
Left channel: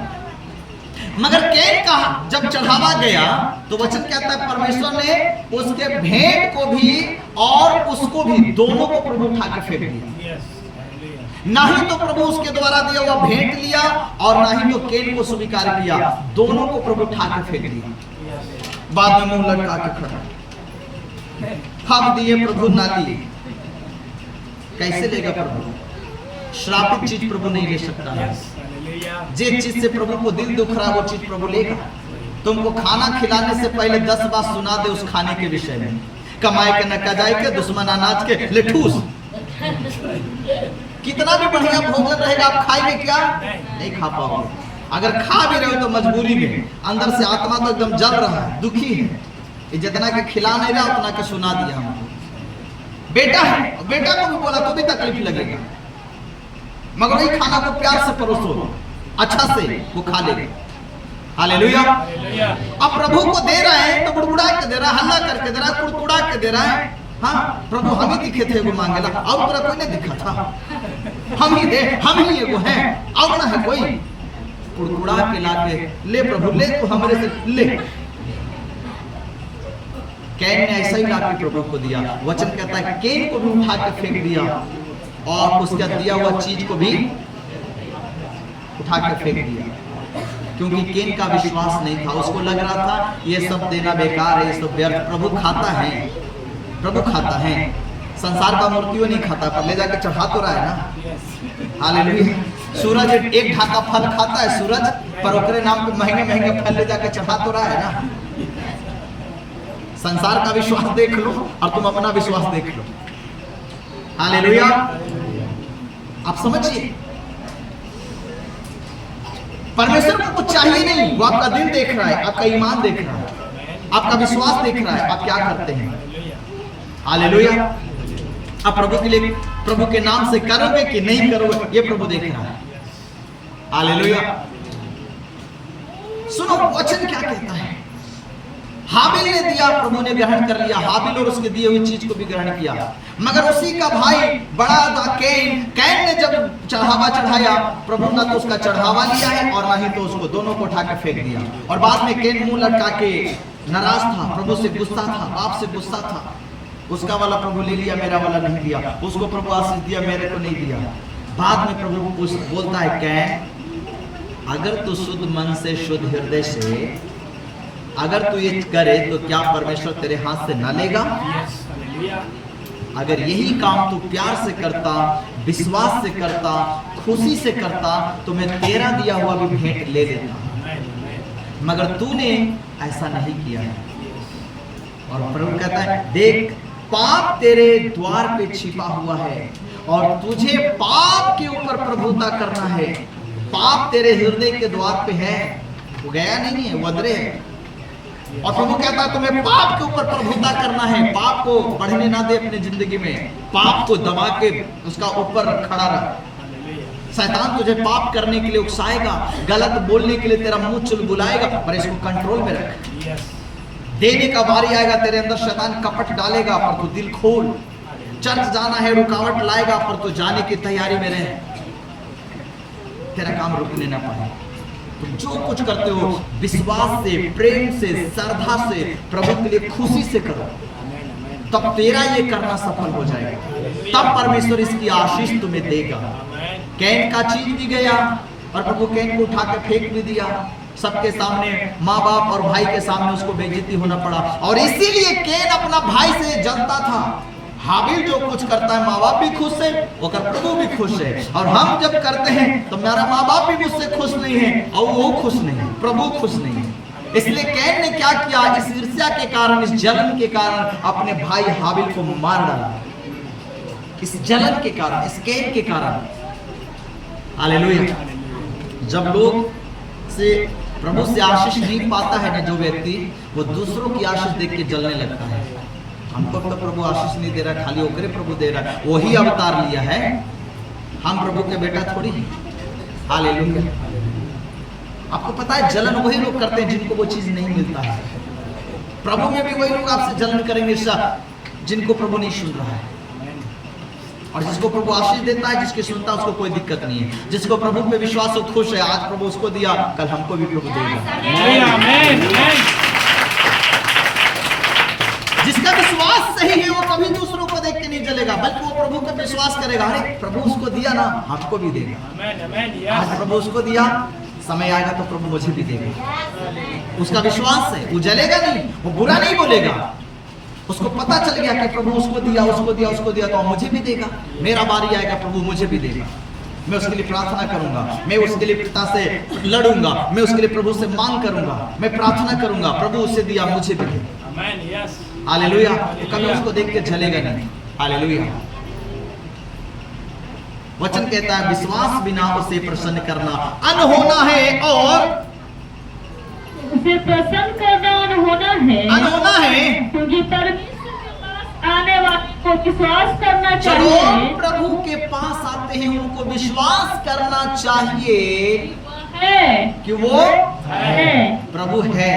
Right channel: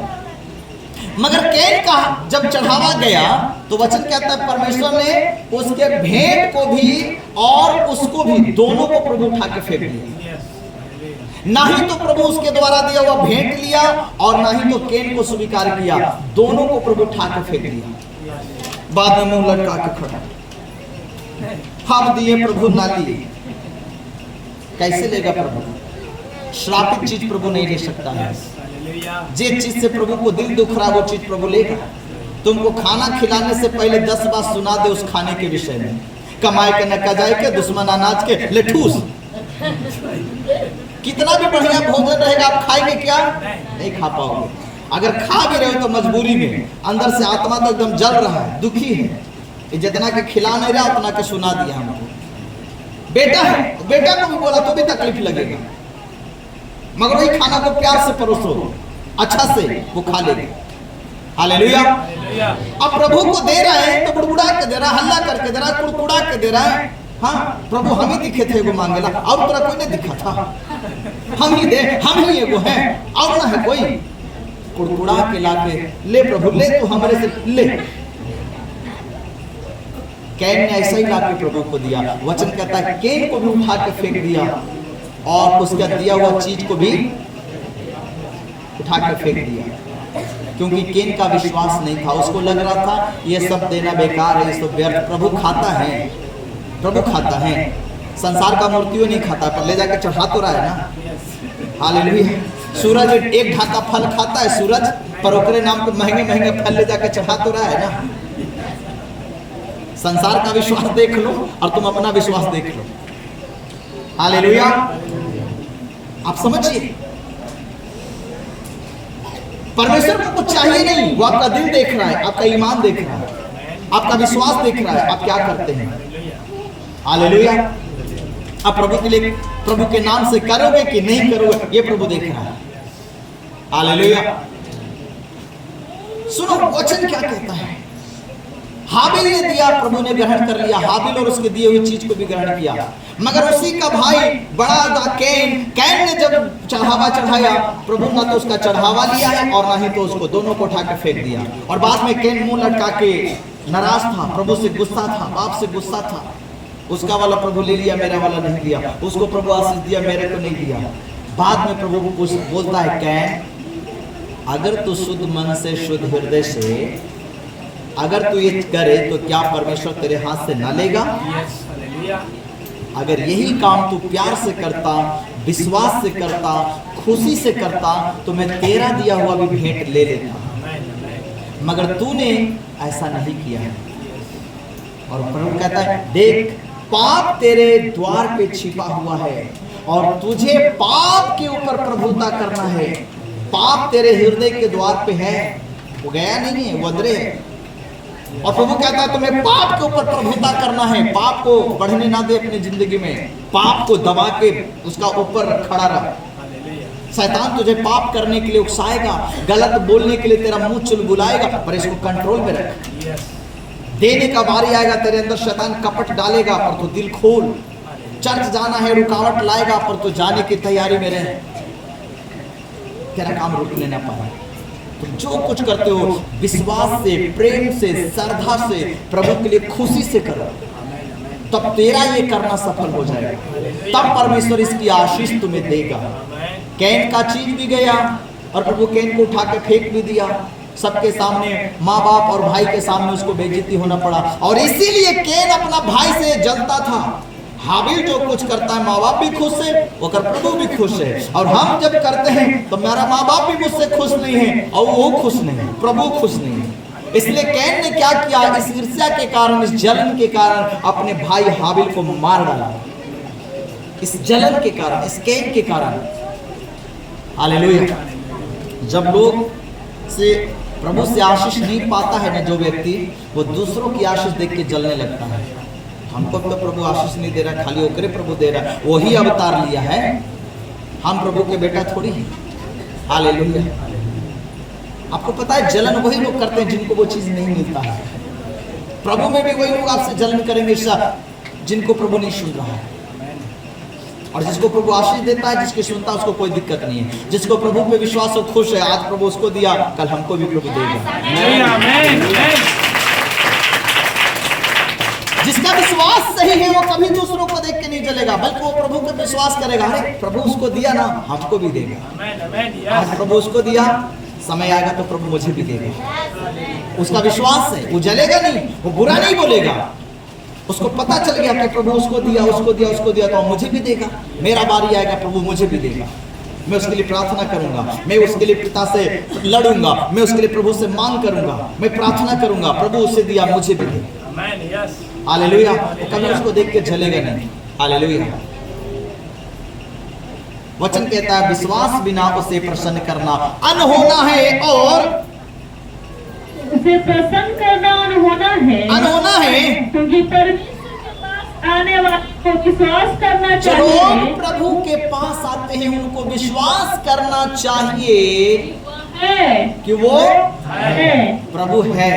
मगर कैन का जब चढ़ावा गया तो वचन कहता है परमेश्वर ने उसके भेंट को भी और उसको भी, दोनों को प्रभु उठा के फेंक दिया। ना ही तो प्रभु उसके द्वारा दिया हुआ भेंट लिया और ना ही तो कैन को स्वीकार किया, दोनों को प्रभु उठा के फेंक दिया। बाद में मुंह लटका के खड़ा, हम दिए प्रभु ना लिए। कैसे लेगा प्रभु? श्रापित चीज प्रभु नहीं ले सकता है। जिस चीज से प्रभु को दिल दुख रहा वो चीज प्रभु लेगा। तुमको खाना खिलाने से पहले 10 बार सुना दे उस खाने के विषय में, कमाए के न कजाए के, दुश्मन अनाज के लेठूस। कितना भी बढ़िया भोजन रहेगा, आप खाएंगे क्या? नहीं खा पाओगे। अगर खा भी रहे हो तो मजबूरी में, अंदर से आत्मा तो एकदम जल रहा है, दुखी है, जितना के खिला नहीं रहा उतना के सुना दिया हमको। बेटा है, बेटा को भी बोला तो भी तकलीफ लगेगा, मगर वही खाना को प्यार से परोसो, अच्छा से वो खा लेगा। हालेलुया। अब प्रभु को दे रहे हैं तो बुड़बुड़ा के दे रहा है, हल्ला करके दे रहा है, कुड़कुड़ा के दे रहा है, हाँ प्रभु हम ही दिखे थे वो मांगेला, और तेरा कोई नहीं दिखा था, हम ही दे, हम ही एगो है, और ना है कोई। कुड़कुड़ा के लाके ले प्रभु ले, तू हमारे से ले। कैन ने ऐसा ही लाके प्रभु को दिया। वचन कहता है कैन को भी उठा के फेंक दिया और उसका दिया हुआ चीज को भी उठा के फेंक दिया, क्योंकि कैन का विश्वास नहीं था। उसको लग रहा था ये सब देना बेकार है, ये सब व्यर्थ। प्रभु खाता है, प्रभु खाता है, संसार का मूर्तियों नहीं खाता, पर ले जाके चढ़ा तो रहा है ना। हालेलुया। सूरज एक ढाका फल खाता है सूरज, पर ओकरे नाम पे महंगे महंगे फल ले जाके चढ़ा तो रहा है ना। संसार का विश्वास देख लो और तुम अपना विश्वास देख लो। हालेलुया। आप समझिए, परमेश्वर को कुछ चाहिए नहीं, वो आपका दिल देख रहा है, आपका ईमान देख रहा है, आपका विश्वास देख रहा है, आप क्या करते हैं। हालेलुया। आप प्रभु के लिए, प्रभु के नाम से करोगे कि नहीं करोगे, ये प्रभु देख रहा है। हालेलुया। सुनो वचन क्या कहता है। हाबिल ने दिया, प्रभु ने ग्रहण कर लिया, हाबिल और उसके दिए हुई चीज को भी ग्रहण किया। मगर उसी का भाई बड़ा था कैन, कैन ने जब चढ़ावा चढ़ाया, प्रभु ना तो उसका चढ़ावा लिया है और ना ही तो उसको, दोनों को उठा के फेंक दिया। और बाद में कैन मुंह लटका के नाराज था, प्रभु से गुस्सा था, बाप से गुस्सा था। उसका वाला प्रभु ले लिया, मेरा वाला नहीं दिया, उसको प्रभु आशीष दिया, मेरे को नहीं दिया। बाद में प्रभु बोलता है कैन, अगर तू शुद्ध मन से, शुद्ध हृदय से अगर तू ये करे तो क्या परमेश्वर तेरे हाथ से ना लेगा। अगर यही काम तू प्यार से करता, विश्वास से करता, खुशी से करता, तो मैं तेरा दिया हुआ भी भेंट ले लेता। मगर तूने ऐसा नहीं किया है। और प्रभु कहता है देख, पाप तेरे द्वार पे छिपा हुआ है और तुझे पाप के ऊपर प्रभुता करना है। पाप तेरे हृदय के द्वार पे है, वो गया नहीं है, वो अंदर है। और प्रभु कहता है तुम्हें पाप के ऊपर प्रभुता करना है, पाप को बढ़ने ना दे अपनी जिंदगी में, पाप को दबा के उसका ऊपर खड़ा रह। शैतान तुझे पाप करने के लिए उकसाएगा, गलत बोलने के लिए तेरा मुंह चुलबुलाएगा, पर इसको कंट्रोल में रख। देने का बारी आएगा, तेरे अंदर शैतान कपट डालेगा, पर तू दिल खोल। चर्च जाना है, रुकावट लाएगा, पर तू जाने की तैयारी में रहे, तेरा काम रुकने ना पाए। जो कुछ करते हो विश्वास से, प्रेम से, श्रद्धा से, प्रभु के लिए खुशी से करो, तब तेरा ये करना सफल हो जाएगा। तब परमेश्वर इसकी आशीष तुम्हें देगा। कैन का चीज भी गया और प्रभु कैन को उठा के फेंक भी दिया। सबके सामने, माँ बाप और भाई के सामने उसको बेइज्जती होना पड़ा। और इसीलिए कैन अपना भाई से जलता था। हाबिल जो कुछ करता है, माँ बाप भी खुश है, और प्रभु भी खुश है। और हम जब करते हैं तो मेरा माँ बाप भी मुझसे खुश नहीं है और वो खुश नहीं है, प्रभु खुश नहीं है। इसलिए कैन ने क्या किया, इस ईर्ष्या के कारण, इस जलन के कारण अपने भाई हाबिल को मार डाला। इस जलन के कारण, इस कैन के कारण। हालेलुया। जब लोग से प्रभु से आशीष नहीं पाता है ना जो व्यक्ति, वो दूसरों की आशीष देख के जलने लगता है। हमको तो प्रभु आशीष नहीं दे रहा, खाली ओकरे प्रभु दे रहा है, वही अवतार लिया है, हम प्रभु के बेटा थोड़ी हैं। हालेलुया। आपको पता है जलन वही लोग करते हैं जिनको वो चीज नहीं मिलता है। प्रभु में भी वही लोग आपसे जलन करेंगे जिनको प्रभु नहीं सुन रहा है। और जिसको प्रभु आशीष देता है, जिसकी सुनता है, उसको कोई दिक्कत नहीं है। जिसको प्रभु पे विश्वास हो, खुश है, आज प्रभु उसको दिया, कल हमको भी प्रभु देगा। जिसका विश्वास सही है वो कभी दूसरों को देख के नहीं जलेगा, बल्कि वो प्रभु का विश्वास करेगा। अरे प्रभु उसको दिया ना, हमको भी देगा। आज प्रभु उसको दिया, समय आएगा तो प्रभु मुझे भी देगा। उसका विश्वास है, वो जलेगा नहीं, वो बुरा नहीं बोलेगा। उसको पता चल गया कि प्रभु उसको दिया, उसको दिया, उसको दिया, तो मुझे भी देगा। मेरा बारी आएगा, प्रभु मुझे भी देगा। मैं उसके लिए प्रार्थना करूंगा, मैं उसके लिए पिता से लड़ूंगा, मैं उसके लिए प्रभु से मांग करूंगा, मैं प्रार्थना करूंगा, प्रभु उसे दिया, मुझे भी दे। हालेलुया। कभी उसको देख के जलेगा नहीं। हालेलुया। वचन कहता है विश्वास बिना उसे प्रसन्न करना अनहोना है, और उसे प्रसन्न करना अनहोना है, अनहोना है, क्योंकि परमेश्वर के पास आने वाले को विश्वास करना चलो चाहिए। प्रभु के पास आते हैं, उनको विश्वास करना चाहिए है कि वो है प्रभु है।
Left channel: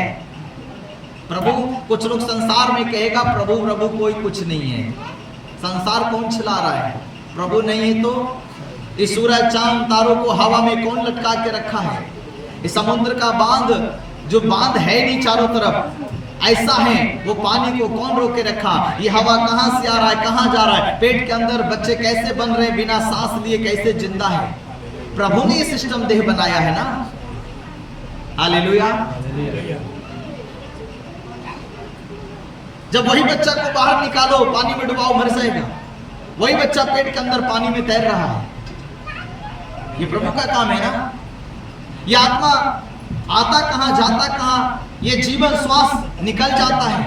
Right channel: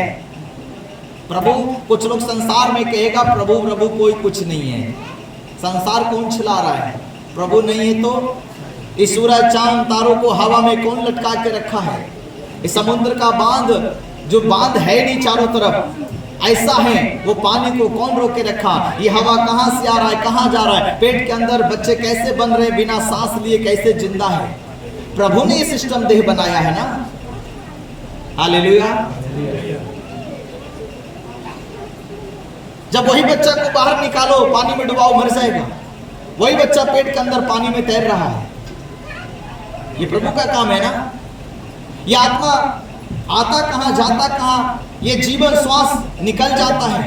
प्रभु, कुछ लोग संसार में कहेगा प्रभु प्रभु कोई कुछ नहीं है। संसार कौन चला रहा है? प्रभु नहीं है तो इस सूरज चांद तारों को हवा में कौन लटका के रखा है? इस समुद्र का बांध, जो बांध है नहीं चारों तरफ ऐसा है, वो पानी को कौन रोक के रखा? ये हवा कहां से आ रहा है, कहां जा रहा है? पेट के अंदर बच्चे कैसे बन रहे, बिना सांस लिए कैसे जिंदा है? प्रभु ने ये सिस्टम देह बनाया है ना। हालेलुया। जब वही बच्चा को बाहर निकालो, पानी में डुबाओ, मर जाएगा। वही बच्चा पेट के अंदर पानी में तैर रहा है। ये प्रभु का काम है ना। ये आत्मा आता कहां, जाता कहां, ये जीवन श्वास निकल जाता है।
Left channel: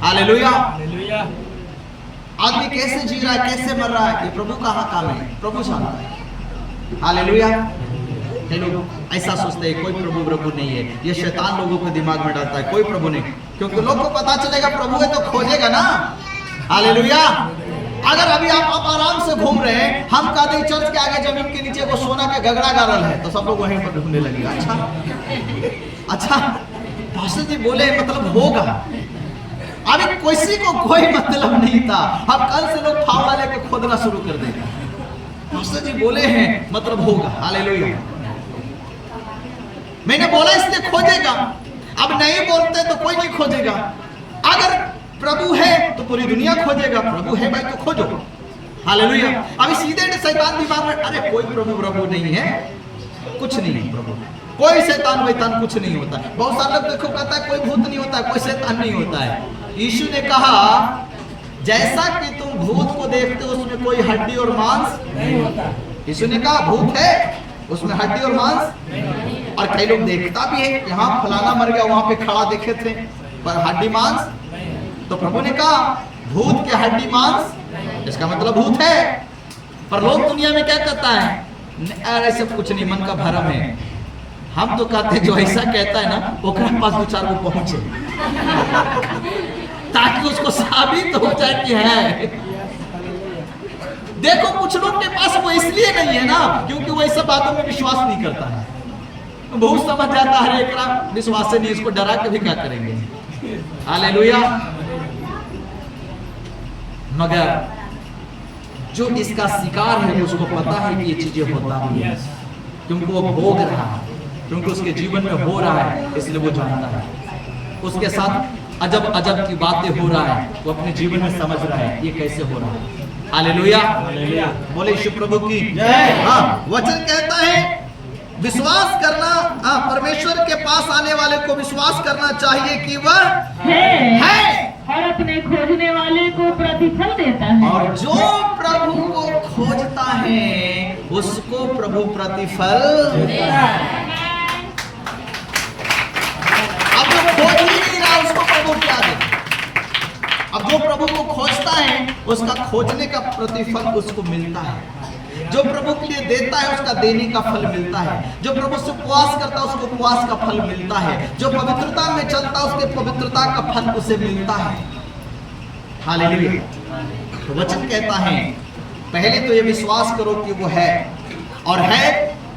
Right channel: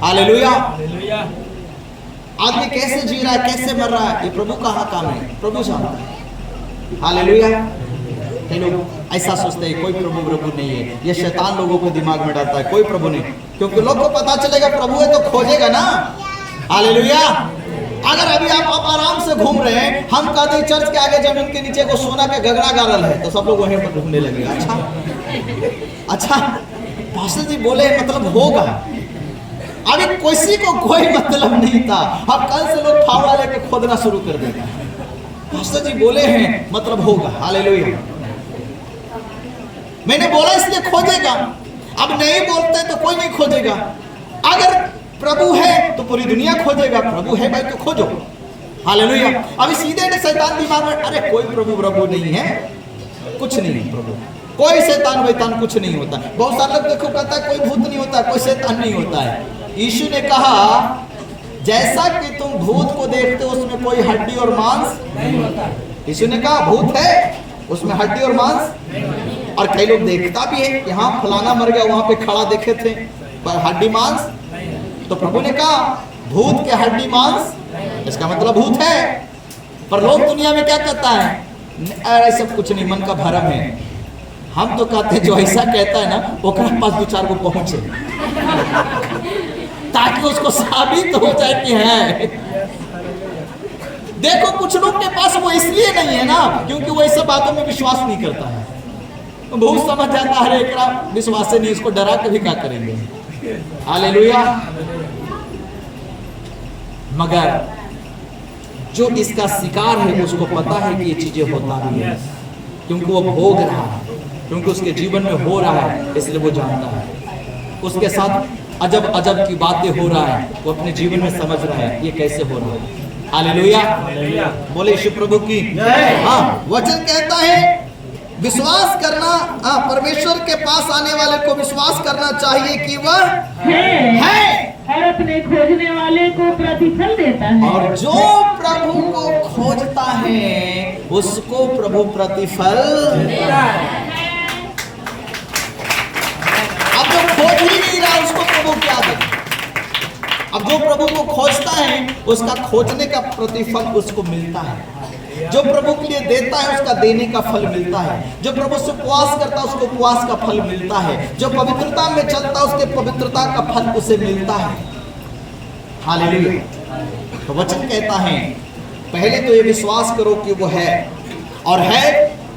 हालेलुया। आदमी कैसे जी रहा है, कैसे मर रहा है, ये प्रभु का काम है, प्रभु जानता है। हालेलुया। कई लोग ऐसा सोचते हैं कोई प्रभु प्रभु नहीं है। ये शैतान लोगों को दिमाग में डालता है कोई प्रभु नहीं, क्योंकि लोग को पता चलेगा प्रभु है तो खोजेगा ना। हालेलुया। अगर अभी आप आराम से घूम रहे हैं, हम कहते हैं चर्च के आगे जमीन के नीचे को सोना का गगड़ा गाड़ल है, तो सब लोग वहीं पर ढूंढने लगेगा। अच्छा पास्टर जी बोले मतलब होगा। अभी किसी को कोई मतलब नहीं था, अब कल से लोग फावड़ा लेके खोदना शुरू कर देंगे। पास्टर जी बोले हैं मतलब होगा। हालेलुया। मैंने बोला इसलिए खोजेगा। अब नहीं बोलते तो कोई नहीं खोजेगा। अगर प्रभु है तो पूरी दुनिया खोजेगा। प्रभु है भाई तो खोजो। हालेलुया। अभी सीधे शैतान दिमाग में, अरे कोई प्रभु प्रभु नहीं है, कुछ नहीं है प्रभु, कोई शैतान वैतान कुछ नहीं होता। बहुत सारे लोग देखो कहता है कोई भूत नहीं होता, कोई शैतान नहीं होता है। यीशु ने कहा जैसा कि तुम भूत को देखते हो उसमें कोई हड्डी और मांस नहीं होता। यीशु ने कहा भूत है उसमें हड्डी और मांस, और कई लोग देखता भी है कि हाँ फलाना मर गया वहां पे खड़ा देखे थे, पर हड्डी मांस। तो प्रभु ने कहा भूत के हड्डी मांस, इसका मतलब भूत है। पर लोग दुनिया में क्या कहता है, अरे सब कुछ नहीं, मन का भरम है। हम तो कहते हैं जो ऐसा कहता है ना ओकरा पास दो चार को पहुंचे ताकि उसको साबित हो जाए कि है। देखो कुछ लोग के पास वो इसलिए नहीं है ना क्योंकि वो ऐसा बातों में विश्वास नहीं करता है। बहुत समझ जाता है एकरा विश्वास से नहीं, इसको डरा के भी क्या करेंगे। हालेलुया। मगर जो इसका शिकार है उसको पता है कि ये चीजें होता भी है, क्योंकि वो भोग रहा है, क्योंकि उसके जीवन में हो रहा है, इसलिए वो जानता है। उसके साथ अजब अजब की बातें हो रहा है, वो अपने जीवन में समझ रहा है ये कैसे हो रहा है। हालेलुया। बोले यीशु प्रभु की। हाँ, वचन कहता है विश्वास करना, परमेश्वर के पास आने वाले को विश्वास करना चाहिए कि वह है और अपने खोजने वाले को प्रतिफल देता है। और जो प्रभु को खोजता है उसको प्रभु प्रतिफल देता है। अब जो खोज ही नहीं रहा उसको प्रभु क्या दे? अब जो प्रभु को खोजता है उसका खोजने का प्रतिफल उसको मिलता है। जो प्रभु के लिए देता है उसका देने का फल मिलता है। जो प्रभु से उपवास करता है उसको उपवास का फल मिलता है। जो पवित्रता में चलता है उसके पवित्रता का फल उसे मिलता है। हालेलुया। तो वचन कहता है पहले तो ये विश्वास करो कि वो है, और है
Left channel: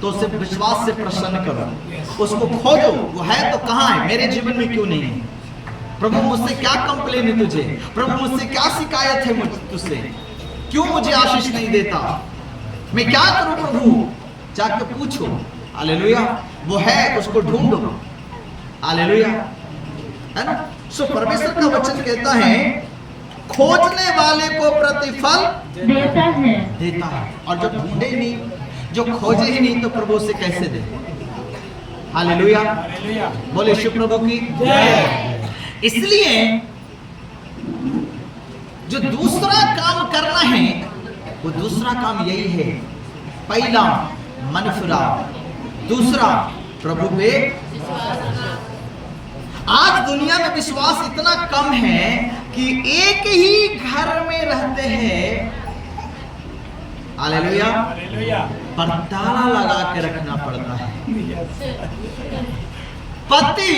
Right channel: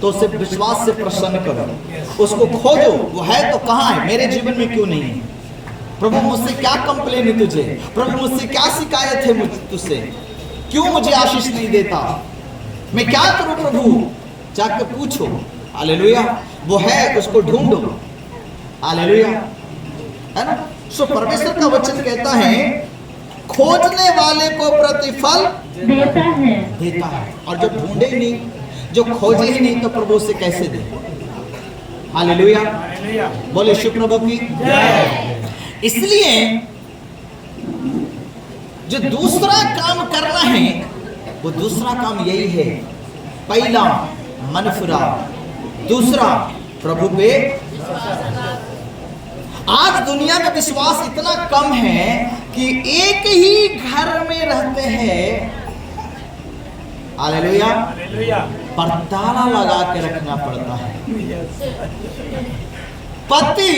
तो उसे विश्वास से प्रसन्न करो, उसको खोजो। वो है तो कहाँ है, मेरे जीवन में क्यों नहीं है? प्रभु मुझसे क्या कंप्लेन है तुझे? प्रभु मुझसे क्या शिकायत है तुझसे? क्यों मुझे आशीष नहीं देता? मैं क्या करूं प्रभु? जाके पूछो। हालेलुया। वो है उसको ढूंढो। हालेलुया, है ना। सो परमेश्वर का वचन कहता है खोजने वाले को प्रतिफल देता है। देता है। और जो ढूंढे ही नहीं, जो खोजे ही नहीं, तो प्रभु से कैसे दे? हालेलुया। बोले यीशु प्रभु की। इसलिए जो दूसरा काम करना है वो दूसरा काम यही है, पहला मन फिराओ, दूसरा प्रभु पे। आज दुनिया में विश्वास इतना कम है कि एक ही घर में रहते हैं, हालेलुया, पर ताला लगा के रखना पड़ता है। पति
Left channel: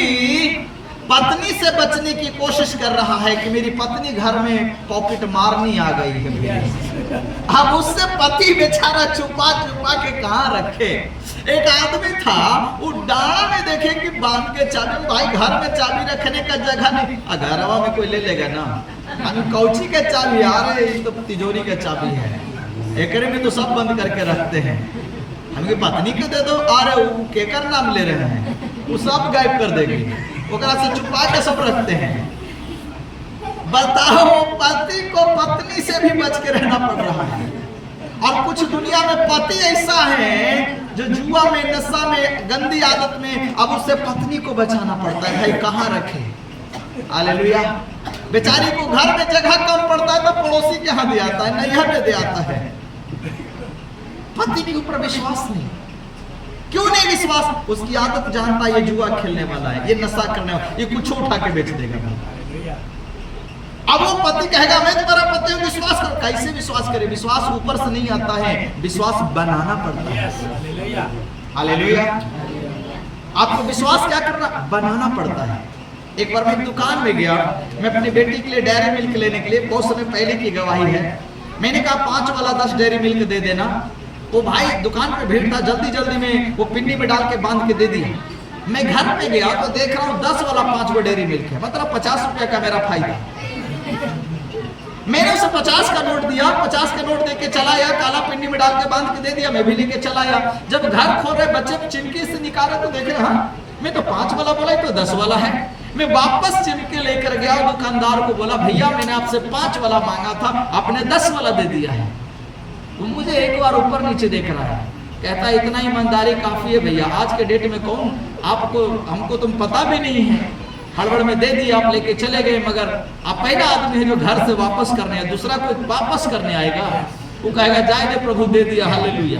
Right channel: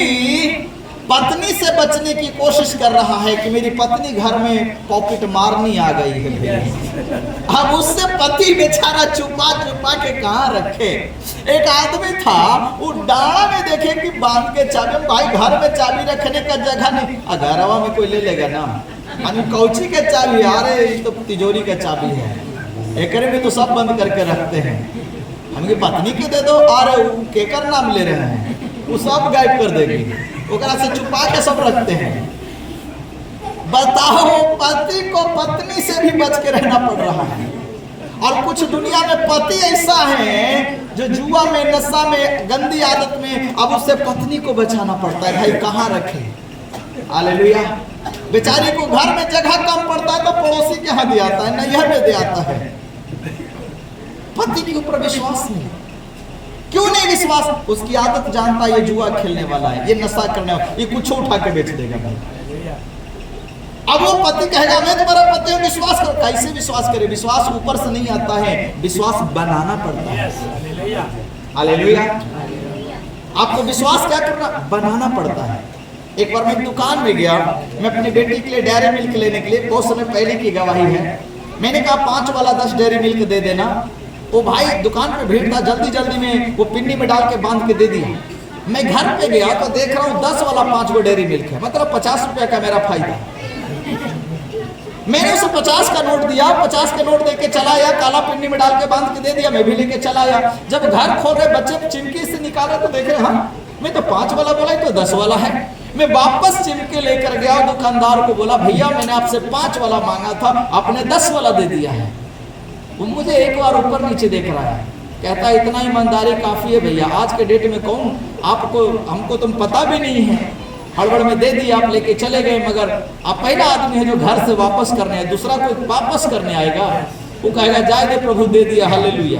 पत्नी से बचने की कोशिश कर रहा है कि मेरी पत्नी घर में पॉकेट मारनी आ गई है भैया। अब उससे पति बेचारा छुपा छुपा के कहाँ रखे। एक आदमी था, वो डाड़ा में देखे कि बांध के चाबी, भाई घर में चाबी रखने का जगह नहीं, घरवा में कोई ले लेगा ना, कौची के चाबी, अरे ये तो तिजोरी का चाबी है, एकरे में तो सब बंद करके रखते हैं, हमकी पत्नी के दे दो, अरे केकर नाम ले रहे हैं, वो सब गायब कर देगी, ओकरा से छुपा के सब रखते हैं। बताओ, पति को पत्नी से भी बच के रहना पड़ रहा है। और कुछ दुनिया में पति ऐसा है जो जुआ में, नशा में, गंदी आदत में, अब उससे पत्नी को बचाना पड़ता है, भाई कहाँ रखे। हालेलुया। बेचारी को घर में जगह कम पड़ता है तो पड़ोसी के यहाँ दे आता है, नैहर में दे आता है। पति के ऊपर विश्वास नहीं। क्यों नहीं विश्वास? उसकी आदत जानता है ये जुआ खेलने वाला है, ये नशा करने वाला, ये कुछ उठा के बेच देगा भाई। अब वो पति कहेगा मैं तुम्हारा पति हूं, विश्वास करो। कैसे विश्वास करे? विश्वास ऊपर से नहीं आता है, विश्वास बनाना पड़ता है। हालेलुया। आपको विश्वास क्या करना? बनाना पड़ता है। एक बार मैं एक दुकान में गया, मैं अपनी बेटी के लिए डेयरी मिल्क लेने के लिए, बहुत समय पहले की गवाही है, मैंने कहा 5 वाला 10 डेयरी मिल्क दे देना। वो भाई दुकान पे भीड़ था, जल्दी जल्दी में वो पिन्नी में डाल के बांध के दे दिया। मैं घर पे गया तो देख रहा हूँ 10 वाला 5 गो डेयरी मिल्क है, मतलब 50 रुपया का मेरा फायदा। मैंने उसे 50 का नोट दिया, 50 के नोट देके चला आया, काला पिन्नी में डाल के बांध के दे दिया, मैं भी लेके चला आया। जब घर खोल रहे बच्चे चिमकी से निकाले तो देखे हाँ मैं तो 5 वाला बोला तो 10 वाला है। मैं वापस चिमके लेकर गया, दुकानदार को बोला भैया मैंने आपसे 5 वाला मांगा था, आपने 10 वाला दे दिया है। वो मुझे एक बार ऊपर नीचे देख रहा है, कहता है इतना ईमानदारी काफी है भैया, आज के डेट में कौन आपको, हमको तुम पता भी नहीं है, हड़बड़ में दे दिया, आप लेके चले गए, मगर आप पहला आदमी है जो घर से वापस करने आए, दूसरा कोई वापस करने आएगा, वो कहेगा जाए दे प्रभु दे दिया, हालेलुया,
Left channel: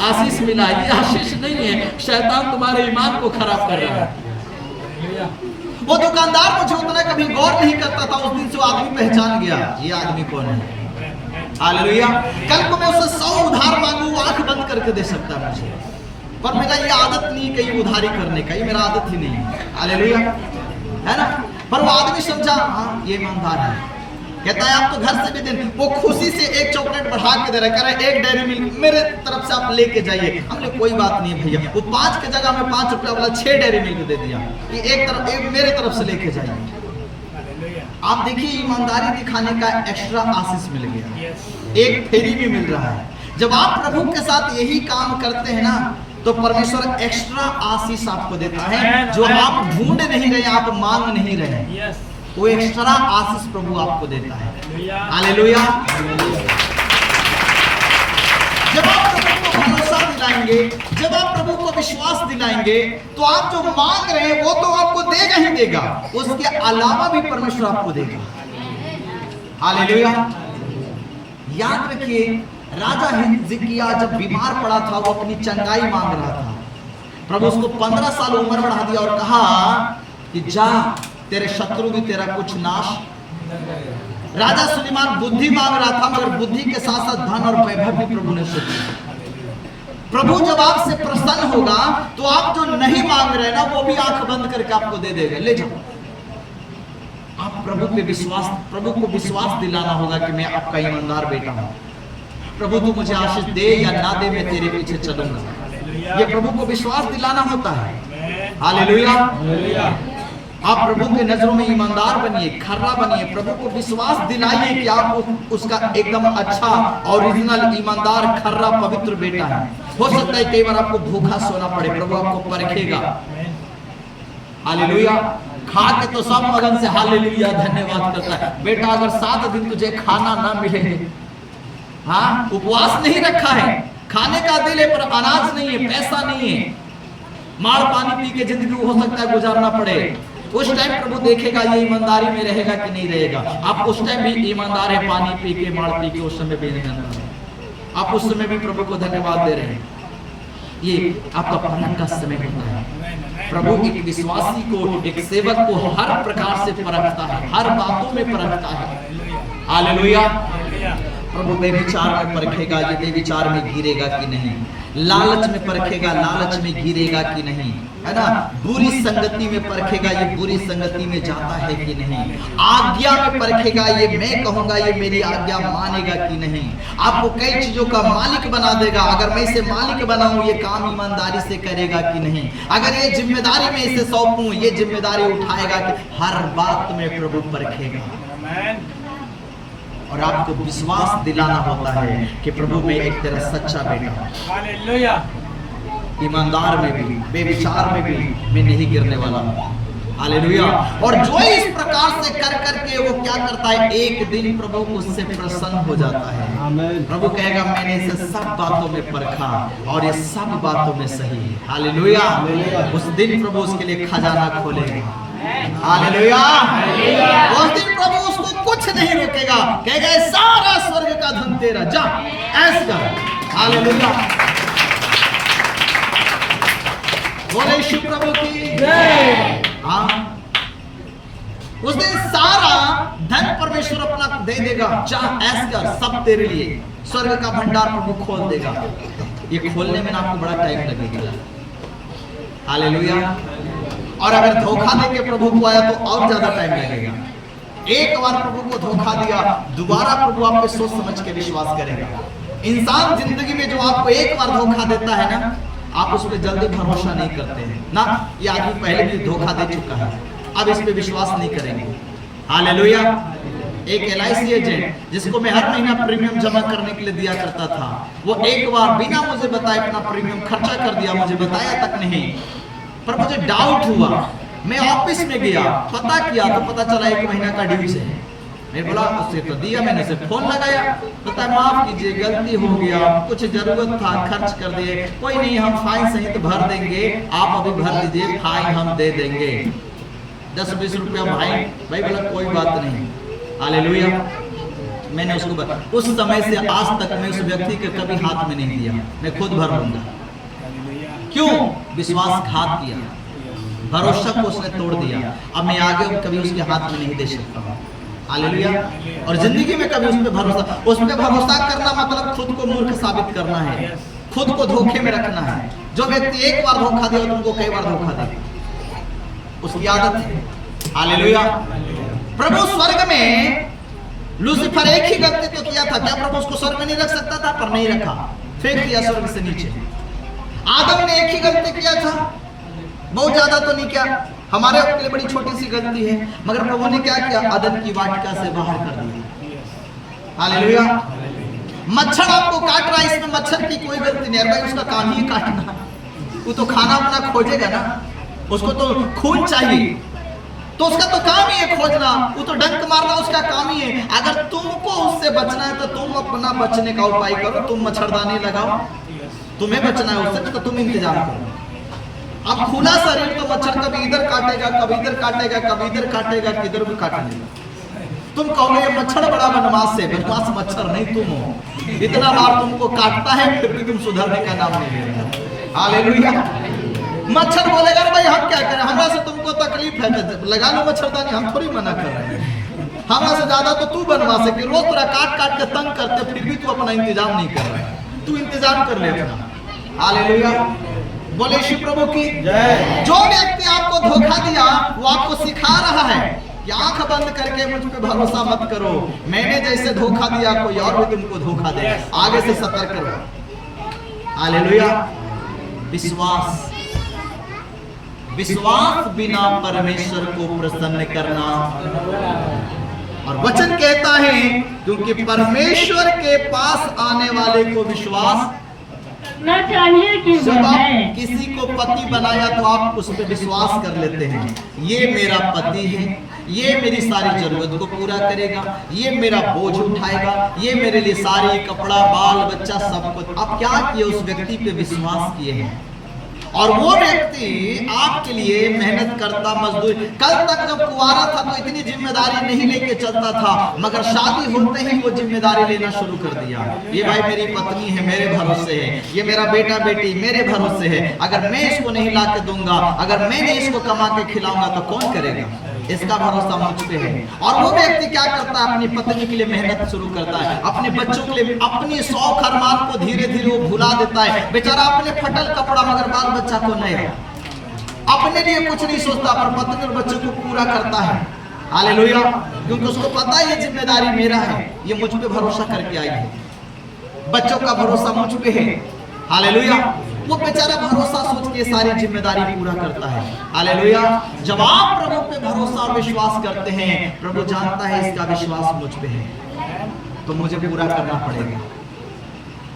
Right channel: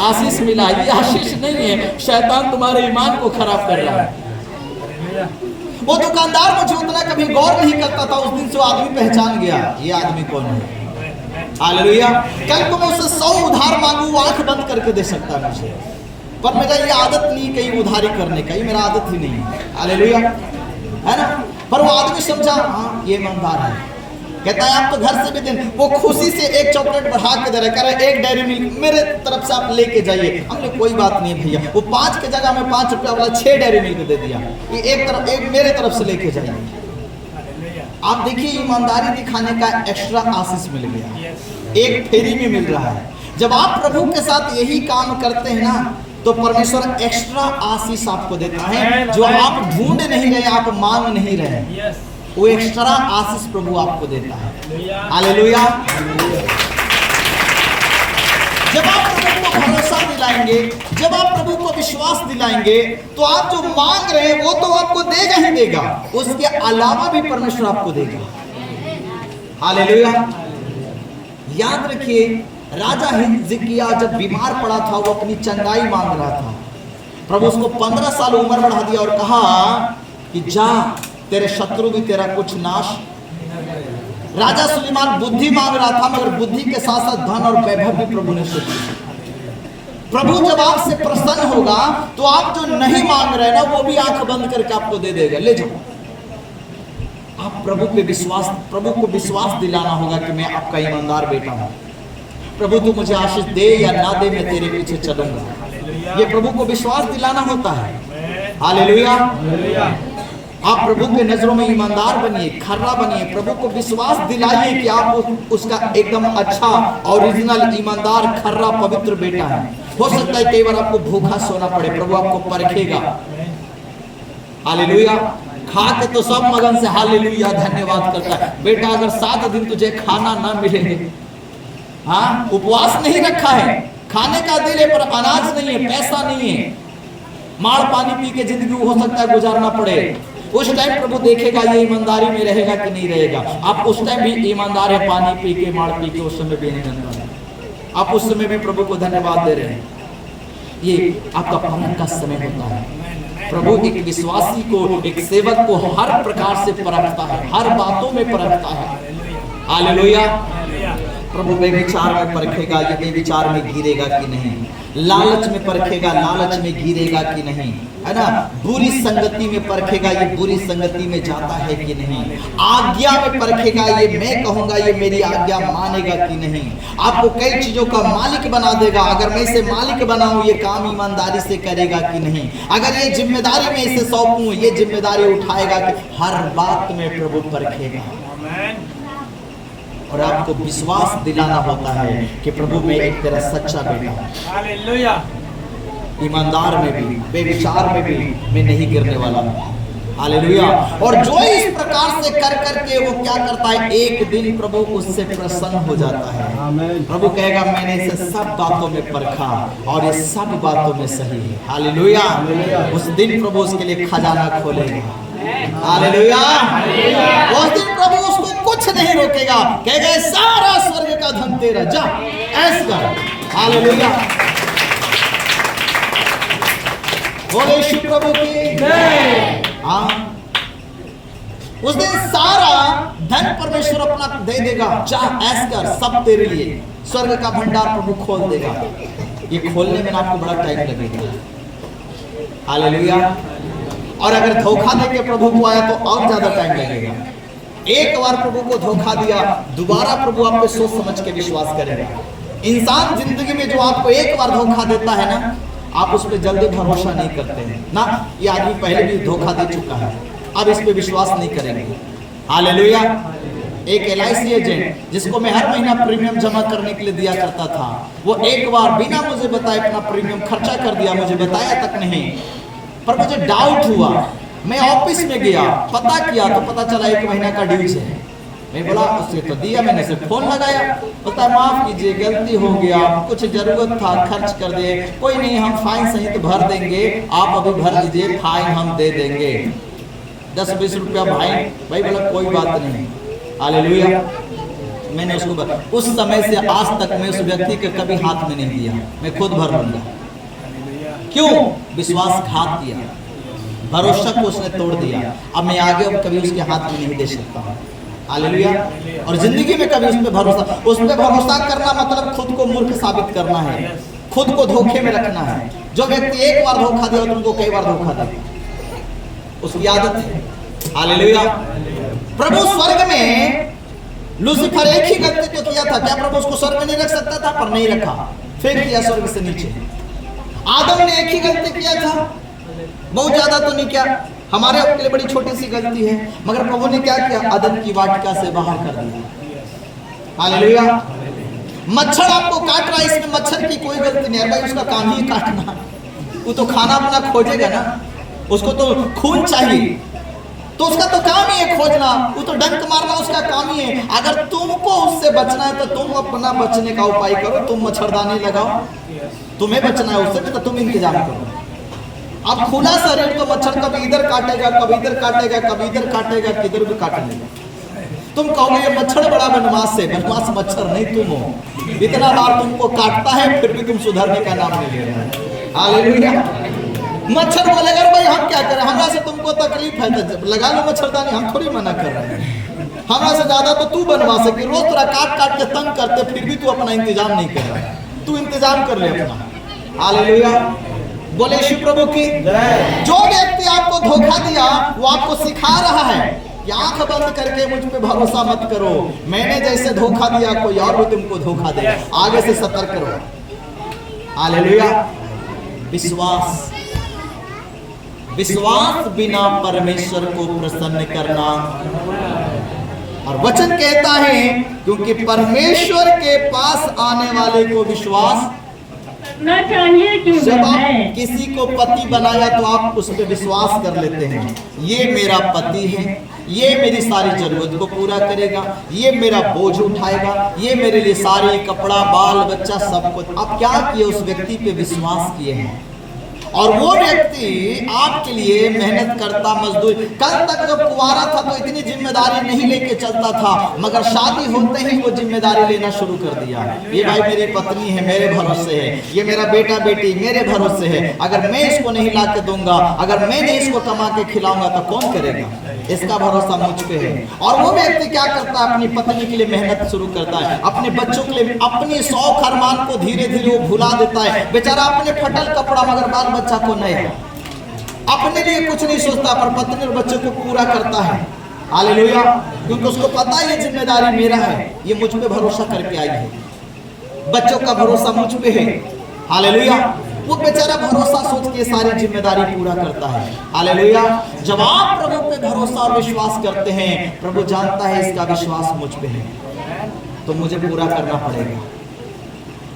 आशीष मिला। ये आशीष नहीं है, शैतान तुम्हारे ईमान को खराब कर रहा है। वो दुकानदार मुझे उतना कभी गौर नहीं करता था, उस दिन से वो आदमी पहचान गया ये आदमी कौन है। हालेलुया। कल को मैं उसे 100 उधार मांगू, वो आंख बंद करके दे सकता है मुझे, पर मेरा ये आदत नहीं कहीं उधारी करने का, ये मेरा आदत ही नहीं है। हालेलुया, है ना। पर वो आदमी समझा हाँ ये ईमानदार है, कहता है आप तो घर से भी दिन, वो खुशी से एक चॉकलेट बढ़ा के दे रहा है, कह रहा है एक डेयरी मिल्क मेरे तरफ से आप लेके जाइए। हमने कोई बात नहीं भैया, वो 5 के जगह में 5 रुपया वाला 6 डेयरी मिल्क दे दिया, ये एक मेरे तरफ से लेके जाइए। आप देखिए ईमानदारी दिखाने का एक्स्ट्रा आशीष मिल गया, एक फेरी में मिल रहा है। जब आप प्रभु के साथ यही काम करते हैं ना, तो परमेश्वर एक्स्ट्रा आशीष आपको देता है, जो आप ढूंढ नहीं रहे, आप मांग नहीं रहे, वो एक्स्ट्रा आशीष प्रभु आपको देता है। हालेलुया। जब आप प्रभु को भरोसा दिलाएंगे, जब आप प्रभु को विश्वास दिलाएंगे, तो आप जो मांग रहे हैं वो तो आपको देगा ही देगा, उसके अलावा भी परमेश्वर आपको देगा। हालेलुया। याद रखिए, राजा हिजकिय्याह जब बीमार पड़ा था, वो अपनी चंगाई मांग रहा था, प्रभु उसको 15 साल उम्र बढ़ा दिया और कहा कि जा तेरे शत्रु भी तेरा कुछ नाश। राजा सुलेमान बुद्धि मांग रहा था, मगर बुद्धि के साथ साथ धन और वैभव भी प्रभु ने उसे दिया। प्रभु जब आपसे प्रसन्न होगा तो आप जो नहीं मांग रहे ना, वो भी आंख बंद करके आपको दे देगा, ले जाओ। आप प्रभु पे विश्वास, प्रभु को विश्वास दिलाना होगा कि मैं आपका ईमानदार बेटा हूं, प्रभु तू मुझे आशीष दे या ना दे, मैं तेरे पीछे चलूंगा। ये प्रभु को विश्वास दिलाना होता है। हालेलुया। आप प्रभु के नजरों में ईमानदार बनिए, खरा बनिए, प्रभु को विश्वास दिलाइए कि आप उसका एकदम अच्छा ओरिजिनल ईमानदार खरा पवित्र बेटा है। हो सकता है कई बार आपको भूखा सोना पड़े, प्रभु आपको परखेगा। हालेलुया। खा के तो सब मगन से हालेलुया धन्यवाद करता है। बेटा अगर 7 दिन तुझे खाना ना मिले, हाँ उपवास नहीं रखा है, खाने का दिल है पर अनाज नहीं है, पैसा नहीं है, मार पानी पी के जिंदगी हो सकता है गुजारना पड़े, उस टाइम प्रभु देखेगा ये ईमानदारी में रहेगा कि नहीं रहेगा। आप उस टाइम भी ईमानदार है, पानी पी के मार पी के, उस समय भी ईमानदार है, आप उस समय भी प्रभु को धन्यवाद दे रहे हैं। ये आपका परख का समय होता है। प्रभु एक विश्वासी को, एक सेवक को हर प्रकार से परखता है, हर बातों में परखता है। हालेलुया। प्रभु बेविचार में परखेगा, ये बेविचार में गिरेगा कि नहीं। लालच में परखेगा, लालच में गिरेगा कि नहीं, है ना। बुरी संगति में परखेगा, ये बुरी संगति में जाता है कि नहीं। आज्ञा में परखेगा, ये मैं कहूंगा ये मेरी आज्ञा मानेगा कि नहीं। आपको कई चीजों का मालिक बना देगा। अगर मैं इसे मालिक बनाऊं, ये काम ईमानदारी से करेगा कि नहीं। अगर ये जिम्मेदारी मैं इसे सौंपूं, ये जिम्मेदारी उठाएगा कि हर बात में प्रभु परखेगा। और आपको विश्वास दिलाना होता है कि प्रभु मैं एक तेरा सच्चा बेटा हूं, हालेलुया। ईमानदार में भी बेविचार में भी मैं नहीं गिरने वाला हूं, हालेलुया। और जो इस प्रकार से कर करके वो क्या करता है, एक दिन प्रभु उससे प्रसन्न हो जाता है। प्रभु कहेगा मैंने इसे सब बातों में परखा और ये सब बातों में सही है, हालेलुया। उस दिन प्रभु उसके लिए खजाना खोलेगा, हालेलुया। उस दिन प्रभु उसको कुछ नहीं रोकेगा, कहेगा सारा स्वर्ग का धन तेरा, जा ऐसा कर, हालेलुया। बोले यीशु प्रभु की जय। हाँ, उस दिन सारा धन परमेश्वर अपना दे देगा, जा ऐसा कर, सब तेरे लिए। स्वर्ग का भंडार प्रभु खोल देगा। ये खोलने में आपको बड़ा टाइम लगेगा, हालेलुया। और अगर धोखा देके प्रभु को आया तो और ज्यादा टाइम लगेगा। एक बार प्रभु को धोखा दिया, दोबारा प्रभु आप पे सोच समझ के विश्वास करेगा। इंसान जिंदगी में जो आपको एक बार धोखा देता है ना, आप उस पर जल्दी भरोसा नहीं करते हैं ना। ये आदमी पहले भी धोखा दे चुका है, अब इस पे विश्वास नहीं करेंगे, हालेलुया। एक LIC एजेंट जिसको मैं हर महीना प्रीमियम जमा करने के लिए दिया करता था, वो एक बार बिना मुझे बताए अपना प्रीमियम खर्चा कर दिया, मुझे बताया तक नहीं। पर मुझे डाउट हुआ, मैं ऑफिस में गया, पता किया तो पता चला 1 महीना का ड्यूज है। मैं बोला उससे तो दिया, मैंने उसे फोन लगाया, पता है माफ कीजिए गलती हो गया, कुछ जरूरत था खर्च कर दिए, कोई नहीं हम फाइन सहित भर देंगे, आप अभी भर दीजिए, फाइन हम दे देंगे 10-20 रुपया भाई बोला कोई बात नहीं, हालेलुया। मैंने उसको उस समय से आज तक मैं उस व्यक्ति के कभी हाथ में नहीं दिया, मैं खुद भर लूंगा। क्यों? विश्वासघात किया, भरोसा को उसने तोड़ दिया। अब मैं आगे कभी उसके हाथ में नहीं दे सकता, हालेलुया। और जिंदगी में कभी उस पे भरोसा करना मतलब खुद को मूर्ख साबित करना है, खुद को धोखे में रखना है। जो व्यक्ति एक बार धोखा देगा तुमको कई बार धोखा देगा, उसकी आदत है, हालेलुया। प्रभु स्वर्ग में लूसीफर एक ही गलती तो किया था, क्या प्रभु उसको स्वर्ग में नहीं रख सकता था? पर नहीं रखा, फेंक दिया स्वर्ग से नीचे। आदम ने एक ही गलती किया था, बहुत ज्यादा तो नहीं किया, हमारे के लिए बड़ी छोटी सी गलती है, मगर प्रभु ने क्या किया? अदन की वाटिका से बाहर कर दिया, हालेलुया। मच्छर आपको काट रहा है, इसमें मच्छर की कोई गलती नहीं है भाई, उसका काम ही काटना, वो तो खाना अपना खोजेगा ना, उसको तो खून चाहिए, तो उसका तो काम ही है खोजना, वो तो डंक मारना उसका काम ही है। अगर तुमको उससे बचना है तो तुम अपना बचने का उपाय करो, तुम मच्छरदानी लगाओ, तुम्हें बचना है उससे तो तुम इंतजाम करो। अब खुला शरीर तो मच्छर कभी इधर काटेगा, कभी इधर काटेगा, कभी इधर काटेगा, किधर भी काट लेगा। तुम कहोगे ये मच्छर बड़ा बनवास है, बनवास मच्छर नहीं तुम हो, इतना बार तुमको काटता है फिर भी तुम सुधरने का नाम नहीं ले रहे, हालेलुया। मच्छर बोलेगा भाई हम क्या करें, हमरा से तुमको तकलीफ है तो लगा लो मच्छरदानी, हम थोड़ी मना कर रहे हैं, हमरा से ज्यादा तो तू बनवा सके, रोज तेरा काट काट के तंग करते फिर भी तू अपना इंतजाम नहीं कर रहा है, तू इंतजाम कर ले अपना, हालेलुया। बोले यीशु प्रभु की जय। जो व्यक्ति आपको धोखा दिया वो आपको सिखा रहा है कि आंख बंद करके मुझ पे भरोसा मत करो, मैंने जैसे धोखा दिया कोई और भी तुमको धोखा दे, आगे से सतर्क करो, हालेलुया। विश्वास बिना परमेश्वर को प्रसन्न करना, और वचन कहता है क्योंकि परमेश्वर के पास आने वाले को विश्वास ना चाहिए कि जब आप किसी को पति बनाया तो आप उस पर विश्वास कर लेते हैं, ये मेरा पति है, ये मेरी सारी जरूरत को पूरा करेगा, ये मेरा बोझ उठाएगा, ये मेरे लिए सारी कपड़ा बाल बच्चा सब कुछ। आप क्या किए? उस व्यक्ति पे विश्वास किए हैं, और वो व्यक्ति आपके लिए मेहनत करता, मजदूरी। कल तक जब कुंवारा था तो इतनी जिम्मेदारी नहीं लेके चलता था, मगर शादी होते ही वो जिम्मेदारी लेना शुरू कर दिया। ये भाई मेरी पत्नी है, मेरे भरोसे है, ये मेरा बेटा बेटी मेरे भरोसे है, अगर मैं इसको नहीं ला के दूंगा, अगर मैं नहीं इसको कमा के खिलाऊंगा तो कौन करेगा, इसका भरोसा मुझ पे है। और वो व्यक्ति क्या करता है, अपनी पत्नी के लिए मेहनत शुरू करता है, अपने बच्चों के लिए अपनी शौक अरमान को धीरे धीरे वो भुला देता है। बेचारा अपने फटल कपड़ा मगर बाल बच्चा को नहीं, अपने लिए कुछ नहीं सोचता, पर पत्नी और बच्चों को पूरा करता है। हालेलुया, क्योंकि उसको पता है ये जिम्मेदारी मेरा है, ये मुझ पे भरोसा करके आई है, बच्चों का भरोसा मुझ पे है। हालेलुया, वो बेचारा भरोसा सोच के सारी जिम्मेदारी पूरा करता है। हालेलुया, जब आप प्रभु पे भरोसा और विश्वास करते हैं, प्रभु जानता है इसका विश्वास मुझ पे है, तो मुझे पूरा करना पड़ेगा।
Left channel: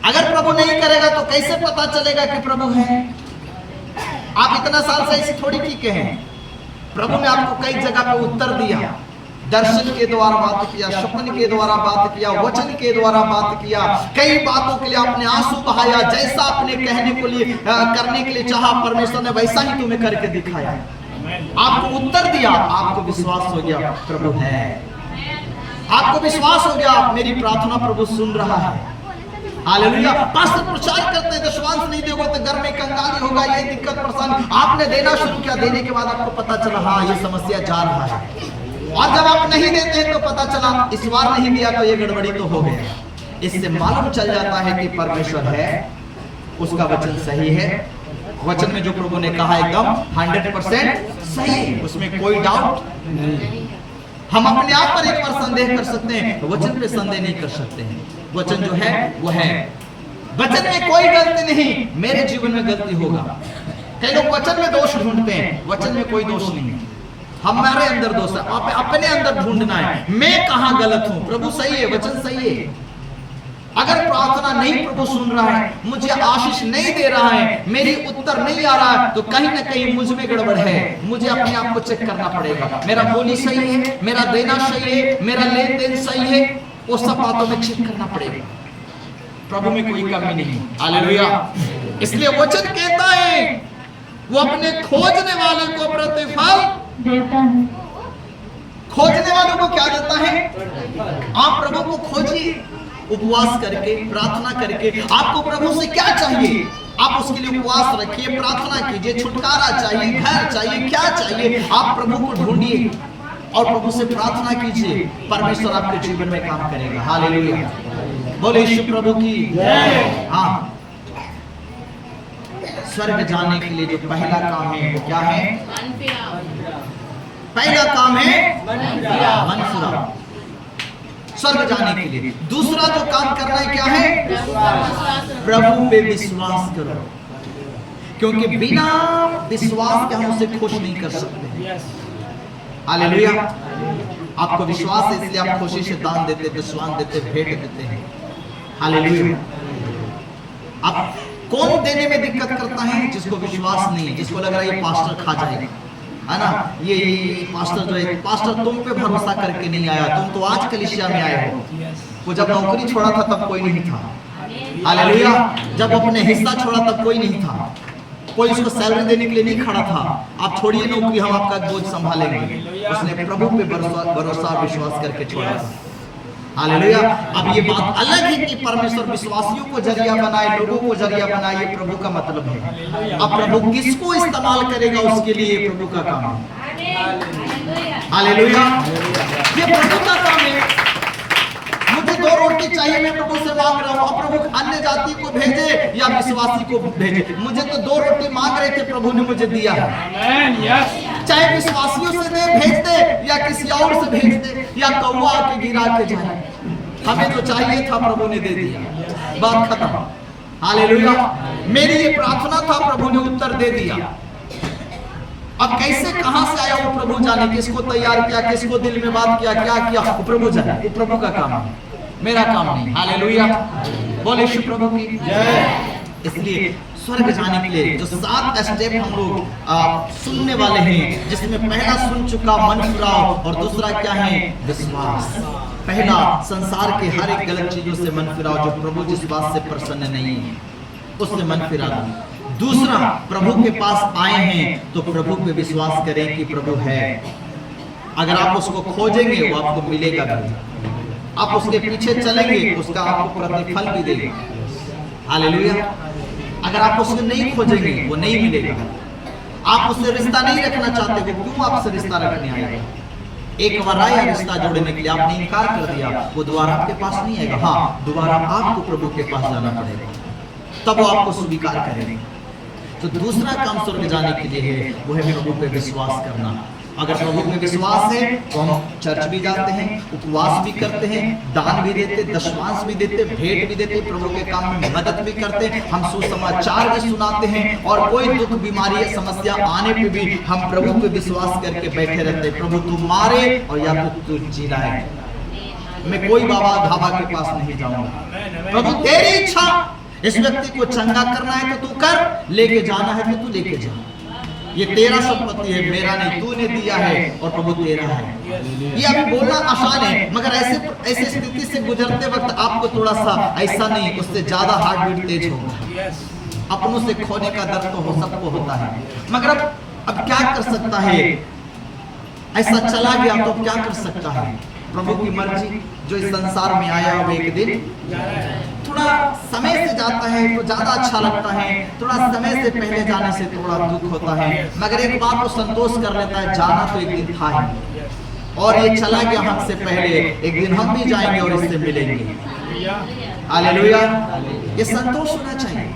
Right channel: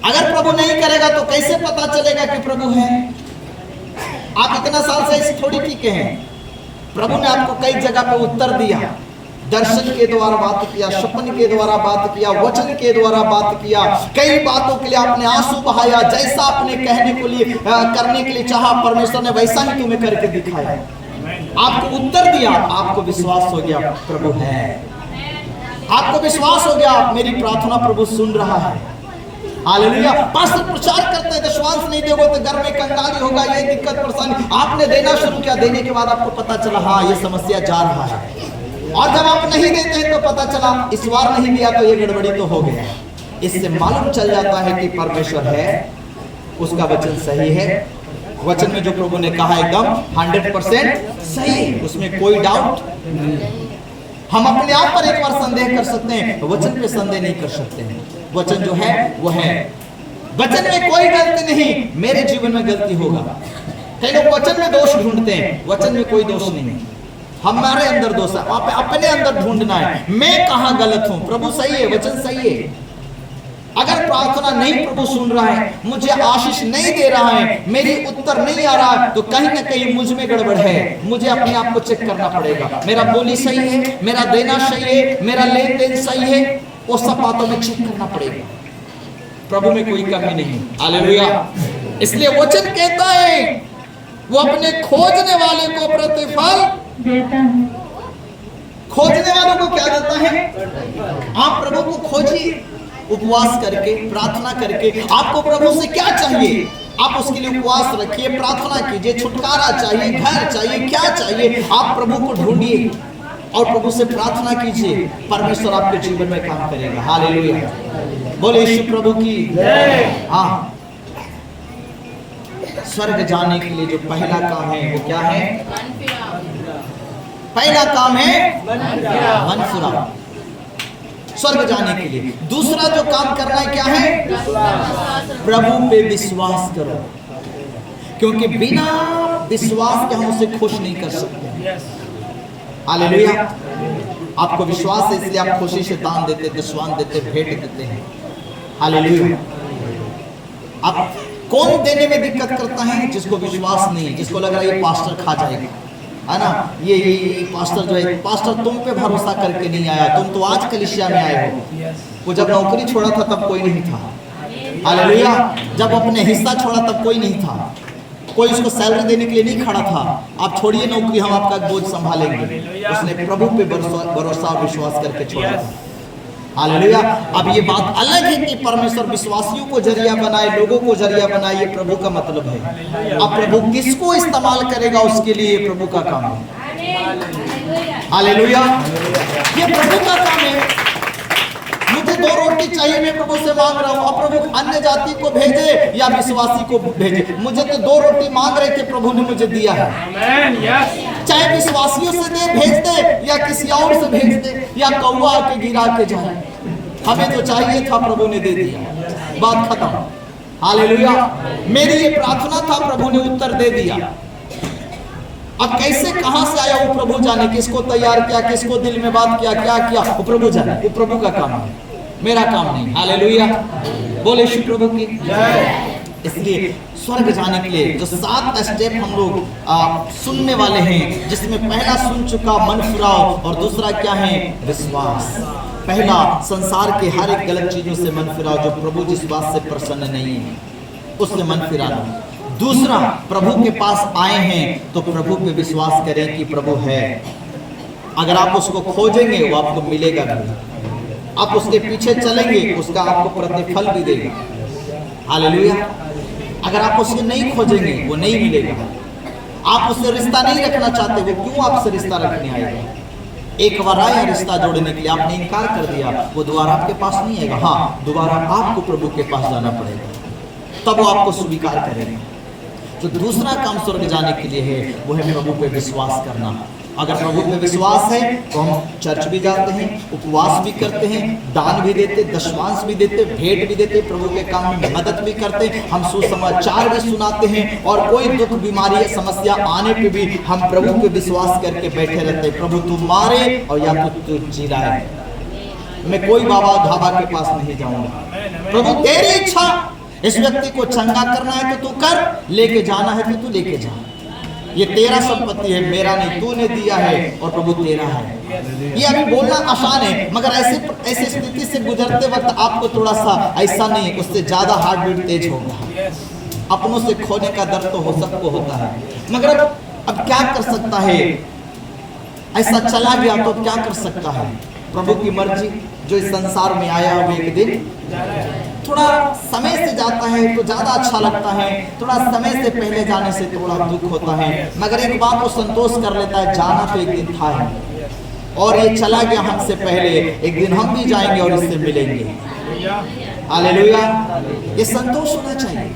अगर प्रभु नहीं करेगा तो कैसे पता चलेगा कि प्रभु है? आप इतना साल से ऐसी थोड़ी टीके हैं। प्रभु ने आपको कई जगह पे उत्तर दिया, दर्शन के द्वारा बात किया, स्वप्न के द्वारा बात किया, वचन के द्वारा बात किया, कई बातों के लिए आपने आंसू बहाया। जैसा आपने कहने को लिए करने के लिए चाहा, परमेश्वर ने वैसा ही तुम्हें करके दिखाया, आपको उत्तर दिया, आपको विश्वास हो गया प्रभु है, आपको विश्वास हो गया मेरी प्रार्थना प्रभु सुन रहा है। हालेलुया, पास्टर प्रचार करते हैं, दशवांश नहीं दोगे तो घर में कंगाली होगा, ये दिक्कत परेशानी, आपने देना शुरू किया, देने के बाद आपको पता चला हाँ ये समस्या जा रहा है, और जब आप नहीं देते हैं तो पता चला इस बार नहीं दिया तो ये गड़बड़ी तो हो गया। इससे मालूम चल जाता है कि परमेश्वर है, उसका वचन सही है, वचन में जो प्रभु ने कहा एकदम 100% सही है, उसमें कोई डाउट नहीं। हम अपने आप पर एक बार संदेह कर सकते हैं, वचन पे संदेह नहीं कर सकते हैं। वचन जो है वो है, वचन में कोई गलती नहीं, मेरे जीवन में गलती होगा। कई लोग वचन में दोष ढूंढते हैं, वचन में कोई दोष नहीं है, हमारे अंदर दोष है, अपने अंदर ढूंढना है, मैं कहां गलत हूं। प्रभु सही है, वचन सही है। अगर प्रार्थना नहीं प्रभु सुन रहा है, मुझे आशीष नहीं दे रहा है, मेरी उत्तर नहीं आ रहा है, तो कहीं ना कहीं मुझ में गड़बड़ है, मुझे अपने आप को चेक करना पड़ेगा। मेरा बोली सही है, मेरा देना सही है, मेरा लेन देन सही है, वो सब बातों में चेक करना पड़ेगा। प्रभु में कोई कमी नहीं। हालेलुया, इसलिए वचन कहता है वो अपने खोजने वाले को प्रतिफल देता है। खोजने वालों को क्या देता है? आप प्रभु को खोजिए, उपवास करके, प्रार्थना करके। आपको प्रभु से क्या चाहिए, आप उसके लिए उपवास रखिए, प्रार्थना कीजिए, छुटकारा चाहिए, घर चाहिए, क्या चाहिए, आप प्रभु को ढूंढिए और प्रभु से प्रार्थना कीजिए, परमेश्वर आपके जीवन में काम करेगा। हालेलुया, बोले यीशु प्रभु की जय। हाँ, स्वर्ग जाने के लिए जो पहला काम है वो क्या है? पहला काम है मन फिराओ, स्वर्ग जाने के लिए। दूसरा जो काम करना है क्या है? प्रभु पे विश्वास करो, क्योंकि बिना विश्वास के हम उसे खुश नहीं कर सकते। हालेलुया, आपको विश्वास है इसलिए आप खुशी से दान देते, दशवान देते, भेंट देते हैं। हालेलुया, आप कौन देने में दिक्कत करता है? जिसको विश्वास नहीं है, जिसको लग रहा है ये पास्टर खा जाएगा, है ना, ये पास्टर जो है, पास्टर तुम पे भरोसा करके नहीं आया, तुम तो आज कलीसिया में आए हो। वो जब नौकरी छोड़ा था तब कोई नहीं था। हालेलुया, जब अपने हिस्सा छोड़ा तब कोई नहीं था, कोई उसको सैलरी देने के लिए नहीं खड़ा था। आप छोड़िए नौकरी, हम आपका बोझ संभालेंगे। उसने प्रभु पे भरोसा विश्वास करके छोड़ा था। हालेलुया, अब ये बात अलग है कि परमेश्वर विश्वासियों को जरिया बनाए, लोगों को जरिया बनाए, ये प्रभु का मतलब है। अब प्रभु किसको इस्तेमाल करेगा उसके लिए प्रभु का काम है। हालेलुया, ये प्रभु का काम है। मुझे 2 रोटी चाहिए, मैं प्रभु से मांग रहा हूँ, अब प्रभु अन्य जाति को भेजे या विश्वासी को भेजे। मुझे तो 2 रोटी मांग रहे थे, प्रभु ने मुझे दिया है। चाहे विश्वासियों से दे, भेज दे, या किसी और से भेज दे, या कौवा के गिरा के जाए, हमें तो चाहिए था, प्रभु ने दे दिया, बात खत्म। हालेलुया, मेरी ये प्रार्थना था, प्रभु ने उत्तर दे दिया। अब कैसे कहां से आया वो प्रभु जाने, किसको तैयार किया, किसको दिल में बात किया, क्या किया, वो प्रभु जाने, वो प्रभु का काम है, मेरा काम नहीं। हालेलुया, बोले यीशु प्रभु की जय। इसलिए स्वर्ग जाने के लिए जो 7 स्टेप हम लोग सुनने वाले हैं, जिसमें पहला सुन चुका मन फिराओ, और दूसरा क्या है? विश्वास। पहला, संसार के हर एक गलत चीजों से मन फिराओ, जो प्रभु जिस बात से प्रसन्न नहीं है उससे मन फिरा दो। दूसरा, प्रभु के पास आए हैं तो प्रभु पे विश्वास करें कि प्रभु है। अगर आप उसको खोजेंगे वो आपको मिलेगा भी, आप उसके पीछे चलेंगे उसका आपको प्रतिफल भी देगा। हालेलुया। अगर आप उसको नहीं खोजेंगे वो नहीं मिलेगा। आप उससे रिश्ता नहीं रखना चाहते, वो क्यों आपसे रिश्ता रखने आएगा? एक बार आया रिश्ता जोड़ने के लिए, आपने इनकार कर दिया, वो दोबारा आपके पास नहीं आएगा। हाँ, दोबारा आपको प्रभु के पास जाना पड़ेगा, तब वो आपको स्वीकार करेंगे। तो दूसरा काम स्वर्ग जाने के लिए है, वो है प्रभु पे विश्वास करना। अगर प्रभु पे विश्वास है तो हम चर्च भी जाते हैं, उपवास भी करते हैं, दान भी देते, दशमांश भी देते, भेंट भी देते, प्रभु के काम में मदद भी करते, हम सुसमाचार भी सुनाते हैं, और कोई दुख बीमारी या समस्या आने पे भी हम प्रभु पे विश्वास करके बैठे रहते हैं। प्रभु तू मारे और या तू जिलाए, मैं कोई बाबा धाबा के पास नहीं जाऊंगा। प्रभु तेरी इच्छा, इस व्यक्ति को चंगा करना है तो तू कर, लेके जाना है तो तू लेके जा। ये तेरा संपत्ति है, मेरा नहीं, तूने दिया है और प्रभु तेरा है। ये अभी बोलना आसान है, मगर ऐसे स्थिति से गुजरते वक्त आपको थोड़ा सा ऐसा नहीं, उससे ज्यादा हार्ट बीट तेज होगा। अपनों से खोने का दर्द तो हो सबको होता है, मगर अब क्या कर सकता है? ऐसा चला गया तो अब क्या कर सकता है? प्रभु की मर्जी, जो इस संसार में आया वो एक दिन थोड़ा समय से जाता है तो ज्यादा अच्छा लगता है, थोड़ा समय से पहले जाने से थोड़ा दुख होता है, मगर एक बात वो संतोष कर लेता है, जाना तो एक दिन था ही, और ये चला गया हमसे पहले, एक दिन हम भी जाएंगे और इससे मिलेंगे। हालेलुया। ये संतोष होना चाहिए।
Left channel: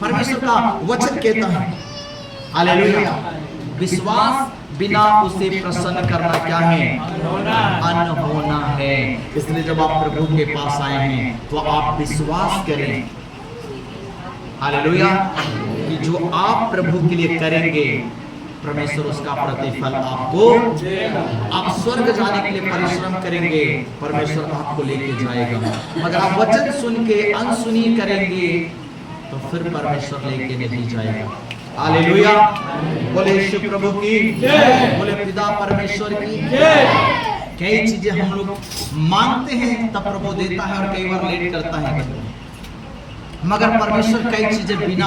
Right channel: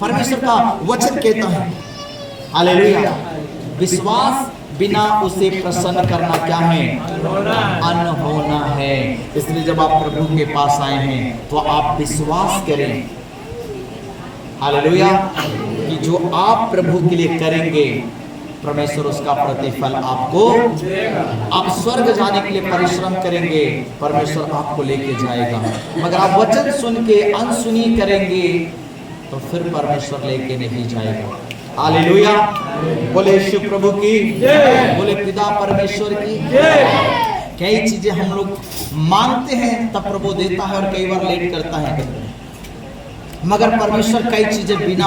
परमेश्वर का वचन कहता है, हालेलुया, विश्वास बिना उसे प्रसन्न करना क्या है? अनहोना है। इसलिए जब आप प्रभु के पास आए हैं तो आप विश्वास करें, हालेलुया, कि जो आप प्रभु के लिए करेंगे परमेश्वर उसका प्रतिफल आपको, आप स्वर्ग जाने के लिए परिश्रम करेंगे, परमेश्वर आपको लेके जाएगा। मगर आप वचन सुन के अनसुनी करेंगे तो फिर परमेश्वर लेके नहीं जाएगा। हालेलुया। बोले यीशु प्रभु की जय, बोले पिता परमेश्वर की जय। कई चीजें हम लोग मांगते हैं तब प्रभु देता है, और कई बार लेट करता है, मगर परमेश्वर कई चीजें बिना